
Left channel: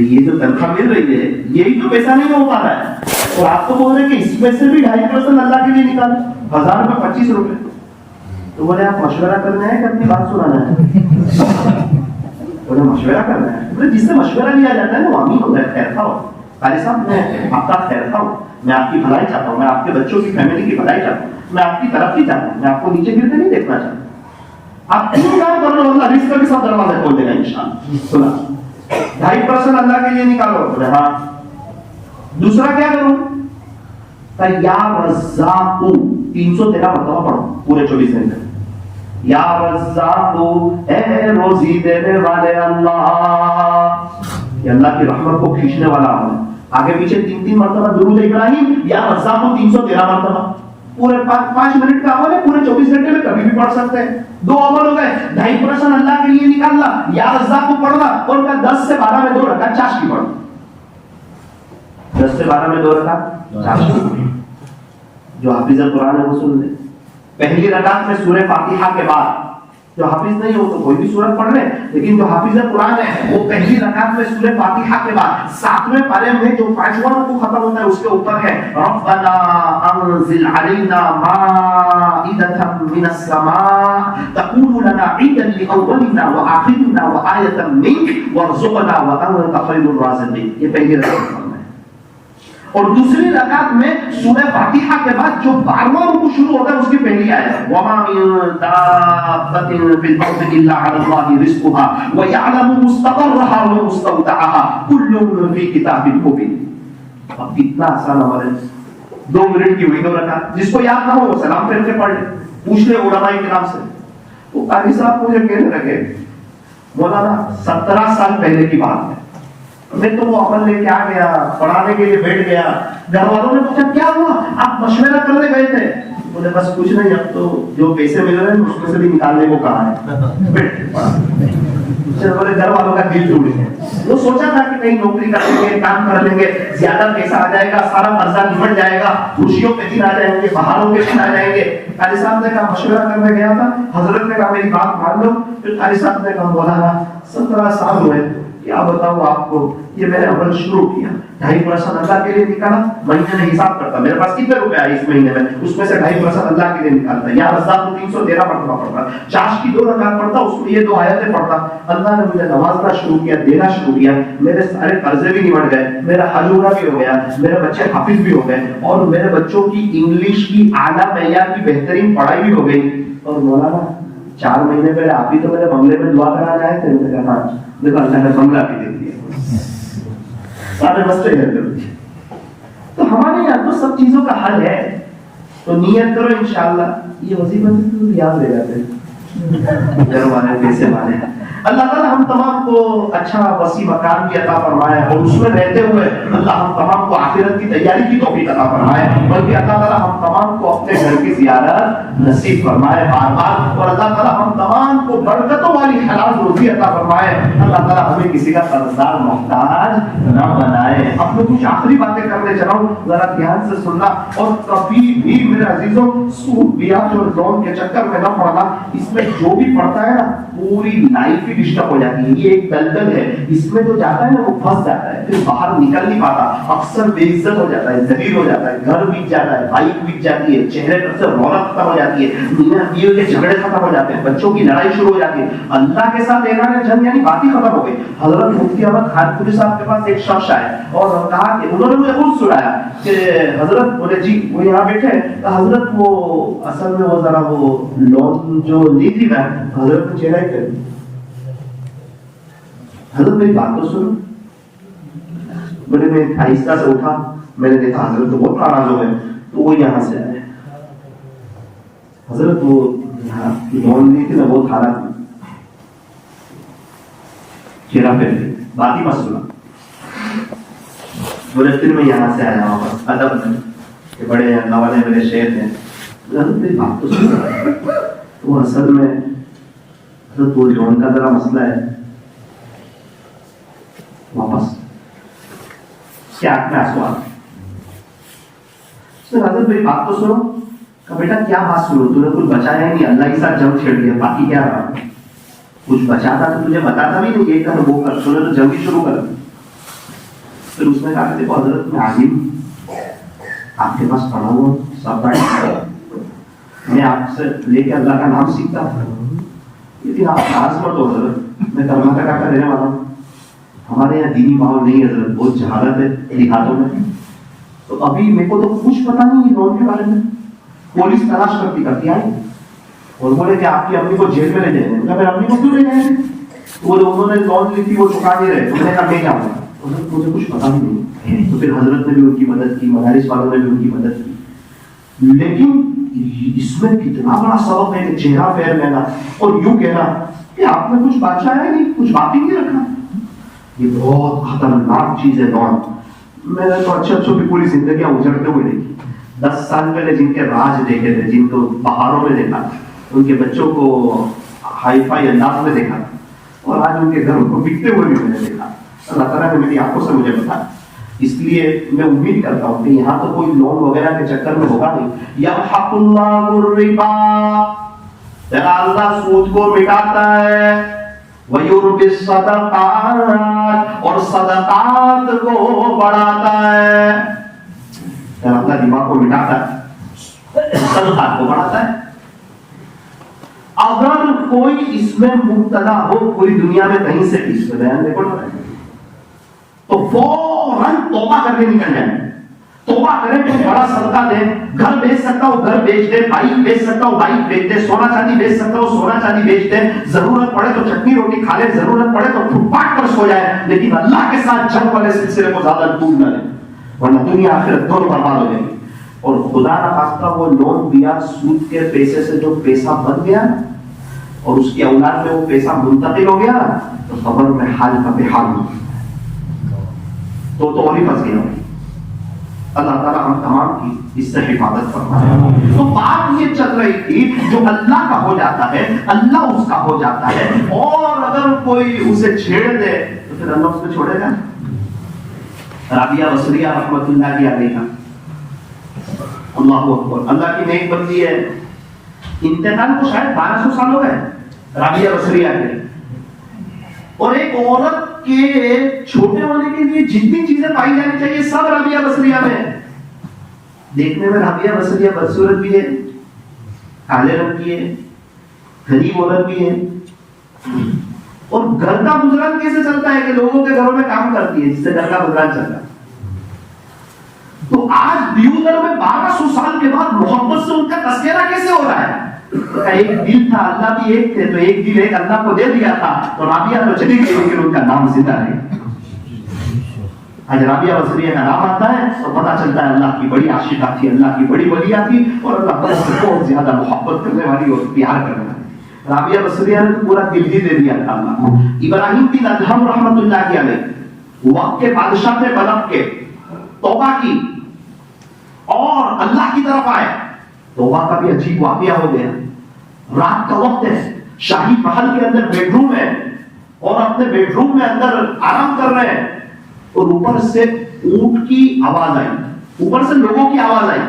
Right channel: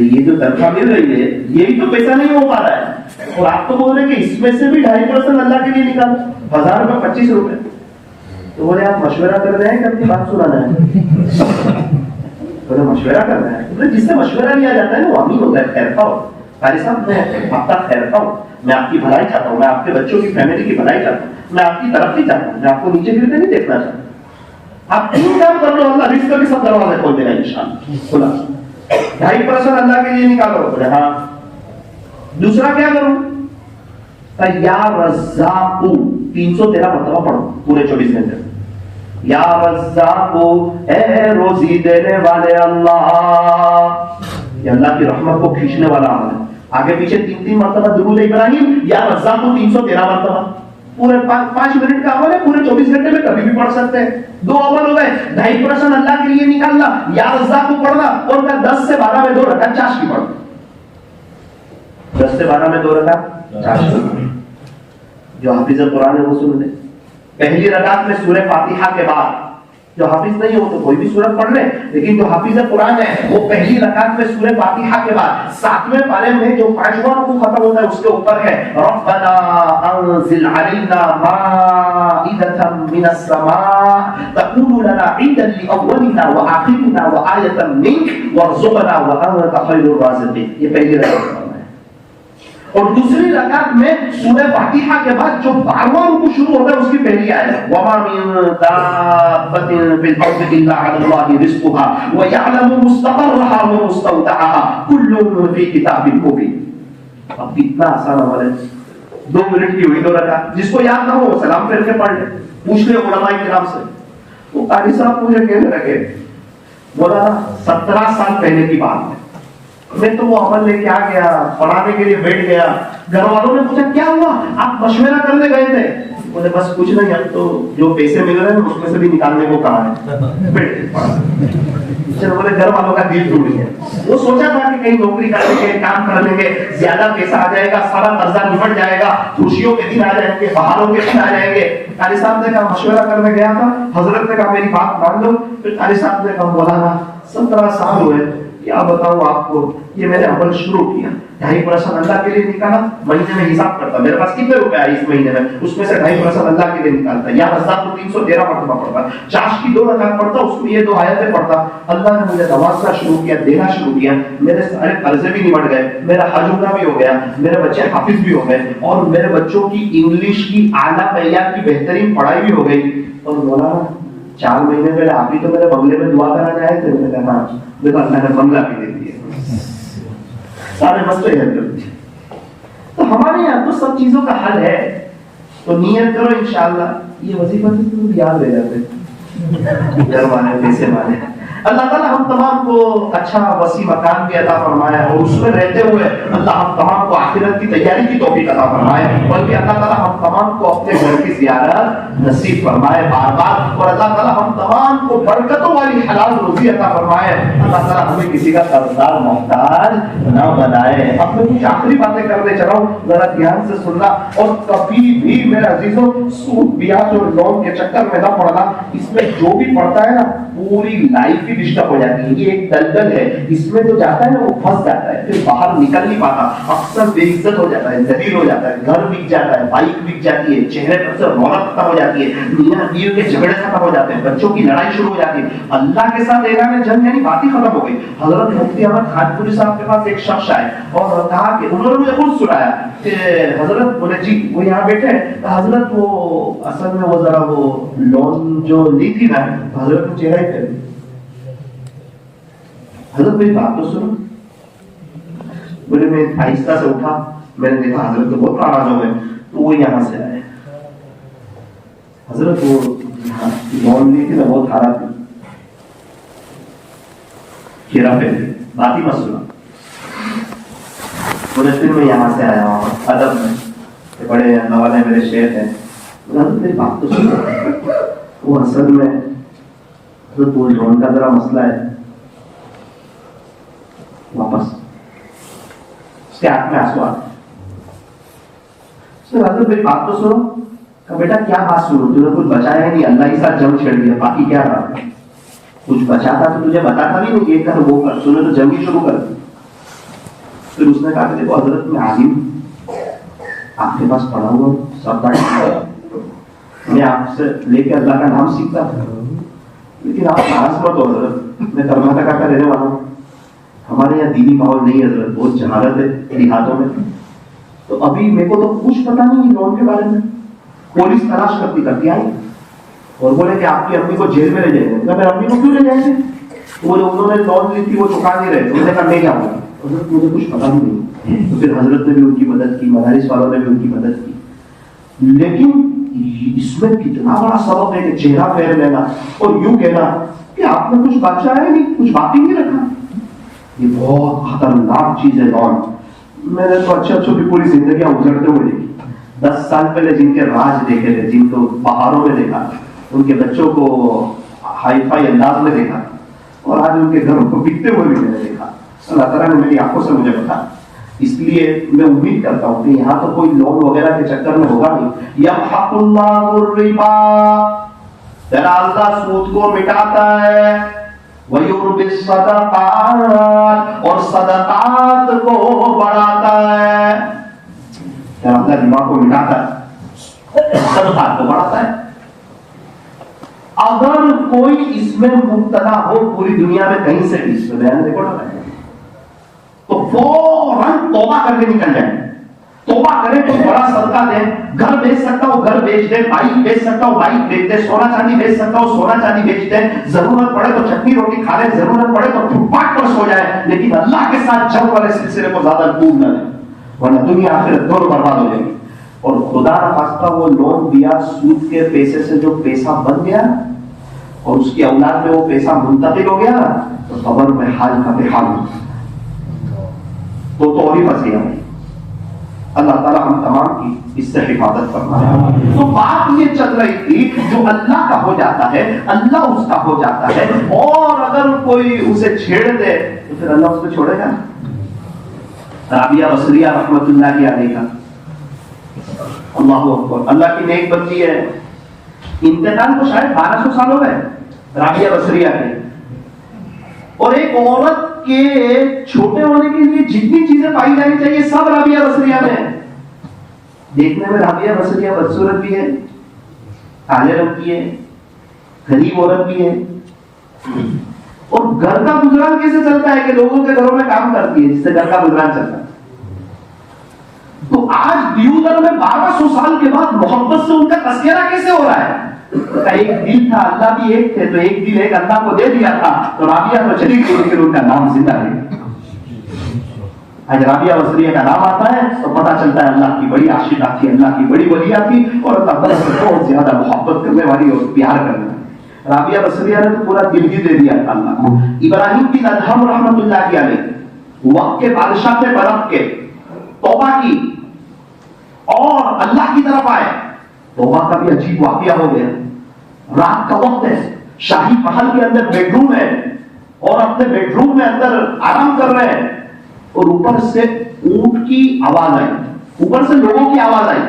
یہ جو تنخواہ مل رہی ہے یہی تو پیسہ نہیں ہو پا رہا ہے, اور آپ تو بول رہے کہ اس میں سے بھی 2.5% اللہ کے لیے نکالو, 1000 میں 25 روپے. تو بولے آپ مشورہ کرنا ہے کہ اپنی بات سنانا ہے؟ بولے مشورہ کرنا ہے. جس سے مشورہ لیا جاتا ہے وہ امین ہوتا ہے, خیر خواہ ہوتا ہے. قاری صاحب میں آپ کا خیر خواہ ہوں, میں آپ کی بھلائی چاہتا ہوں, میں آپ کے بچوں کی فیملی کی بھلائی چاہتا ہوں, میں آپ کی ترقی چاہتا ہوں, میں آپ کو نیچے گرتے نہیں دیکھنا چاہتا. آپ 3 کام کر لو, اللہ رزق کا بھی سب دروازے کھول دے گا انشاءاللہ. سنا 2.5% اللہ کے لیے نکالو. ہاں دوسرا کیا کروں؟ یا رزاق 313 مرتبہ پڑھو پورے 24 گھنٹے. یا رزاق اے روزی دینے والے اللہ, یہ اللہ کی رحمت کو کھینچنے والا عمل ہے. آگے پیچھے 3 مرتبہ درود ابراہیم, یا رزاق 313 مرتبہ. پورے 5 منٹ کا عمل ہے, پورے 24 گھنٹے میں کبھی بھی پڑھ سکتے ہیں. 2 عمل ہو گئے, 2.5% اللہ کے لیے نکالنا, یا رزاق کو پڑھنا, اور 10 سے 12 میں 2 رکعت چاشت کی پڑھنا. 10 سے 12 میں 2 رکعت چاشت کی. جو حافظ قرآن ہے وہ سن لے. پہلی رکعت میں سورہ فاتحہ کے بعد, جو حافظ نہیں ہو تو کوئی بھی سورت پڑھ لے, لیکن جو حافظ قرآن ہے وہ پہلی رکعت میں سورہ فاتحہ کے بعد 7ویں پارے میں جو 5واں رکوع ختم ہوتا ہے اس کے اوپر ہے ربنا انزل علینا مائدۃ من السماء تکون لنا عیدا لاولنا وآخرنا وآیۃ منک وارزقنا وانت خیر الرازقین. یہ پہلی رکعت. اور دوسری رکعت میں سورہ فاتحہ کے بعد جو 12واں رکوع شروع ہوتا ہے اس کی پہلی آیت وما من دابۃ فی الارض الا علی اللہ رزقها ویعلم مستقرها ومستودعها کل فی کتاب مبین. اب کتنا آسان عمل ہے, 2 منٹ کی ہوئی 2 رکعت. جس کو یاد نہ ہو وہ سلام پھیر کے پڑھ لے, پوچھ لے علماء کرام سے. وہ قاری صاحب مجھے کہنے لگے مولانا 17 سال پہلے کی بات ہے, میں تو وہ عمل لے کے آ گیا, پڑھانے کے لیے بیٹھ گیا. گھر والوں نے پوچھا کیا ہوا, آپ مشورہ کرنے گئے تھے؟ بولے بس کچھ نہیں, اب تو جو پیسے مل رہے ہیں اس میں سے بھی نکالنے کو کہا ہے. بولے گھر والوں کا دل ٹوٹ گیا. وہ سوچا تھا کہ کہیں نوکری کریں گے, کام کر لیں گے, زیادہ پیسہ آ جائے گا, سارا قرضہ نمٹ جائے گا, خوشیوں کے دن آ جائیں گے, بہاروں کے دن آ جائیں گے. قاری صاحب نے کہا مشورہ کرنے گیا تھا, حضرت نے کہا میری بات مان لو. پھر قاری صاحب نے کہا مولانا 17 سال ہوئے, کیا بتاؤں آپ کو, یہ میں نے عمل شروع کیا, 2.5% اللہ کے لیے نکالا. مہینے میں حساب کرتا میرے پاس کتنے روپے آئے اس مہینے میں, اس میں سے 2.5% اللہ کے لیے نکالتا. یا رزاق کو 313 مرتبہ پڑھتا, چاش کی 2 رکعت پڑھتا, اس میں یہ 2 آیتیں پڑھتا. اللہ نے مجھے نوازنا شروع کیا, دینا شروع کیا, میرے سارے قرضے بھی نمٹ گئے, میرا حج عمرہ بھی ہو گیا, میرے بچے حافظ بھی ہو گئے, اور میرے بچوں کی انگلش کی اعلیٰ معیار کی بہترین پڑھائی بھی ہو گئی. اور مولانا 4 مہینے پہلے آپ ہی تو میرے بنگلے میں دعا کرانے آئے تھے. میں نے کہا دیکھو اللہ نے بنگلہ بھی دے دیا, سارے مسئلے حل کر دیے. تو ہمارے یہاں تو سب چیزوں کا حل ہے. تو نیت کرو انشاءاللہ. یہ وظیفہ تو یاد رہ جاتے گھر والے پیسے والے. اللہ تعالیٰ ہم تمام کو اچھا وسیع مکان بھی عطا فرمائے, اور اس میں رہتے ہوئے اللہ ہم تمام کو آخرت کی تیاری کی توفیق عطا فرمائے, بلکہ اللہ تعالیٰ ہم تمام کو اپنے گھر کی زیارت نصیب فرمائے بار بار, اور اللہ تعالیٰ ہم تمام کو برکتوں والی حلال روزی عطا فرمائے. اللہ تعالیٰ ہمیں کسی کا قرضدار محتاج نہ بنائے. اب میں کچھ آخری باتیں کرنے چلا ہوں, ذرا دھیان سے سننا. اور کبھی بھی میرے عزیزوں سود بیاج اور لون کے چکر میں نہ پڑنا. اس میں جو بھی پڑتا ہے نا پوری لائف ہی ڈسٹرب ہو جاتی ہے. یہ ایک دلدل ہے, اس میں جو جاتا ہے نا وہ پھنس جاتا ہے, پھر باہر نکل نہیں پاتا, اکثر بے عزت ہو جاتا ہے, ذلیل ہو جاتا ہے, گھر بک جاتا ہے, بائک بک جاتی ہے, چہرے پر سے رونق ختم ہو جاتی ہے, میاں بیوی کے جھگڑے ختم ہو جاتے ہیں, بچوں کی لڑائی شروع ہو جاتی ہے, اللہ کے ساتھ اعلان جنگ یعنی بات ہی ختم ہو گئی. حضرت مفتی احمد خانپوری صاحب کے پاس ایک شخص آئے اور کہا کہ انہوں نے مجھے خود سنایا کہ حضرت, بولے جی وہ یہاں بیٹھے, حضرت وہ اصل میں وہ ذرا وہ لون جو لی تھی نا, حضرت نے چہرہ ہی کر دیا. حضرت میری بات تو سنو. بولے میں آہستہ سے اٹھا, میں نے دیکھا حضرت تو بہت ناراض ہو گئے. تو وہ یہاں سے آئے, حضرت وہ لون لی تھی نا وہ کھانا تھی, چہرہ پہ بات ہی مت سنا. بولے پھر میں یہاں سے آیا ہوں ادب میں کہ بڑے اللہ والے میرے شیخ ہیں. حضرت میری بات تو سنا. وہ اصل میں حضرت وہ لون کا ذرا مسئلہ ہے, واپس اس کے ہاتھ میں آنسو آتے. حضرت میری بات تو سنو. کہ بیٹا کیا بات سنو, تو نے کچھ بچایا ہی نہیں, اللہ کے ساتھ جنگ چھیڑ دیا, باقی کیا رہا, کچھ بچاتا تو تجھے بتاتا بھی نہیں, یہ کر وہ کر, تو نے تو جنگ ہی شروع کر دی. پھر اس نے کہا کہ دیکھو حضرت میں عالم, آپ کے پاس پڑھا ہوا سب پڑھا, میں آپ سے لے کے اللہ کا نام سیکھتا ہوں, لیکن آپ ناراض مت ہو حضرت, میں کرناٹک کا رہنے والا ہوں, ہمارے یہاں دینی ماحول نہیں ہے حضرت, بہت جہالت ہے دیہاتوں میں. تو ابھی میرے کو تو کچھ پتا نہیں لون کے بارے میں. پولیس تلاش کرتی آئی اور بولے کہ آپ کی امی کو جیل میں لے جائیں گے. میرے امی کو کیوں لے جائیں گے؟ وہ انہوں نے لون لی تھی, وہ چکا نہیں رہے. میں نے کہا میں کیا ہوں, حضرت مجھے کچھ پتا نہیں. تو پھر حضرت نے بھی ان کی مدد کی, مدارس والوں نے بھی ان کی مدد کی. لیکن اس میں کتنا بڑا سبب ہے کہ چہرہ پھیر لینا اور یوں کہنا کہ آپ نے کچھ بچایا نہیں, کچھ باقی نہیں رکھا. یہ بہت خطرناک چیز ہے لون. میں نے تو اچھے اچھوں کی پوری زندگیاں اجڑتے ہوئے دیکھی. 10 سال پہلے جن کے راج دیکھے تھے, جن کو پہاڑوں میں دیکھا, ان کے بچوں کو ہائی فائی انداز میں دیکھا, اور آج ان کے گھروں کو بکتے ہوئے بھی میں نے دیکھا. اللہ تعالیٰ نے میری آنکھوں سے مجھے بتایا. اس لیے میں امید کرتا ہوں کہ یہاں تو کوئی لون وغیرہ کے چکر میں ہوگا نہیں. یمحق اللہ الربا, اللہ سود کو مٹاتا ہے, وَيُرْبِي الصَّدَقَاتِ, اور صدقات کو بڑھاتا ہے. اللہ ربا کو مٹاتا ہے, صدقات کو بڑھاتا ہے. اگر کوئی اس میں مبتلا ہو پوری دنیا میں کہیں سے بھی, اس میں بیان ریکارڈ ہوتا ہے, تو فوراً توبہ کر کے نکل جائے. توبہ کرے تو بڑا صدقہ دے. گھر بیچ سکتا ہو گھر بیچ دے, بائک بیچ سکتا ہو بائک بیچ دے, سونا چاندی بیچ سکتا ہو سونا چاندی بیچ دے. ضرورت پڑے تو چٹنی روٹی کھا لے, ضرورت پڑے تو فٹ پاتھ پر سو جائے, لیکن اللہ کے ساتھ جنگ والے سلسلے کو زیادہ ڈوب نہ لے, ورنہ دنیا آخرت دونوں برباد ہو جائے گی. اور خدا نہ خواستہ وہ لون دیا سود کے پیسے سے جو پیسہ بن گیا اور اس کی اولاد میں وہ پیسہ منتقل ہو گیا, تو خبر میں حال کا بے حال ہو. وہ تو اور ہی پھنس گیا. اللہ تعالیٰ ہم تمام کی اس سے حفاظت فرمائے. تو بات یہ چل رہی تھی جو اللہ کا ہو جاتا ہے اللہ اس کا ہو جاتا ہے, اور اگر کوئی اسے چھیڑ دے تو پھر اللہ اس کو چھوڑے گا. رابعہ بصریہ رحمۃ اللہ علیہ کا اللہ اکبر, اللہ کی نیک بندی ہے, انتقال کو شاید 1200 سال ہو گئے رابعہ بصریہ کے, اور ایک عورت کے چھوٹے ہونے کے لیے جتنی چیزیں پائی جانی چاہیے سب رابعہ بصریہ میں. دیکھنے میں رابعہ بصریہ بدصورت بھی ہے, کالے رنگ کی ہے, غریب عورت بھی ہے, اور گھر کا گزران کیسے چلتا ہے کہ لوگوں کے گھروں میں کام کرتی ہے جس سے گھر کا گزران چلتا ہے. تو آج دیوگر میں 1200 سال کے بعد محبت سے ان کا تذکرہ کیسے ہو رہا ہے؟ ایک دل تھا, اللہ بھی ایک تھے, تو ایک دل ایک اللہ کو دے دیا تھا, تو رابعہ تو چلی گئی لیکن ان کا نام زندہ رہے. آج رابعہ بصریہ کا نام آتا ہے تو پتہ چلتا ہے اللہ کی بڑی عاشقہ تھی, اللہ کی بڑی ولیہ تھی, اور اللہ تعالیٰ سے بہت زیادہ محبت کرنے والی اور پیار کرنے والی. رابعہ بصریہ نے تو پورا دل ہی دے دیا تھا اللہ کو. ابراہیم بن ادہم رحمۃ اللہ علیہ وقت کے بادشاہ تھے بلخ کے, توبہ کی اور اللہ کی طرف آئے. توبہ کا بھی عجیب واقعہ ہو گیا. رات کا وقت ہے, شاہی محل کے اندر بیڈ روم ہے, اور اپنے بیڈ روم میں اندر آرام کر رہے ہیں, اور اوپر سے اونٹ کی آواز آئی, اوپر سے لوگوں کی آواز آئی.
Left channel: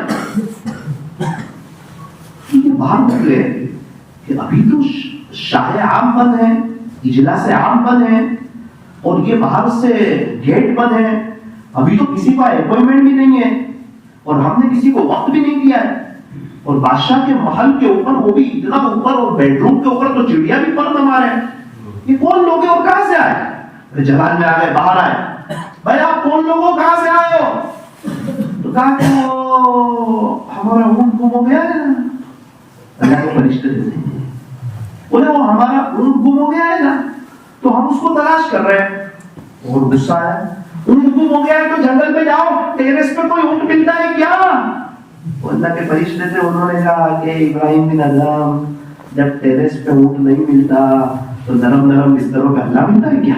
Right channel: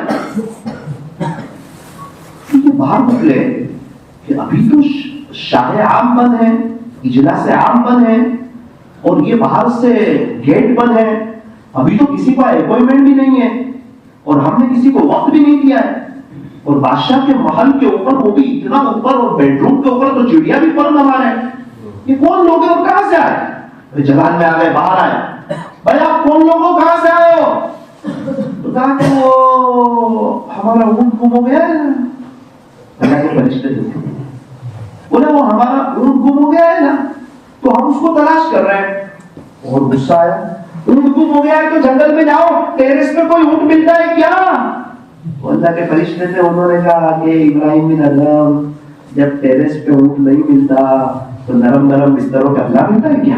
یہ باہر نکلے کہ ابھی تو شاہ عام بند ہے, اجلاس عام بند ہے, اور یہ باہر سے گیٹ بند ہے, ابھی تو کسی کا اپوائنٹمنٹ بھی نہیں ہے, اور ہم نے کسی کو وقت بھی نہیں دیا ہے. اور بادشاہ کے محل کے اوپر, وہ بھی اتنا اوپر, اور بیڈ روم کے اوپر تو چڑیا بھی پر نہ مارے. یہ کون لوگ ہیں اور کہاں سے آئے؟ جلال میں آ گئے, باہر آئے, بھائی آپ کون لوگوں کہاں سے آئے ہو؟ تو کہا کہ وہ ہمارا اونٹ گم ہو گیا ہے. اللہ کے فرشتے تھے, بولے وہ ہمارا اونٹ گم ہو گیا ہے نا, تو ہم اس کو تلاش کر رہے ہیں. اور غصہ آیا, اونٹ گم ہو گیا ہے تو جنگل میں جاؤ, ٹیرس پہ کوئی اونٹ ملتا ہے کیا؟ اللہ کے فرشتے تھے, انہوں نے کہا کہ ابراہیم بن ادہم جب ٹیرس پہ اونٹ نہیں ملتا تو نرم نرم بستروں پہ اللہ ملتا ہے کیا؟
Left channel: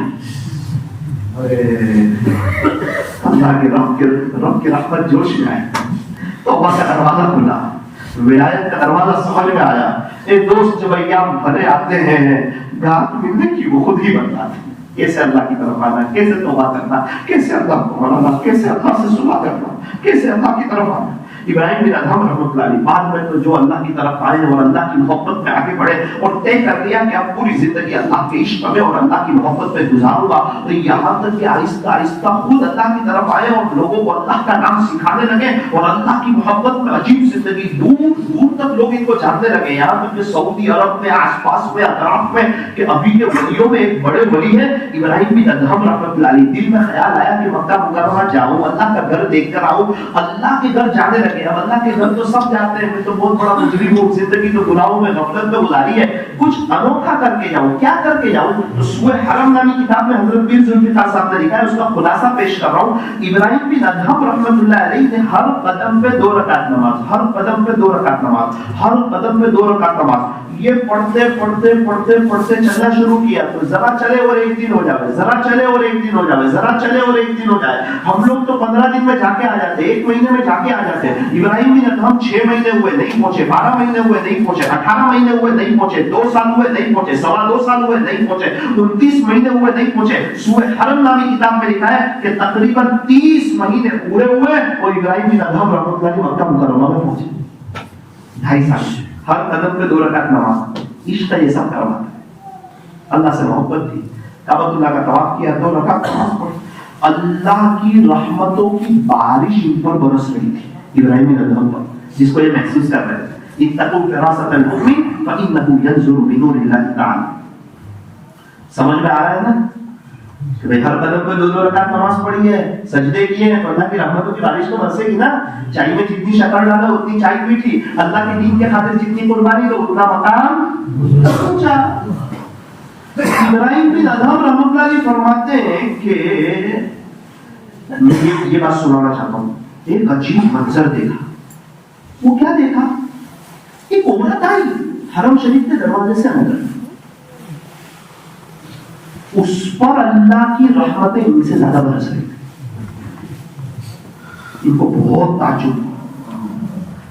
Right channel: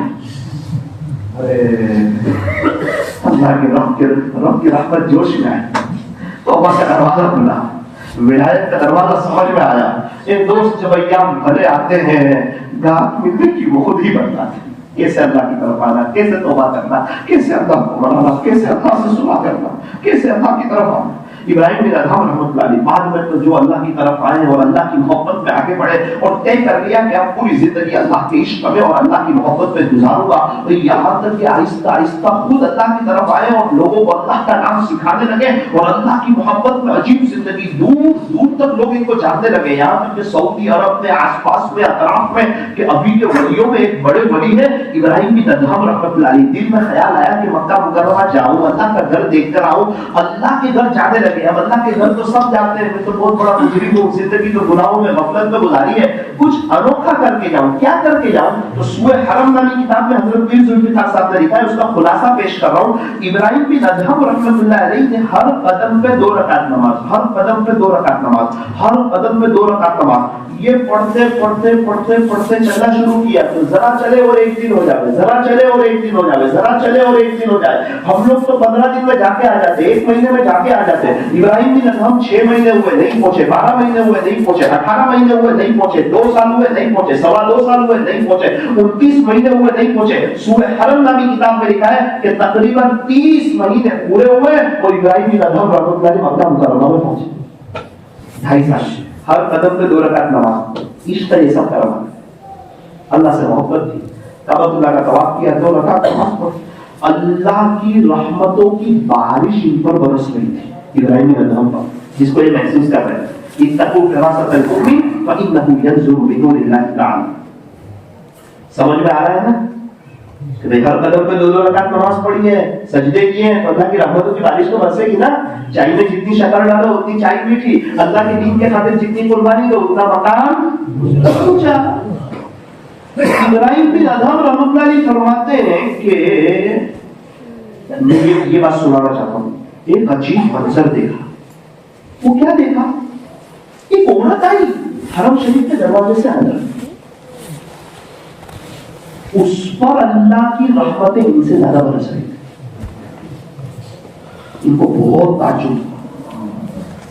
اللہ کے رب کی رحمت جوش میں آئی, توبہ کا دروازہ کھلا, ولایت کا دروازہ سمجھ میں آیا. ایک دوست جب ایام بھلے آتے ہیں, گاہک ملنے کی وہ خود ہی بنتا ہے. کیسے اللہ کی طرف آنا, کیسے توبہ کرنا, کیسے اللہ کو منانا, کیسے اللہ سے صلح کرنا, کیسے اللہ کی طرف آنا. ابراہیم بن ادہم رحمۃ اللہ علیہ بعد میں تو جو اللہ کی طرف آئے اور اللہ کی محبت میں آگے بڑھے, اور طے کر لیا کہ اب پوری زندگی اللہ کے عشق میں اور اللہ کی محبت میں گزاروں گا. تو یہاں تک کہ آہستہ آہستہ خود اللہ کی طرف آئے اور لوگوں کو اللہ کا نام سکھانے لگے, اور اللہ کی محبت میں عجیب زندگی, دور دور تک لوگ ان کو جاننے لگے. یہاں تک کہ سعودی عرب میں, آس پاس میں, اطراف میں, کہ ابھی کے ولیوں میں ایک بڑے ولی ہے ابراہیم بن ادہم رحمۃ اللہ علیہ. دل میں خیال آیا کہ مکہ مکرمہ جاؤں, اللہ کا گھر دیکھ کر آؤں. اللہ کے گھر جانے لگے. اب اللہ کے گھر تو سب جاتے ہیں, میں تو بہت بڑا مجرم ہوں, زندگی تو گناہوں میں غفلت میں گزاری ہے, کچھ انوکھا کر کے جاؤں. کیا کر کے جاؤں؟ تو سورہ حرم نامی کتاب میں حضرت پیر ذوالفقار صاحب نے لکھا ہے, اس کا خلاصہ پیش کر رہا ہوں. ابراہیم بن ادہم رحمۃ اللہ علیہ نے ہر قدم پہ 2 رکعت نماز, ہر قدم پہ 2 رکعت نماز, ہر قدم پہ 2 رکعت نماز, یہ پڑھتے پڑھتے پڑھتے پڑھتے چلنا شروع کیا. تو ذرا چلے اور ایک دن ہو جائے, ذرا چلے اور ایک دن ہو جائے, ذرا چلے اور ایک دن ہو جائے. ہم لوگ تو 15 دن میں جا کے آ جاتے, 1 مہینے میں جا کے آ جاتے. ابراہیم بن ادہم 6 مہینے ہوئے نہیں پہنچے, 12 مہینے ہوئے نہیں پہنچے, 18 مہینے ہوئے نہیں پہنچے, 2 سال ہوئے نہیں پہنچے, 2.25 سال ہوئے نہیں پہنچے, 29 مہینے ہوئے نہیں پہنچے. سورہ حرم نامی کتاب میں لکھا ہے کہ تقریباً 30 مہینے پورے ہوئے اور ابراہیم بن ادہم رحمۃ اللہ علیہ مکہ مکرمہ میں پہنچے. 2.5 سال, ہر قدم پہ 2 رکعت نماز. عشق یہ سب کرنا, اللہ سے محبت تھی. کعبۃ اللہ کا طواف کیا, 2 رکعت نماز پڑھی. اللہ کی رحمتوں کی بارش ان پر برس رہی تھی ابراہیم بن ادہم پر, جس کو یہ محسوس کر رہے تھے. اتقوا فراست المؤمن فانه ينظر بنور الله تعالی. سمجھ میں آ رہا ہے نا کہ بھئی ہر قدم پہ 2 رکعت نماز پڑھی ہے, سجدے کیے ہیں, تو اللہ کی رحمتوں کی بارش تو برسے گی نا. چائے میں جتنی شکر ڈالو اتنی چائے میٹھی, اللہ کے دین کے خاطر جتنی قربانی دو اتنا مقام اونچا. ابراہیم بن ادہم رحمۃ اللہ علیہ فرماتے ہیں کہ میں یہ بات سنانا چاہتا ہوں. ایک عجیب منظر دیکھا. وہ کیا دیکھا؟ ایک عورت آئی حرم شریف کے دروازے سے اندر, اس پر اللہ کی رحمتیں ان سے زیادہ برس رہی تھی. ان کو بہت تعجب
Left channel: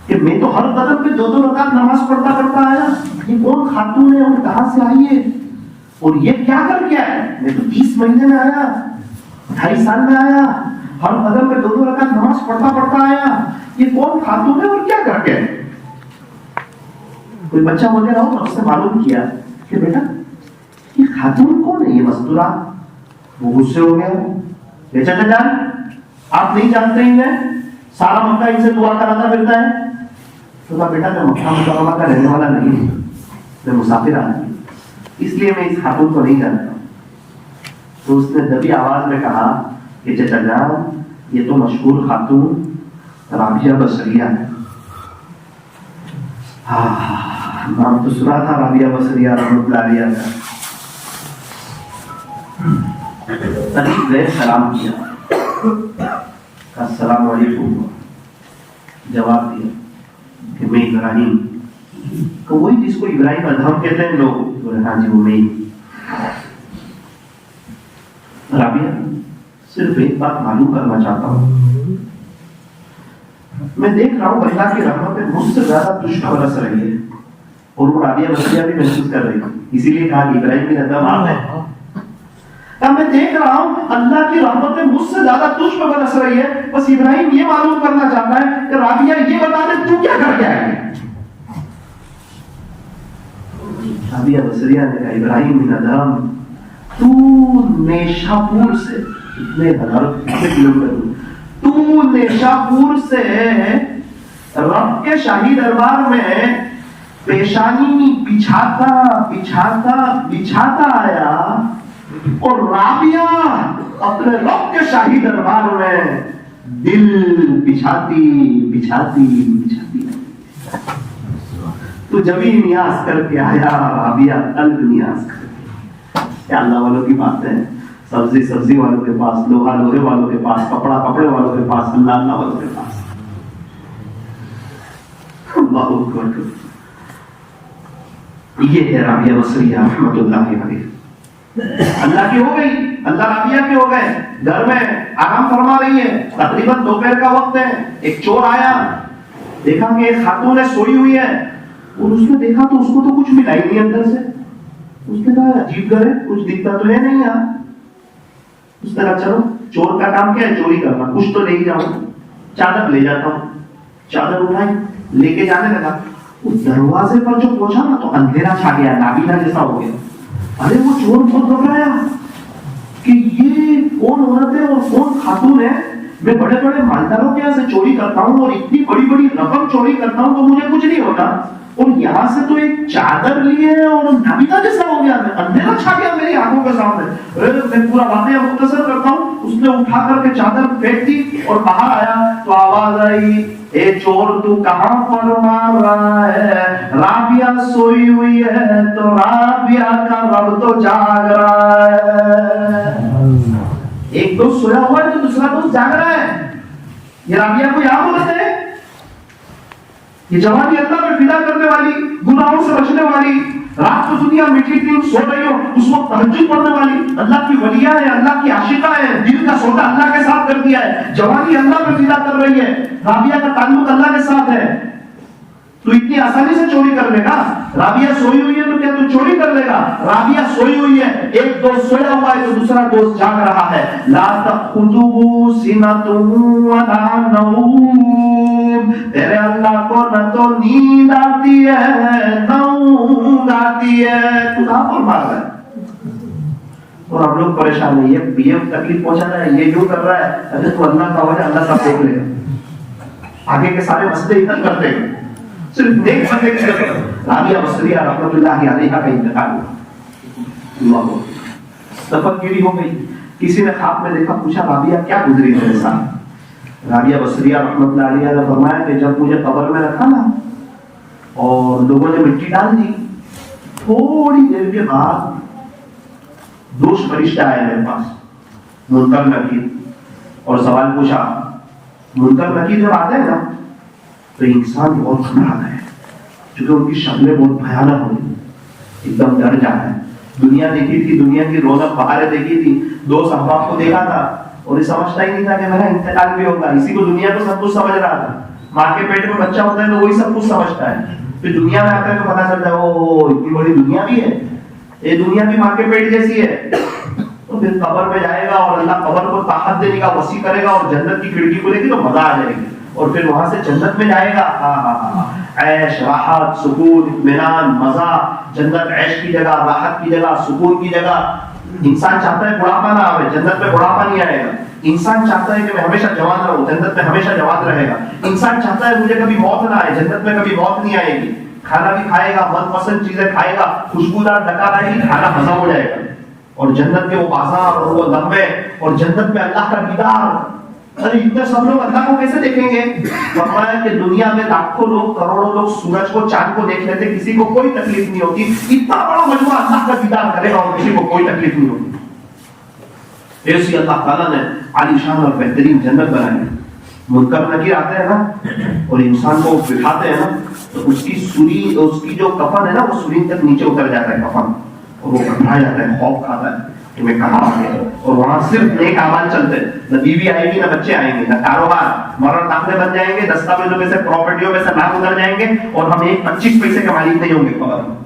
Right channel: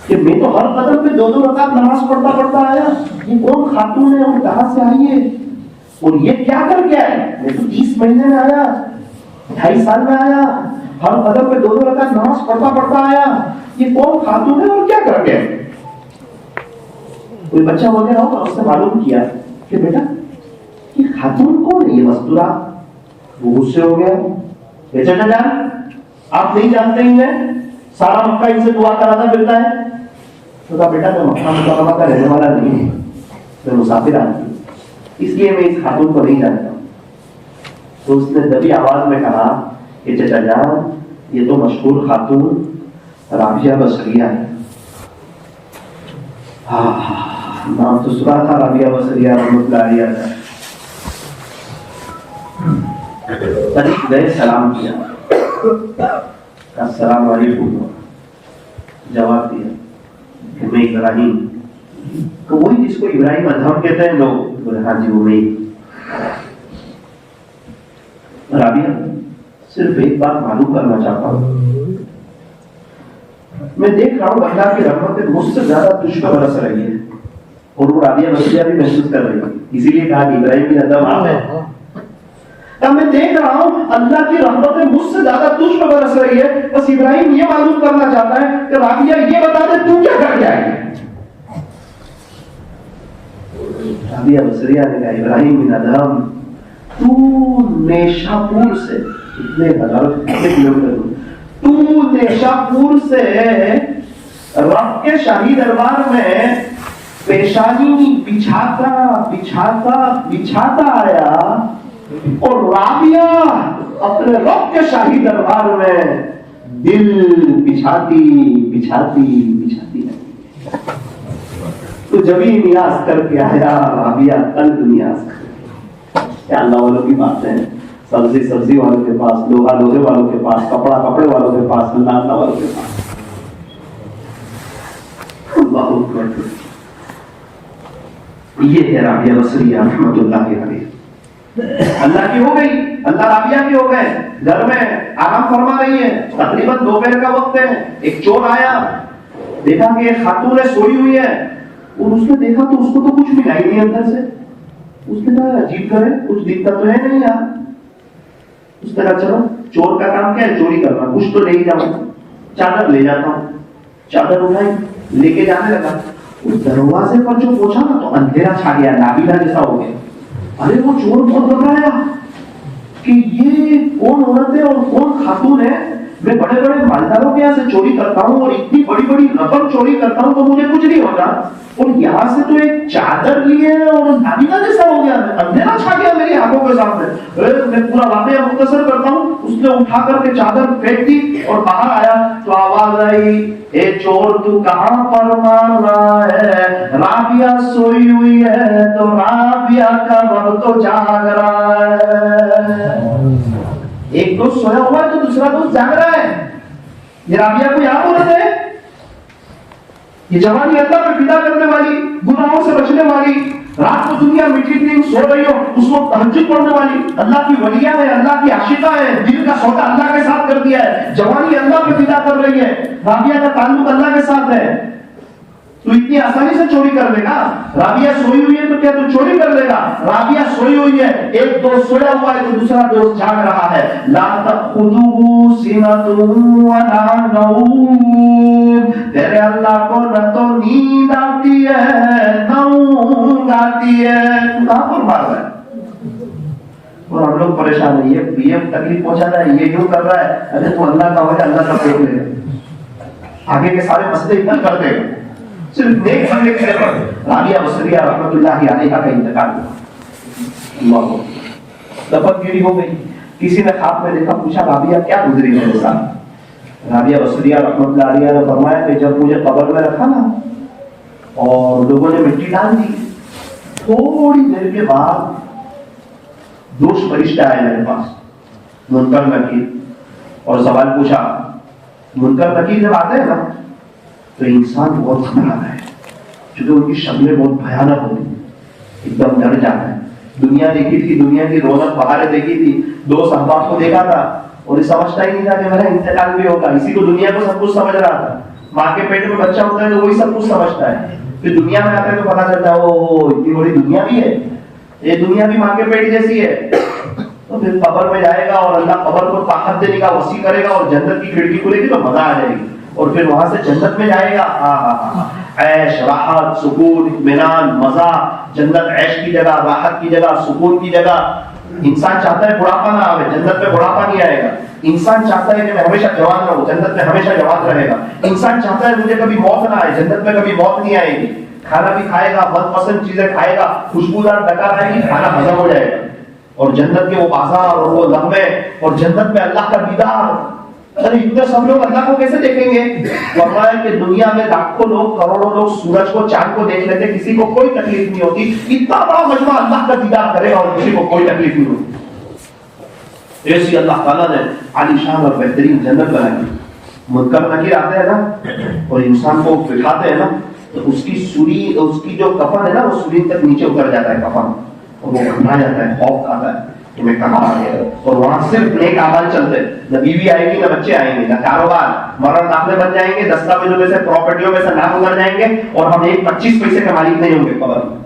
کہ میں تو ہر قدم پہ 2 رکعت نماز پڑھتا آیا، یہ کون خاتون ہے اور کہاں سے آئی ہے اور یہ کیا کر کے آیا؟ میں تو 30 مہینے میں آیا، 2.5 سال میں آیا، ہر قدم پہ 2 رکعت نماز پڑھتا آیا، یہ کون خاتون ہے اور کیا کر کے؟ کوئی بچہ وغیرہ ہو اس نے معلوم کیا کہ بیٹا یہ خاتون کون ہے، یہ مستورہ؟ وہ غصے ہو گیا، چچا جان آپ نہیں جانتے ہی ہیں، سارا مکہ ان سے دعا کراتا پھرتا ہے۔ تو کہا بیٹا میں مکہ مکرمہ کا رہنے والا نہیں ہوں، میں مسافر آدمی ہوں، اس لیے میں اس خاتون کو نہیں جانتا۔ تو اس نے دبی آواز میں کہا کہ چچا جان یہ تو مشہور خاتون رابعہ بصریہ ہے۔ نام تو سنا تھا رابعہ بصریہ رحمۃ اللہ علیہ کا۔ قریب گئے، سلام کیا، السلام علیکم، جواب دیا کہ میں ابراہیم، تو وہی جس کو ابراہیم ادھم کہتے ہیں لوگ، ہاں جی وہ میں۔ رابعہ صرف ایک بات معلوم کرنا چاہتا ہوں، میں دیکھ رہا ہوں اللہ کی رحمت مجھ سے زیادہ تجھ پر برس رہی ہے، اور وہ رابعہ بصریہ بھی محسوس کر رہی ہے، اسی لیے کہا کہ ابراہیم بن ادھم آپ ہے۔ تب میں دیکھ رہا ہوں اللہ کی رحمت مجھ سے زیادہ تجھ پر برس رہی ہے، بس ابراہیم یہ معلوم کرنا چاہتا ہے کہ رابعہ یہ بتا دے تو کیا کر کے آئی؟ رابعہ بصریہ نے کہا ابراہیم بن ادھم تو نیشاپور سے، کتنے کلومیٹر، تو نیشاپور سے رب کے شاہی دربار میں پیشانی بچھاتا آیا، اور رابعہ اپنے رب کے شاہی دربار میں دل بچھاتی تو جبھی نیاز کر کے آیا رابعہ، قلب نیاز کر کے۔ اللہ والوں کی بات ہے، سبزی والوں کے پاس، لوہے والوں کے پاس، کپڑے والوں کے پاس، اللہ والوں کے پاس۔ اللہ اکبر۔ یہ ہے رابعہ بصریہ رحمۃ اللہ علیہ۔ اللہ کی ہو گئی، اللہ رابعہ کے ہو گئے، گھر میں آرام فرما رہی ہے، تقریباً دوپہر کا وقت ہے، ایک چور آیا، دیکھا کہ ایک خاتون سوئی ہوئی ہے، اور اس نے دیکھا تو اس کو تو کچھ ملا ہی نہیں اندر سے۔ اس نے کہا عجیب گھر ہے، کچھ دکھتا تو ہے نہیں یار۔ اس نے کہا چلو چور کا کام کیا ہے، چوری کرنا، کچھ تو لے ہی جاؤں، چادر لے جاتا ہوں۔ چادر اٹھائی، لے کے جانے لگا، دروازے پر جو پہنچا نا تو اندھیرا چھا گیا، نابینا جیسا ہو گیا۔ ارے وہ چور بہت گھبرایا کہ یہ کون عورت ہے اور کون خاتون ہے، میں بڑے بڑے مالداروں کے یہاں سے چوری کرتا ہوں اور اتنی بڑی بڑی رقم چوری کرتا ہوں تو مجھے کچھ نہیں ہوتا، اور یہاں سے تو ایک چادر لیے اور نابینا جیسا ہو گیا، اندھیرا چھا گیا میری آنکھوں کے سامنے۔ میں پورا واقعہ مختصر کرتا ہوں، اس نے اٹھا کر کے چادر پھینک دی اور باہر آیا تو آواز آئی، اے چور تو کہاں پر مار رہا ہے؟ رابعہ سوئی ہوئی ہے تو رابعہ کا رب تو جاگ رہا ہے۔ ایک دوست سویا ہوا ہے تو دوسرا دوست جاگ رہا ہے۔ یہ رابعہ کوئی عام عورت ہے؟ یہ جوانی اللہ پہ فدا کرنے والی، گناہوں سے بچنے والی، رات کو دنیا میٹھی تھی سو رہی ہو اس وقت تہجد پڑھنے والی، اللہ کی ولیہ ہے، اللہ کی عاشقہ ہے، دل کا سودا اللہ کے ساتھ کر دیا ہے، جوانی اللہ پہ فدا کر رہی ہے، رابعہ کا تعلق اللہ کے ساتھ ہے، تو اتنی آسانی سے چوری کر لے گا؟ رابعہ سوئی ہوئی ہے تو کیا تو چوری کر لے گا؟ رابعہ سوئی ہوئی ہے، ایک دوست سویا ہوا ہے تو دوسرا دوست جاگ رہا ہے۔ لا تأخذه سنة ولا نوم، تیرے اللہ کو نہ تو نیند آتی ہے نہ اونگ آتی ہے، تو کہاں پر مار رہا ہے؟ اور ہم لوگ پریشان ہیں، یہ پی ایم تکلیف پہنچا رہا ہے، یہ کیوں کر رہا ہے؟ ارے تو اللہ کا وجہ اللہ سب دیکھ لے، آگے کے سارے مسئلے اتنا کرتے ہیں، صرف نیک بندے کی طرف۔ رابعہ بصریہ رحمۃ اللہ علیہ کا انتقال ہوا، اللہ دفن گیری ہو گئی۔ کسی نے خواب میں دیکھا، پوچھا رابعہ کیا گزری میرے ساتھ؟ رابعہ بصریہ رحمۃ اللہ علیہ نے فرمایا کہ جب مجھے قبر میں رکھا نا اور لوگوں نے مٹی ڈال دی، تھوڑی دیر کے بعد دوست فرشتہ آیا میرے پاس، منکر نکیر، اور سوال پوچھا۔ منکر نکیر جب آتے ہیں نا تو انسان بہت گھبراتا ہے، کیونکہ ان کی شکلیں بہت بھیانک ہوتی، ایک دم ڈر جاتا ہے۔ دنیا دیکھی تھی، دنیا کی رونق بہاریں دیکھی تھی، دوست احباب کو دیکھا تھا، اور یہ سمجھتا ہی نہیں تھا کہ میرا انتقال بھی ہوگا. اسی کو دنیا کو سب کچھ سمجھ رہا تھا. ماں کے پیٹ میں بچہ ہوتا ہے تو وہی سب کچھ سمجھتا ہے. پھر دنیا میں آتا ہے تو پتا چلتا ہے او اتنی بڑی دنیا بھی ہے, یہ دنیا بھی ماں کے پیٹ جیسی ہے. تو پھر قبر میں جائے گا اور اللہ قبر کو طاقت دینے کا وسیع کرے گا اور جنت کی کھڑکی کھلے گی تو مزہ آ جائے گی. اور پھر وہاں سے جنت میں جائے گا, عیش راحت سکون اطمینان مزہ. جنت عیش کی جگہ, راحت کی جگہ, سکون کی جگہ. انسان چاہتا ہے بڑھاپا نہ آئے, جنت میں بڑھاپا نہیں آئے گا. انسان چاہتا ہے کہ میں ہمیشہ جوان رہوں, جنت میں ہمیشہ جوان رہے گا. انسان چاہتا ہے مجھے کبھی موت نہ آئے, جنت میں کبھی موت نہیں آئے گی. کھانا بھی کھائے گا, من پسند چیزیں کھائے گا, خوشبودار ڈکار آئے گی, کھانا ہضم ہو جائے گا. اور جنت کے وہ بازار اور وہ لمحے اور جنت میں اللہ کا دیدار. ارے اتنے سب لوگ اللہ کو کیسے دیکھیں گے؟ فرمایا کہ دنیا میں لاکھوں لوگ کروڑوں لوگ سورج کو چاند کو دیکھ لیتے, کسی کو کوئی تکلیف نہیں ہوتی. اتنا بڑا مجمع اللہ کا دیدار کرے گا اور کسی کو کوئی تکلیف نہیں ہوتی. ایسی اللہ تعالیٰ نے عالی شان اور بہترین جنت بنائی. منکر نکیر آتے ہیں نا اور انسان کو بٹھاتے ہیں نا تو اس کی سوری, اس کی جو کفن ہے نا وہ سورین تک نیچے اتر جاتا ہے کفن, اور وہ گھبرا جاتا ہے, خوف کھاتا ہے کہ میں کہاں آ گیا. اور وہاں صرف نیک اعمال چلتے ہیں, نہ بیوی آئے گی نہ بچے آئیں گے, نہ کاروبار, مرن داخلے بن جائیں گے, دستاویزوں میں سے پراپرٹیوں میں سے نام اتر جائیں گے اور ہم 25 پیسے کے مالک نہیں ہوں گے. قبر میں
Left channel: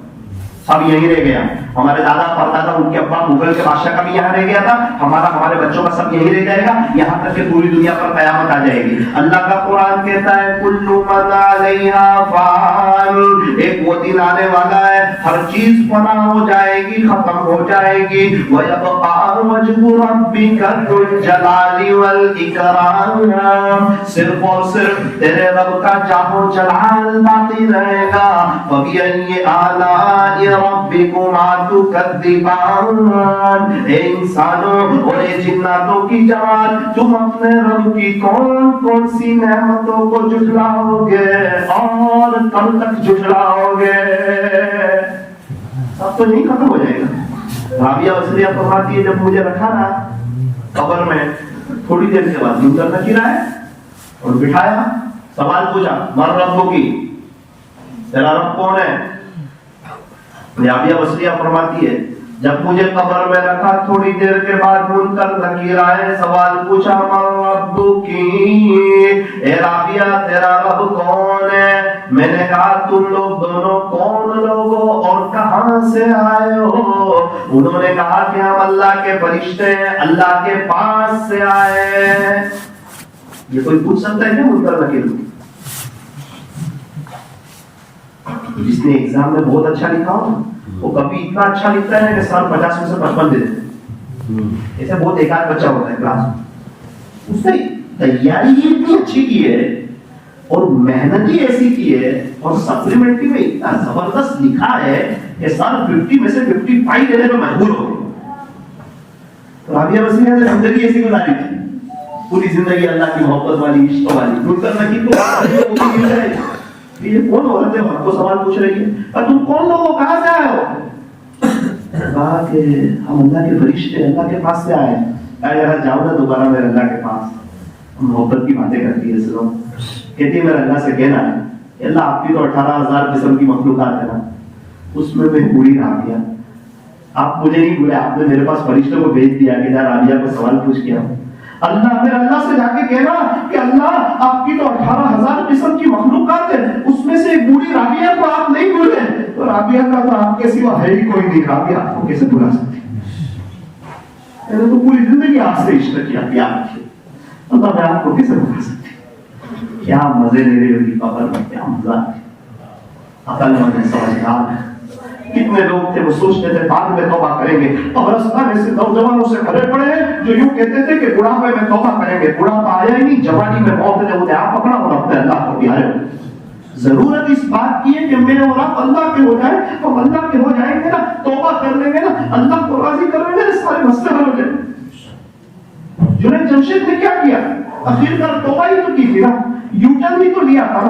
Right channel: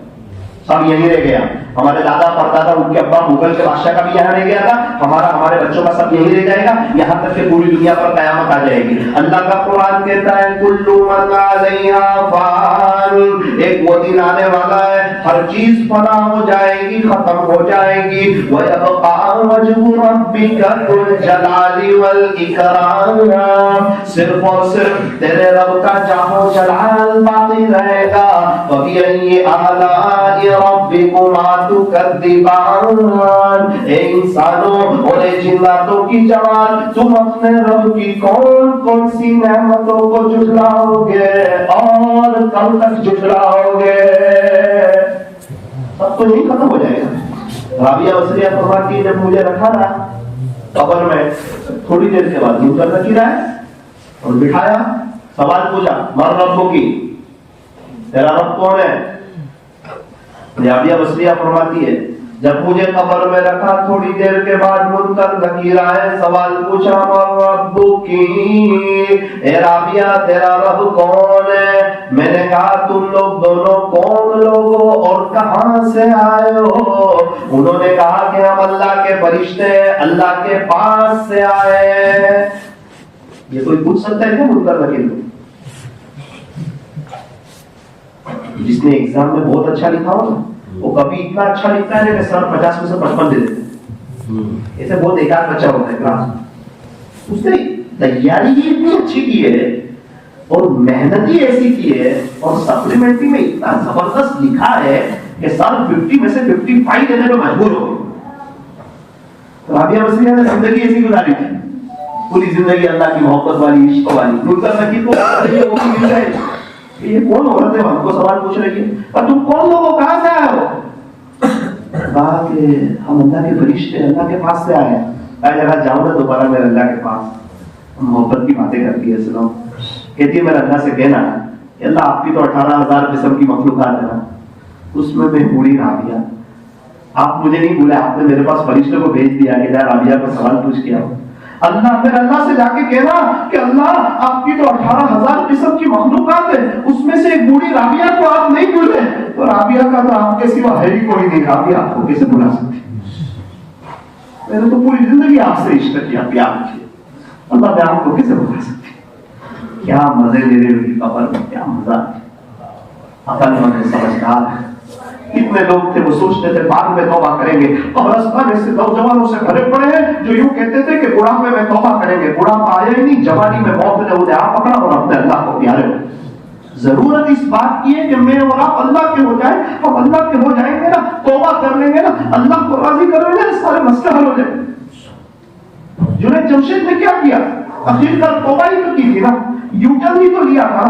سب یہیں رہ گیا. ہمارے دادا پردادا ان کے ابا مغل کے بادشاہ کا بھی یہاں رہ گیا تھا, ہمارے بچوں کا سب یہیں رہ جائے گا, یہاں تک کہ پوری دنیا پر قیامت آ جائے گی. اللہ کا قرآن کہتا ہے کل من علیہا فان, ایک وہ دن آنے والا ہے ہر چیز فنا ہو جائے گی, ختم ہو جائے گی. وَيَبْقَى وَجْهُ رَبِّكَ ذُو الْجَلَالِ وَالْإِكْرَامِ, صرف اور صرف تیرے رب کا جاہ و جلال باقی رہے گا. وَبِأَيِّ آلَاءِ رَبِّكُمَا تُكَذِّبَانِ, اے انسانوں اور اے جناتوں کی جوان, تم اپنے رب کی کون کون سی نعمتوں کو جھٹلاؤ گے اور کب تک جھٹلاؤ گے؟ سب تو نہیں ختم ہو جائے گا. رابعہ وسلیہ فرماتی ہے جب مجھے رکھا نا قبر میں, تھوڑی دیر کے بعد منکر نکیر آئے اور بٹھایا, سوال پوچھا من رب کی, تیرا رب کون ہے؟ رابعہ وسلیہ فرماتی ہے جب مجھے قبر میں رکھا تھوڑی دیر کے بعد منکر نکیر آئے, سوال پوچھا من رب کی, اے رابعہ تیرا رب کون ہے؟ میں نے کہا تم لوگ دونوں کون لوگ ہو اور کہاں سے آئے ہو؟ انہوں نے کہا کہ ہم اللہ کے فرشتے اللہ کے پاس سے آئے. یہ کوئی پوچھ سکتا ہے کیا منکر نکیر کو؟ جس نے ایگزام میں بہت اچھا لکھا ہو وہ کبھی اتنا اچھا لکھتا ہے کہ سر 50 میں سے 55 دے دیتے. ایسے بہت ایک آدھ بچہ ہوتا ہے کلاس میں, اس نے تیاری اتنی اچھی کی ہے اور محنت ہی ایسی کی ہے اور سپلیمنٹری میں اتنا زبردست لکھا ہے کہ سر 50 میں سے 55 دینے پہ مجبور ہو گئے. رابعہ وسلیہ نے زندگی ایسی گزاری تھی, پوری زندگی اللہ کی محبت والی, عشق والی. منکر نکیر کو مل رہے یہ کون عورت ہے, ہم کو سوال پوچھ رہی ہے اور تم کون لوگ ہو, کہاں سے آئے ہو؟ کہا کہ ہم اللہ کے فرشتے اللہ کے پاس سے آئے ہیں. کہا جاؤ نا دوبارہ میرے اللہ کے پاس. محبت کی باتیں کرتی ہے, سنو. کہتی ہے میرے اللہ سے کہنا اللہ آپ کی تو 18,000 قسم کی مخلوقات ہے نا, اس میں بوڑھی رابعہ, آپ مجھے نہیں بولے, آپ نے میرے پاس فرشتوں کو بھیج دیا کہ رابعہ کو سوال پوچھ کیا ہو. اللہ پھر اللہ سے جا کے کہنا کہ اللہ آپ کی تو 18,000 قسم کی مخلوقات ہے, اس میں سے ایک بوڑھی رابعہ کو آپ نہیں بھولے, تو رابعہ کا تو آپ کے سوا ہے ہی کوئی نہیں, رابعہ آپ کو کیسے بھلا سکتی؟ میں نے تو پوری زندگی آپ سے عشق کیا, پیار کیا, اللہ میں آپ کو کیسے بھلا سکتی؟ کیا مزے لے رہے ہوگی قبر میں, کیا مزہ. عقل مند سمجھدار کتنے لوگ تھے وہ سوچتے تھے بعد میں توبہ کریں گے, اور رستان ایسے نوجوانوں سے بھرے پڑے ہیں جو یوں کہتے تھے کہ بڑھاپے میں توبہ کریں گے. بڑھاپا آیا ہی نہیں, جوانی میں موت نے انہیں آپ پکڑا اور اپنے اللہ کو پیارے ہو. ضرورت اس بات کی ہے کہ میں اور آپ اللہ کے ہو جائیں. ہم اللہ کے ہو جائیں گے نا, توبہ کر لیں گے نا, اللہ کو راضی کر لیں گے, سارے مسئلے حل ہو جائیں. جنید جمشید نے کیا کیا؟ آخر کار توبہ ہی تو کی تھی نا, یوں ٹرن ہی تو لیا تھا.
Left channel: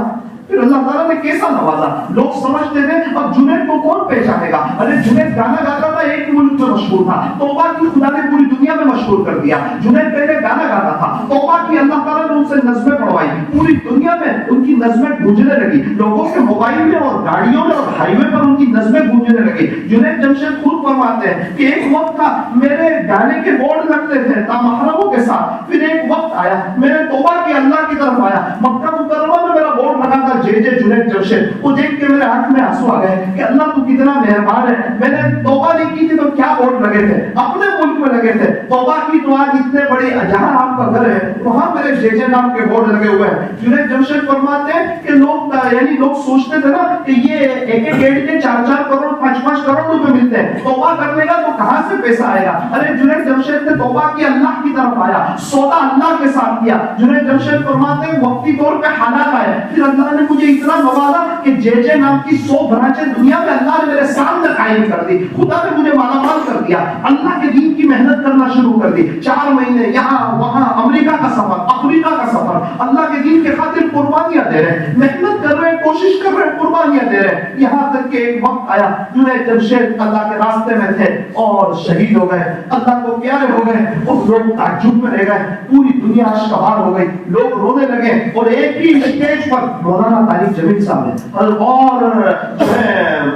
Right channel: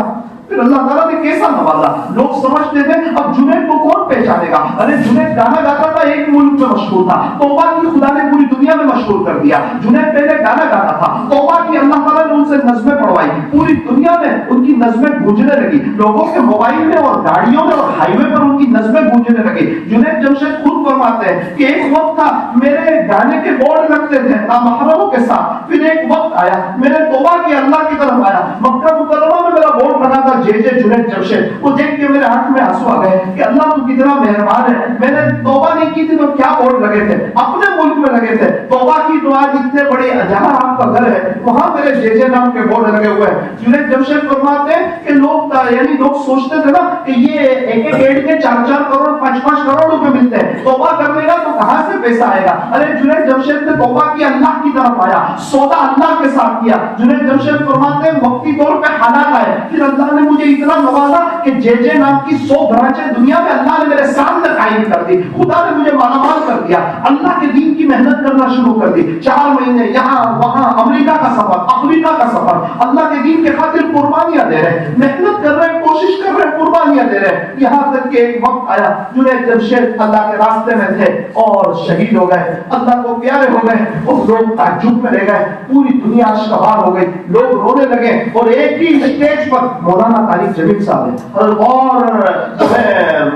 پھر اللہ تعالیٰ نے کیسا نوازا. لوگ سمجھتے تھے اب جنید کو کون پہچانے گا, ارے جنید گانا گاتا تھا, ایک ملک میں مشہور تھا, توبہ کی خدا نے پوری دنیا میں مشہور کر دیا. جنید پہلے گانا گاتا تھا, توبہ کی اللہ تعالیٰ نے ان سے نظمیں پڑھوائی, پوری دنیا میں ان کی نظمیں گونجنے لگی. لوگوں کے موبائل میں اور گاڑیوں میں اور ہائی وے پر ان کی نظمیں گونجنے لگی. جنید جمشید خود فرماتے ہیں کہ ایک وقت تھا میرے گانے کے بورڈ لگتے تھے نامحرموں کے ساتھ, میں نے توبہ کی, اللہ کی طرف آیا. مکہ مکرمہ میں میرا بورڈ لگا تھا جے جنید جمشید, وہ دیکھ کے میرے آنکھ میں آنسو آ گئے کہ اللہ تو کتنا مہربان ہے. میں نے توبہ نہیں کی تھی تو کیا بورڈ لگے تھے, اپنے ملک میں لگے تھے. توبہ کی تو آج اتنے بڑے جہاں آپ کا گھر ہے وہاں میرے جے نام کے بورڈ لگے ہوئے ہیں. جنید جمشید فرماتے ہیں کہ لوگ سوچتے تھے نا کہ یہ ایک ایڈ کے 4-4 کروڑ 5-5 کروڑ روپے ملتے ہیں, توبہ کرنے کا تو کہاں سے پیسہ آئے گا. ارے جنید جمشید نے توبہ کی, اللہ کی طرف آیا, سودا اللہ کے ساتھ کیا. جنید جمشید فرماتے ہیں وقتی طور پہ حالات آئے, پھر اللہ نے مجھے اتنا نوازا کہ جے نام کی 100 برانچیں دنیا میں اللہ نے میرے سامنے قائم کر دی. خدا نے مجھے مالا مال کر دیا, اللہ کے دین کی محنت کرنا شروع کر دی. 4 مہینے یہاں وہاں, امریکہ کا سفر, افریقہ کا سفر, اللہ کے دین کے خاطر قربانیاں دے رہے, محنت کر رہے, کوشش کر رہے, قربانیاں دے رہے. یہاں تک کہ ایک وقت آیا جنید جمشید اللہ کے راستے میں تھے اور شہید ہو گئے, اللہ کو پیارے ہو گئے, اور لوگ تعجب میں رہ گئے. پوری دنیا اشکبار ہو گئی, لوگ رونے لگے. اور ایک ہی اسٹیج پر مولانا طارق جمیل صاحب ہے, اور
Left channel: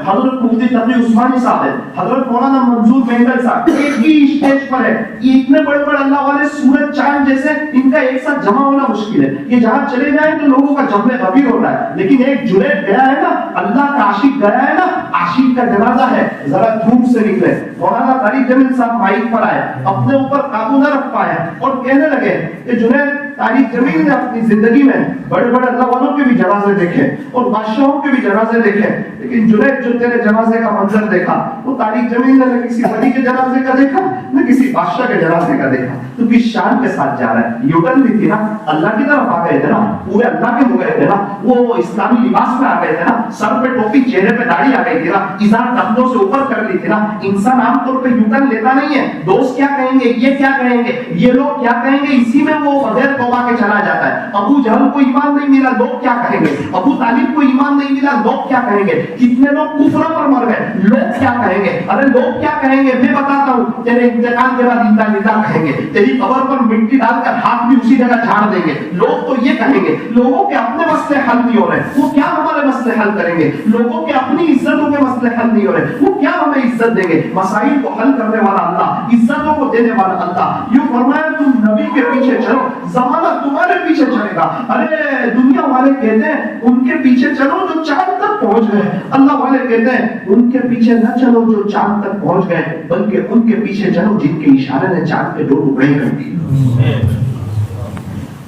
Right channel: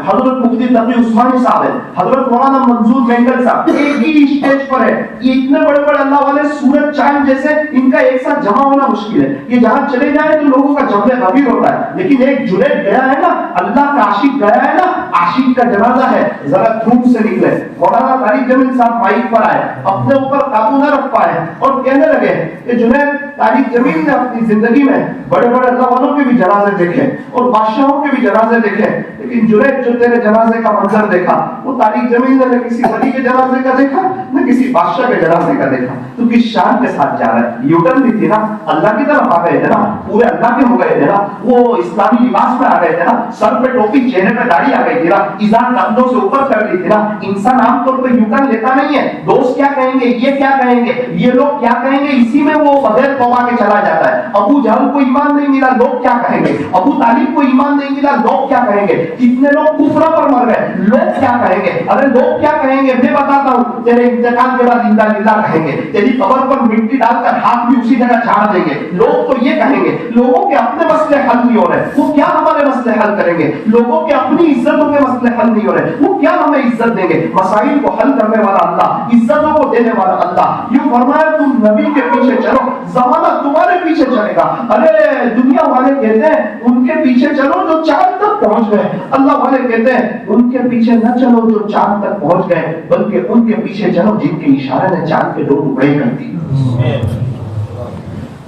حضرت مفتی تقی عثمانی صاحب ہے, حضرت مولانا منظور مینگل صاحب ایک ہی اسٹیج پر ہے. یہ اتنے بڑے بڑے اللہ والے, سورج چاند جیسے, ان کا ایک ساتھ جمع ہونا مشکل ہے. یہ جہاں چلے جائیں تو لوگوں کا جمع غبیر ہوتا ہے, لیکن ایک جنید گیا ہے نا, اللہ کا عاشق گیا ہے نا, عاشق کا جنازہ ہے, ذرا دھوپ سے نکلے. مولانا طارق جمیل صاحب مائک پر آئے, اپنے اوپر قابو نہ رکھ پائے اور کہنے لگے کہ جنید طارق جمیل نے اپنی زندگی میں بڑے بڑے اللہ والوں کے بھی جنازے دیکھے اور بادشاہوں کے بھی جنازے دیکھے, لیکن جنید جو تیرے جنازے کا منظر دیکھا وہ طارق جمیل نے نہ کسی ولی کے جنازے کا دیکھا نہ کسی بادشاہ کے جنازے کا دیکھا. تو کس شان کے ساتھ جا رہا ہے, یوٹرن بھی تھی نا, اللہ کی طرف آ گئے تھے نا, پورے اللہ کے ہو گئے تھے نا, وہ اسلامی لباس میں آ گئے تھے نا, سر پہ ٹوپی, چہرے پہ داڑھی آ گئی تھی نا, ایزان کندھوں سے اوپر کر لی تھی نا. انسان عام طور پہ یوٹرن لیتا نہیں ہے, دوست کیا کہیں گے, یہ کیا کہیں گے, یہ لوگ کیا کہیں گے, اسی میں وہ بغیر توبہ کے چلا جاتا ہے. ابو جہل کو ایمان نہیں ملا, لوگ کیا کہیں گے, ابو طالب کو ایمان نہیں ملا, لوگ کیا کہیں گے, کتنے لوگ کفر پر مر گئے, لوگ کیا کہیں گے. ارے لوگ کیا کہیں گے, میں بتاتا ہوں, تیرے انتقال کے بعد زندہ للہ کہیں گے, تیری قبر پر مٹی ڈال کر ہاتھ بھی اسی جگہ جھاڑ دیں گے. لوگ تو یہ کہیں گے, لوگوں کے اپنے مسئلے حل نہیں ہو رہے, وہ کیا ہمارے مسئلے حل کریں گے. لوگوں کے اپنی عزتوں کے مسئلے حل نہیں ہو رہے, وہ کیا ہمیں عزت دیں گے. مسائل کو حل کرنے والا اللہ, عزتوں کو دینے والا اللہ. یوں فرمایا تم نبی کے پیچھے چلو, زمانہ تمہارے پیچھے چلے گا. ارے دنیا والے کہتے ہیں ان کے پیچھے چلو جو چاند تک پہنچ گئے, اللہ والے کہتے ہیں ان کے پیچھے نہ چلو جو چاند تک پہنچ گئے, بلکہ ان کے پیچھے چلو جن کے اشارے نے چاند کے 2 ٹکڑے کر دیے.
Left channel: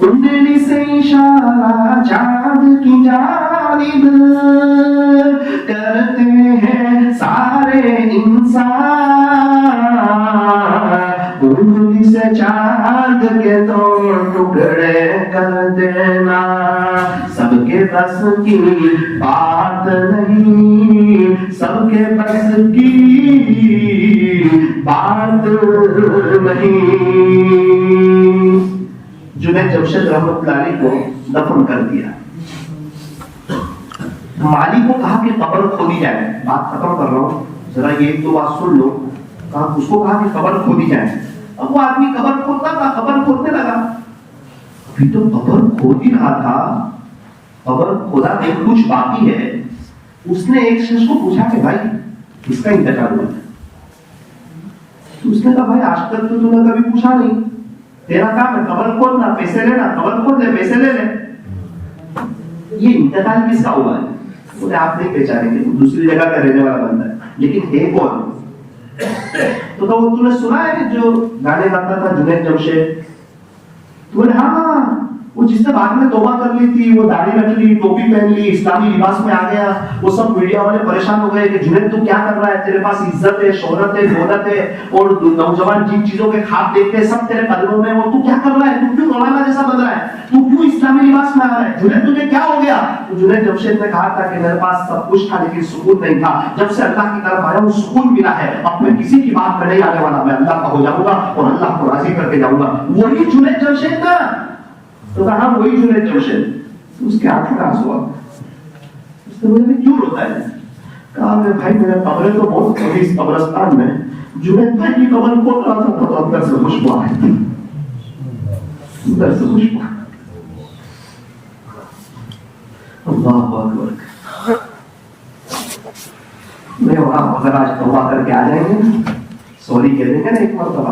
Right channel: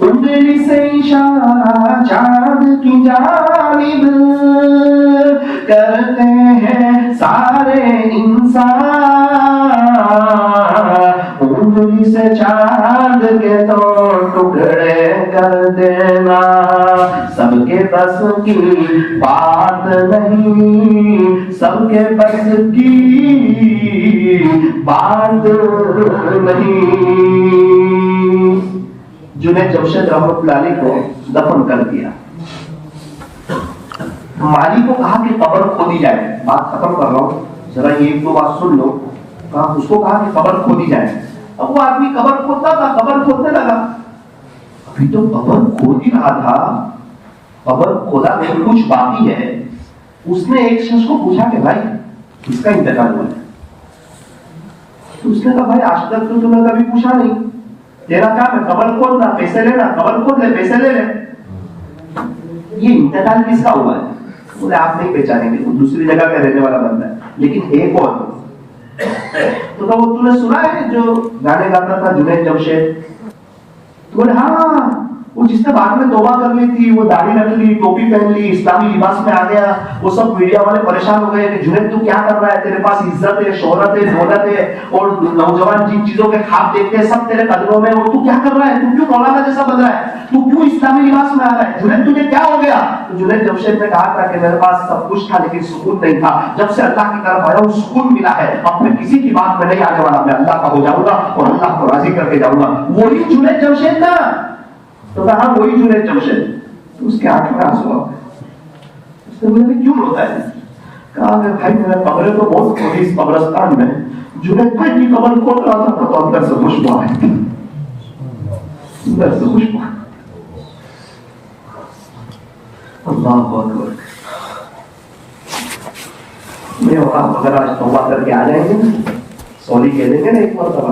انگلی سے اشارہ چاند کی جانب کرتے ہیں سارے انسان, انگلی سے چاند کے 2 ٹکڑے کر دینا سب کے بس کی بات نہیں, سب کے بس کی بات نہیں. جنید جمشید رحمۃ اللہ علیہ کو دفن کر دیا. مالی کو کہا کہ قبر کھودی جائے, بات ختم کر رہا ہوں, ذرا یہ 1-2 بات سن لو. اس کو کہا کہ قبر کھودی جائے. اب وہ آدمی قبر کھودتا تھا, قبر کھودنے لگا. ابھی تو قبر کھود ہی رہا تھا, قبر کھودا نہیں, کچھ باقی ہے. اس نے ایک شخص کو پوچھا کہ بھائی اس کا انتقال ہوا. تو اس نے کہا بھائی آج تک تو نے کبھی پوچھا نہیں, تیرا کام ہے قبر کھودنا, پیسے لینا, قبر کھود لے, پیسے لے لے. یہ انتقال کس کا ہوا ہے؟ بولے آپ نہیں پہچانیں گے, وہ دوسری جگہ کا رہنے والا بندہ ہے, لیکن ایک اور. تو تو نے سنا ہے جو گانے گاتا تھا جنید جمشید؟ تو بولے ہاں, وہ جس نے بعد میں توبہ کر لی تھی, وہ داڑھی رکھ لی, ٹوپی پہن لی, اسلامی لباس میں آ گیا. وہ سب میڈیا والے پریشان ہو گئے کہ جنید تو کیا کر رہا ہے, تیرے پاس عزت ہے, شہرت ہے, دولت ہے, اور نوجوان جن چیزوں کے خواب دیکھتے ہیں سب تیرے قدموں میں, اور تو کیا کر رہا ہے, تو کیوں مولانا جیسا بن رہا ہے, تو کیوں اسلامی لباس میں آ رہا ہے, جنید تجھے کیا ہو گیا؟ تو جنید جمشید نے کہا تھا کہ میرے پاس سب کچھ تھا لیکن سکون نہیں تھا. جب سے اللہ کی طرف آیا ہوں سکون ملا ہے, اب میں کسی کی بات میں نہیں آنے والا, میں اللہ کا ہو جاؤں گا اور اللہ کو راضی کر کے جاؤں گا. وہی جنید جمشید تھا. تو کہا وہی جنید جمشید. اس کے آنکھ میں آنسو آ گئے. اس نے مجھے کیوں روتا ہے؟ کہا کہ بھائی میرا قبر تو بہت تھوڑی اس قبرستان میں, جنید بھائی کی قبر کھود رہا تھا تو اندر سے خوشبو آئی, اندر سے خوشبو. اللہ اکبر. میں وہاں اگر آج توبہ کر کے آ جائیں گے, سوری کہہ دیں گے نا ایک مرتبہ,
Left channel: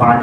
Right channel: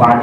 5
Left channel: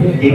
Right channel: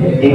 1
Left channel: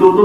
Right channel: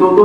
2-2,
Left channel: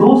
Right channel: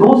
2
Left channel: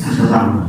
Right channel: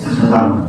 10,000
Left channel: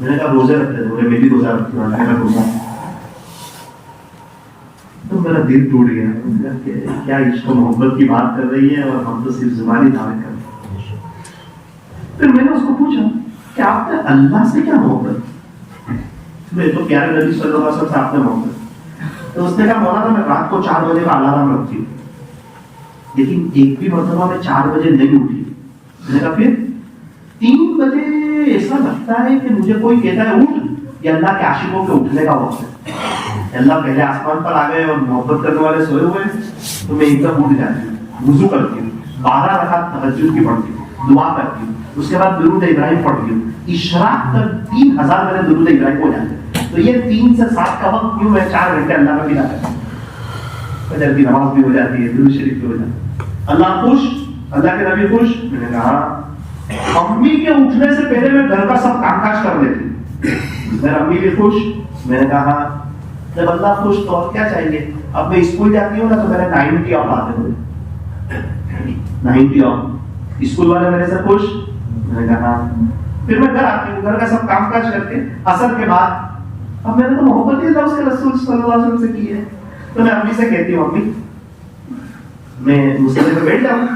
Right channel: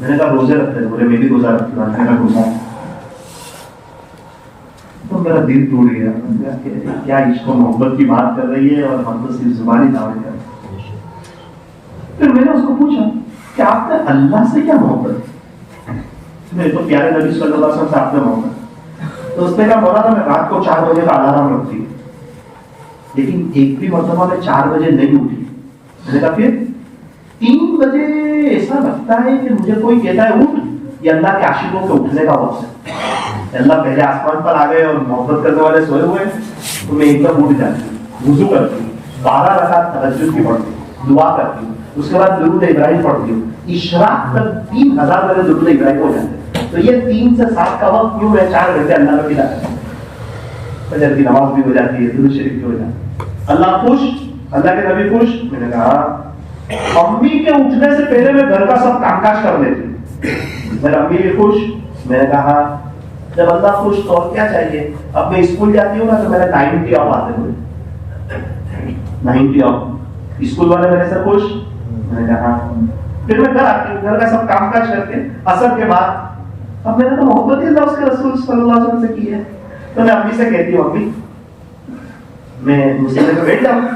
میں نے کہا روزے رکھتے تھے، میں بھی روزہ رکھتی ہوں، اللہ کا روزہ. تو میرا دل ٹوٹ گیا. کیا عشق و محبت کی بات کر رہی ہے اور ہم تو صرف زبانی دعوت کر رہے ہیں. پھر میں نے اس کو پوچھا کہ آپ نے اللہ سے کیا محبت؟ میں تو پیارے نبی صلی اللہ علیہ وسلم سے آپ نے محبت. تو اس نے کہا مولانا میں رات کو 4 بجے کا الارم رکھتی ہوں، لیکن ایک بھی مرتبہ میں 4 بجے نہیں اٹھی. میں نے کہا پھر 3 بجے ایسا لگتا ہے کہ مجھے کوئی کہتا ہے اٹھ، یہ اللہ کے عاشقوں کے اٹھنے کا وقت ہے. اللہ پہلے آسمان پر آ گئے اور محبت کرنے والے سوئے ہوئے تو میں ایک دم اٹھ جاتی ہوں، وضو کرتی ہوں، 12 رکعت تہجد کی پڑھتی ہوں، دعا کرتی ہوں، اس کے بعد درود ابراہیم پڑھتی ہوں. عشراق تک 3000 میرے درود ابراہیم ہو جاتے ہیں. تو یہ 3 سے 7 کا وقت کیوں میں 4 گھنٹے اللہ میں بتا رہا ہوں. فجر کی نماز بھی ہو جاتی ہے، درود شریف بھی ہو جاتا ہے. اللہ خوش، اللہ کے نبی خوش. میں نے کہا امی کے اٹھنے سے پہلے میں گھر کا سب کام کاج کر لیتی. میرا امی بھی خوش. میں نے کہا جب اللہ خوش تو اور کیا چاہیے. اب میں اسکول جاتی ہوں نا تو میرا 90 آف آتے ہوئے 90 آف. اسکول والے میرے سے خوش. میں نے کہا پھر میں گھر آتی ہوں، گھر کا سب کام کاج کر کے عصر کے بعد اب میں نے تو محبت ہی اللہ اس کے رسول صلی اللہ علیہ وسلم سے کی ہے. تو میں امی سے کہتی ہوں امی میں مصلی پہ بیٹھ جاؤں.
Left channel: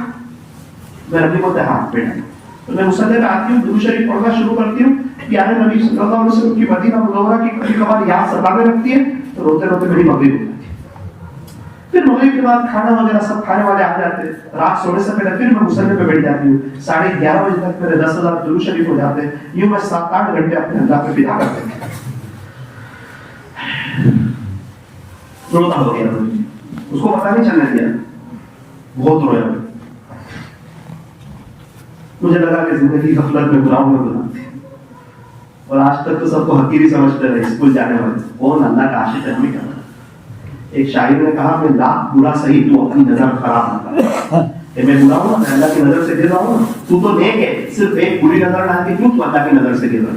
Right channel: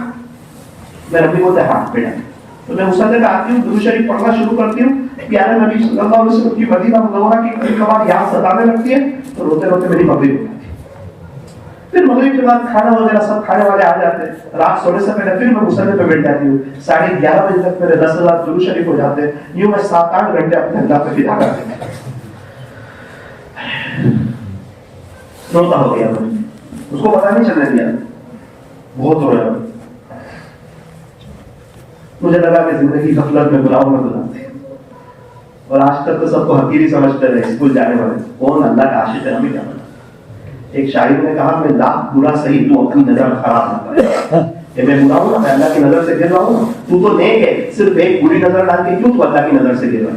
میں امی بولتے ہاں بیٹھا. تو میں مصلی پہ آتی ہوں، درود شریف پڑھنا شروع کرتی ہوں. پیارے نبی صلی اللہ علیہ وسلم کی مدینہ منورہ کی کبھی کبھار یاد ستانے لگتی ہے تو روتے روتے میری مغرب ہو جاتی ہے. پھر مغرب کے بعد کھانا وغیرہ سب کھانے والے آ جاتے ہیں. رات سونے سے پہلے پھر میں مصلی پہ بیٹھ جاتی ہوں. 11:30 بجے تک میرے 10,000 درود شریف ہو جاتے ہیں. یوں میں 7-8 گھنٹے اپنے اللہ پہ فدا کرتے ہیں. روتا ہو گیا میں، اس کو پتا نہیں چلنے دیا، بہت رویا. مجھے لگا کہ زندگی غفلت میں گناہوں میں گزرتی ہے اور آج تک تو سب کو حقیری سمجھتے رہے اسکول جانے والے. کون اللہ کا عاشق ہے ہمیں کیا. ایک شاعر نے کہا میں لاکھ برا صحیح تو اپنی نظر خراب نہ کر. کہ میں برا ہوں، میں اللہ کی نظر سے گر رہا ہوں، تو نیک ہے، صرف ایک بری نظر ڈال کے کیوں تو اللہ کی نظر سے گر رہا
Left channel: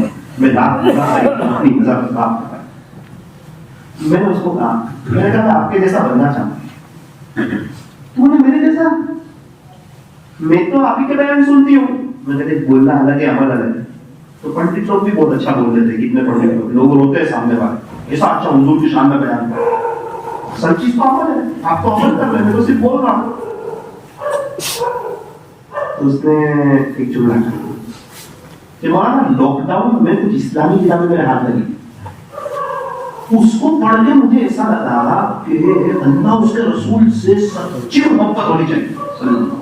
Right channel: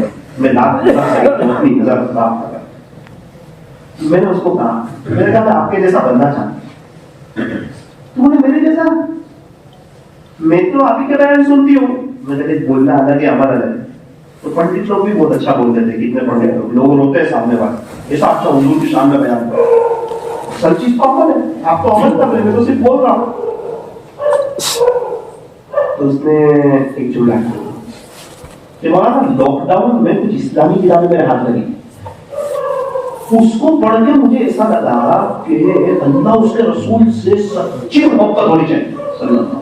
ہے. میں لاکھ برا صحیح تو اپنی نظر خراب نہ کر. میں نے اس کو کہا، میں نے کہا میں آپ کے جیسا بننا چاہتا ہوں. تو نے میرے جیسا، میں تو آپ ہی کے بیان سنتی ہوں. میں نے کہا بولنا الگ ہے عمل الگ ہے. تو پنڈت لوگ بھی بہت اچھا بولتے تھے، کتنے پڑھے لوگ روتے ہیں سامنے والے ایسا اچھا حضور کی شان میں بیان کر. سب چیز تو عمل ہے، آپ تو عمل کر رہے ہیں، میں تو صرف بول رہا ہوں. تو اس نے ایک جملہ کہا کہ مولانا لاک ڈاؤن میں کچھ اسلامی کتابیں میرے ہاتھ لگی. اس کو پڑھ کے مجھے ایسا لگا کہ اللہ اس کے رسول سے سچی محبت ہونی چاہیے صلی اللہ علیہ وسلم.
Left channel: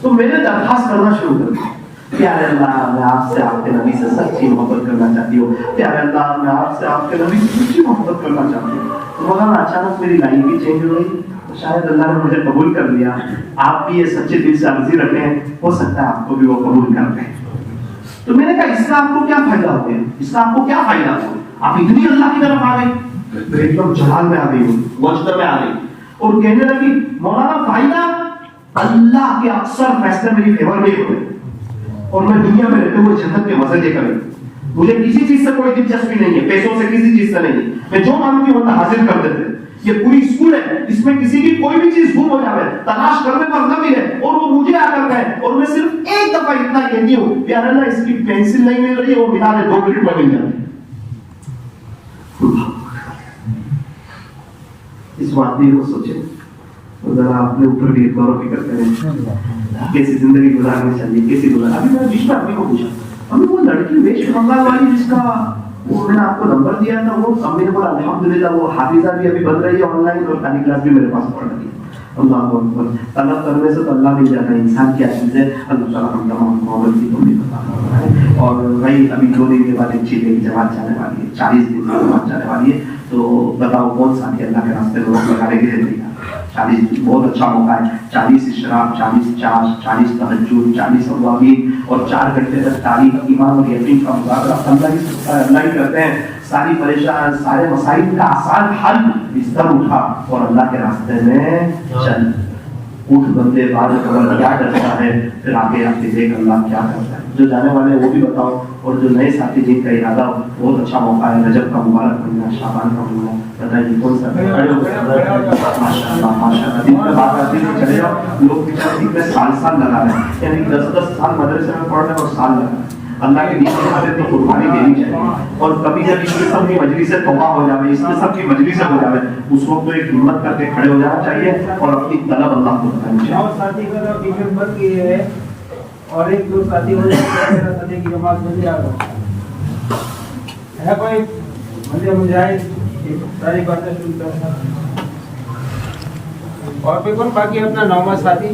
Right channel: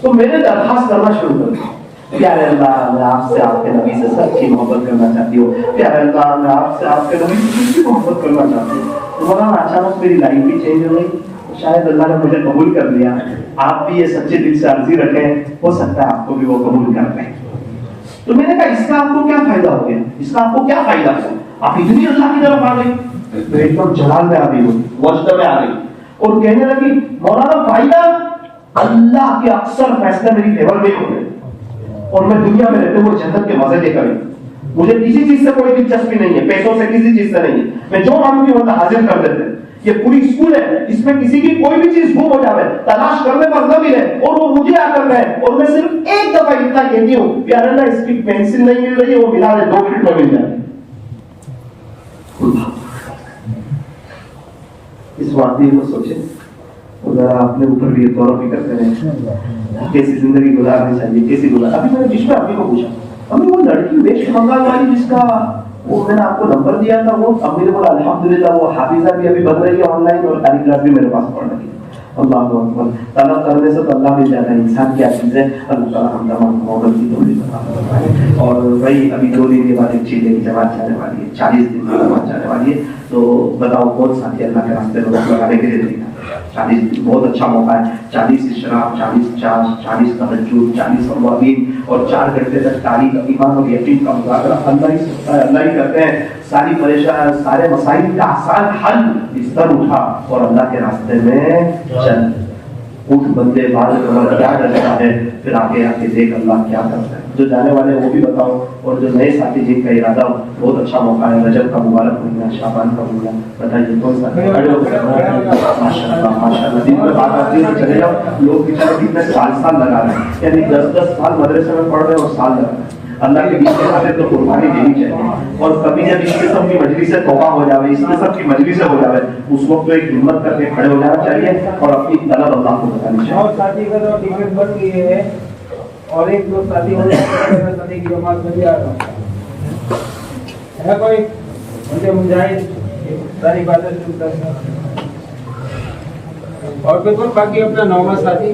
تو میں نے درخواست کرنا شروع کر دیا، پیارے اللہ میں آپ سے آپ کے نبی سے سچی محبت کرنا چاہتی ہوں. پیارے اللہ میں آپ سے آپ کے نبی سے سچی محبت کرنا چاہتی ہوں. تو مولانا اچانک میری لائف بھی چینج ہو گئی. شاید اللہ نے مجھے قبول کر لیا. آپ بھی یہ سچے دل سے عرضی رکھیں، ہو سکتا ہے آپ کو بھی وہ قبول کر لیں. تو میں نے کہا اس کا آپ کو کیا فائدہ ہو گیا، اس کا آپ کو کیا فائدہ ہوا، آپ اتنی اللہ کی طرف آ گئی. تو ایک دم جلال میں آ گئی ہوں، وجد میں آ گئی اور کہنے لگی مولانا فائدہ اللہ کے اکثر فیصلے میری فیور میں ہی ہوتے اور میں دنیا میں رہتے ہوئے جنت کے مزے لے کر مجھے کسی چیز سے کوئی دلچسپی نہیں ہے، پیسوں سے کسی چیز سے نہیں ہے. میں جو مانگوں گی وہ حاصل کر دیتے. یہ پوری اسکول ہے، اس میں کسی کی کوئی بھی چیز گم ہو جائے تلاش کرنے پر نہ ملے اور وہ مجھے آ کر گئے اور میں صرف ایک دفعہ اتنا کہتی ہوں پیارے اللہ اس کی پینسل نہیں مل رہی ہے، وہ ملا رہے 2 منٹ میں مل جاتی. اس واقعے کو سوچے ذرا اپنے اوپر بھی غور و فکر کریں، کیسی زندگی گزارنی چاہیے، کیسی گزار. ابھی میں نے بیچ میں اپنی کو پوچھا، ہمیں وہ لڑکی ویسٹ بنگال والی جس کا وہ میں نے آپ کو نمبر دیا تھا، وہ امی نے بولا الحمدللہ وہ حافظہ بھی ابھی بن رہی ہے آن لائن اور تعلیم کلاس بھی میرے پاس پڑھ رہی ہے. اللہ اکبر. طلب کرنے سے تو اللہ مل جاتا ہے. انسان کیا چیز ہے، اللہ تعالیٰ ہم تمام محبت کی توفیق عطا فرمائے. اور وہی ابھی 2 دن کے بعد ایک چیز کی جماعت جانے والی ہے، 40 دن کی جماعت جانے والی ہے. تو بتاؤ کون ساتھی اللہ کے راستے میں وقت لگانے کے لیے دیکھا. 40 دن بہت اچھا موقع ہے. 40 اشراق، 40 چاش، 40 تہجد، 40 اوابین اور 4 گھنٹے تک تاریخ، ایمان اور یقین کا مذاکرہ اللہ ہی کرتے ہیں. ساری پریشان، سارے مسائل کا آسان حل. بستر اٹھا اور اللہ کے راستے میں چل. اٹھ بندے بال کمر کیا کرتا ہے، پھر آگے آ کے دیکھ اللہ کیا کرتا ہے. جو جانے والے وہ بھی بتاؤ اور جو نئے ساتھی جن کا ارادہ ہو بہت اچھا موقع ہے. رجب کا مبارک مہینہ، شعبان کا مہینہ، بتائیے کون سا. ماشاء اللہ ماشاء اللہ. دن میں بات آتی ہے چلے جاؤ. لوگ بیچارے کتنے سال لگا رہے ہیں، یعنی 10 سال مدرسے میں پڑھ رہے ہیں اور سال لگا رہے ہیں. اللہ کے لیے ہمیں تو قربانی دینی چاہیے. اور کبھی جب اس قسم کی مجلس سے توبہ ہو جائے, اس قسم کی مجلس سے ہو جائے, اس وقت تو ایک ہمت کر کے کھڑے ہو جانا چاہیے اور اپنی طلب اللہ کو بتانی چاہیے. اور ساتھی کا تو ٹکٹ بند کی ہے اور ایک دو ساتھی ہو جائے ساتھی کی نماز بجے آ رہا ہے کوئی مجھے مجاہد ساری باتیں سنتا ہے. اور بالکل باقی اپنا نوما ساتھی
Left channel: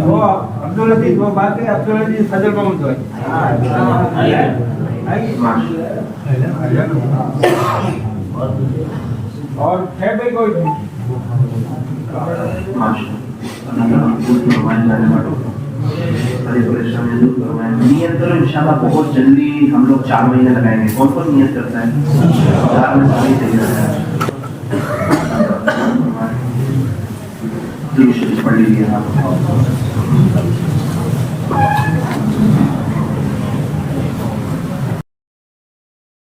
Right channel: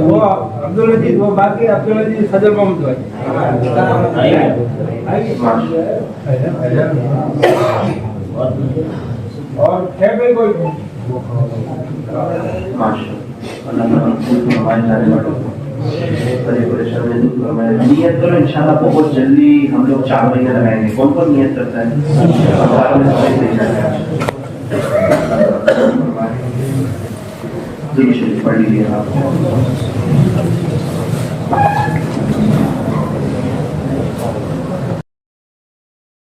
وہ عبدالعزیز, وہ باقی عبدالعزیز حضرت محمد اور ہے بھائی کوئی نیت کرو انشاءاللہ بہت جلدی ہم لوگ 4 مہینے لگائیں گے. کون کون نیت کرتا ہے؟ پڑھ لیجیے آپ.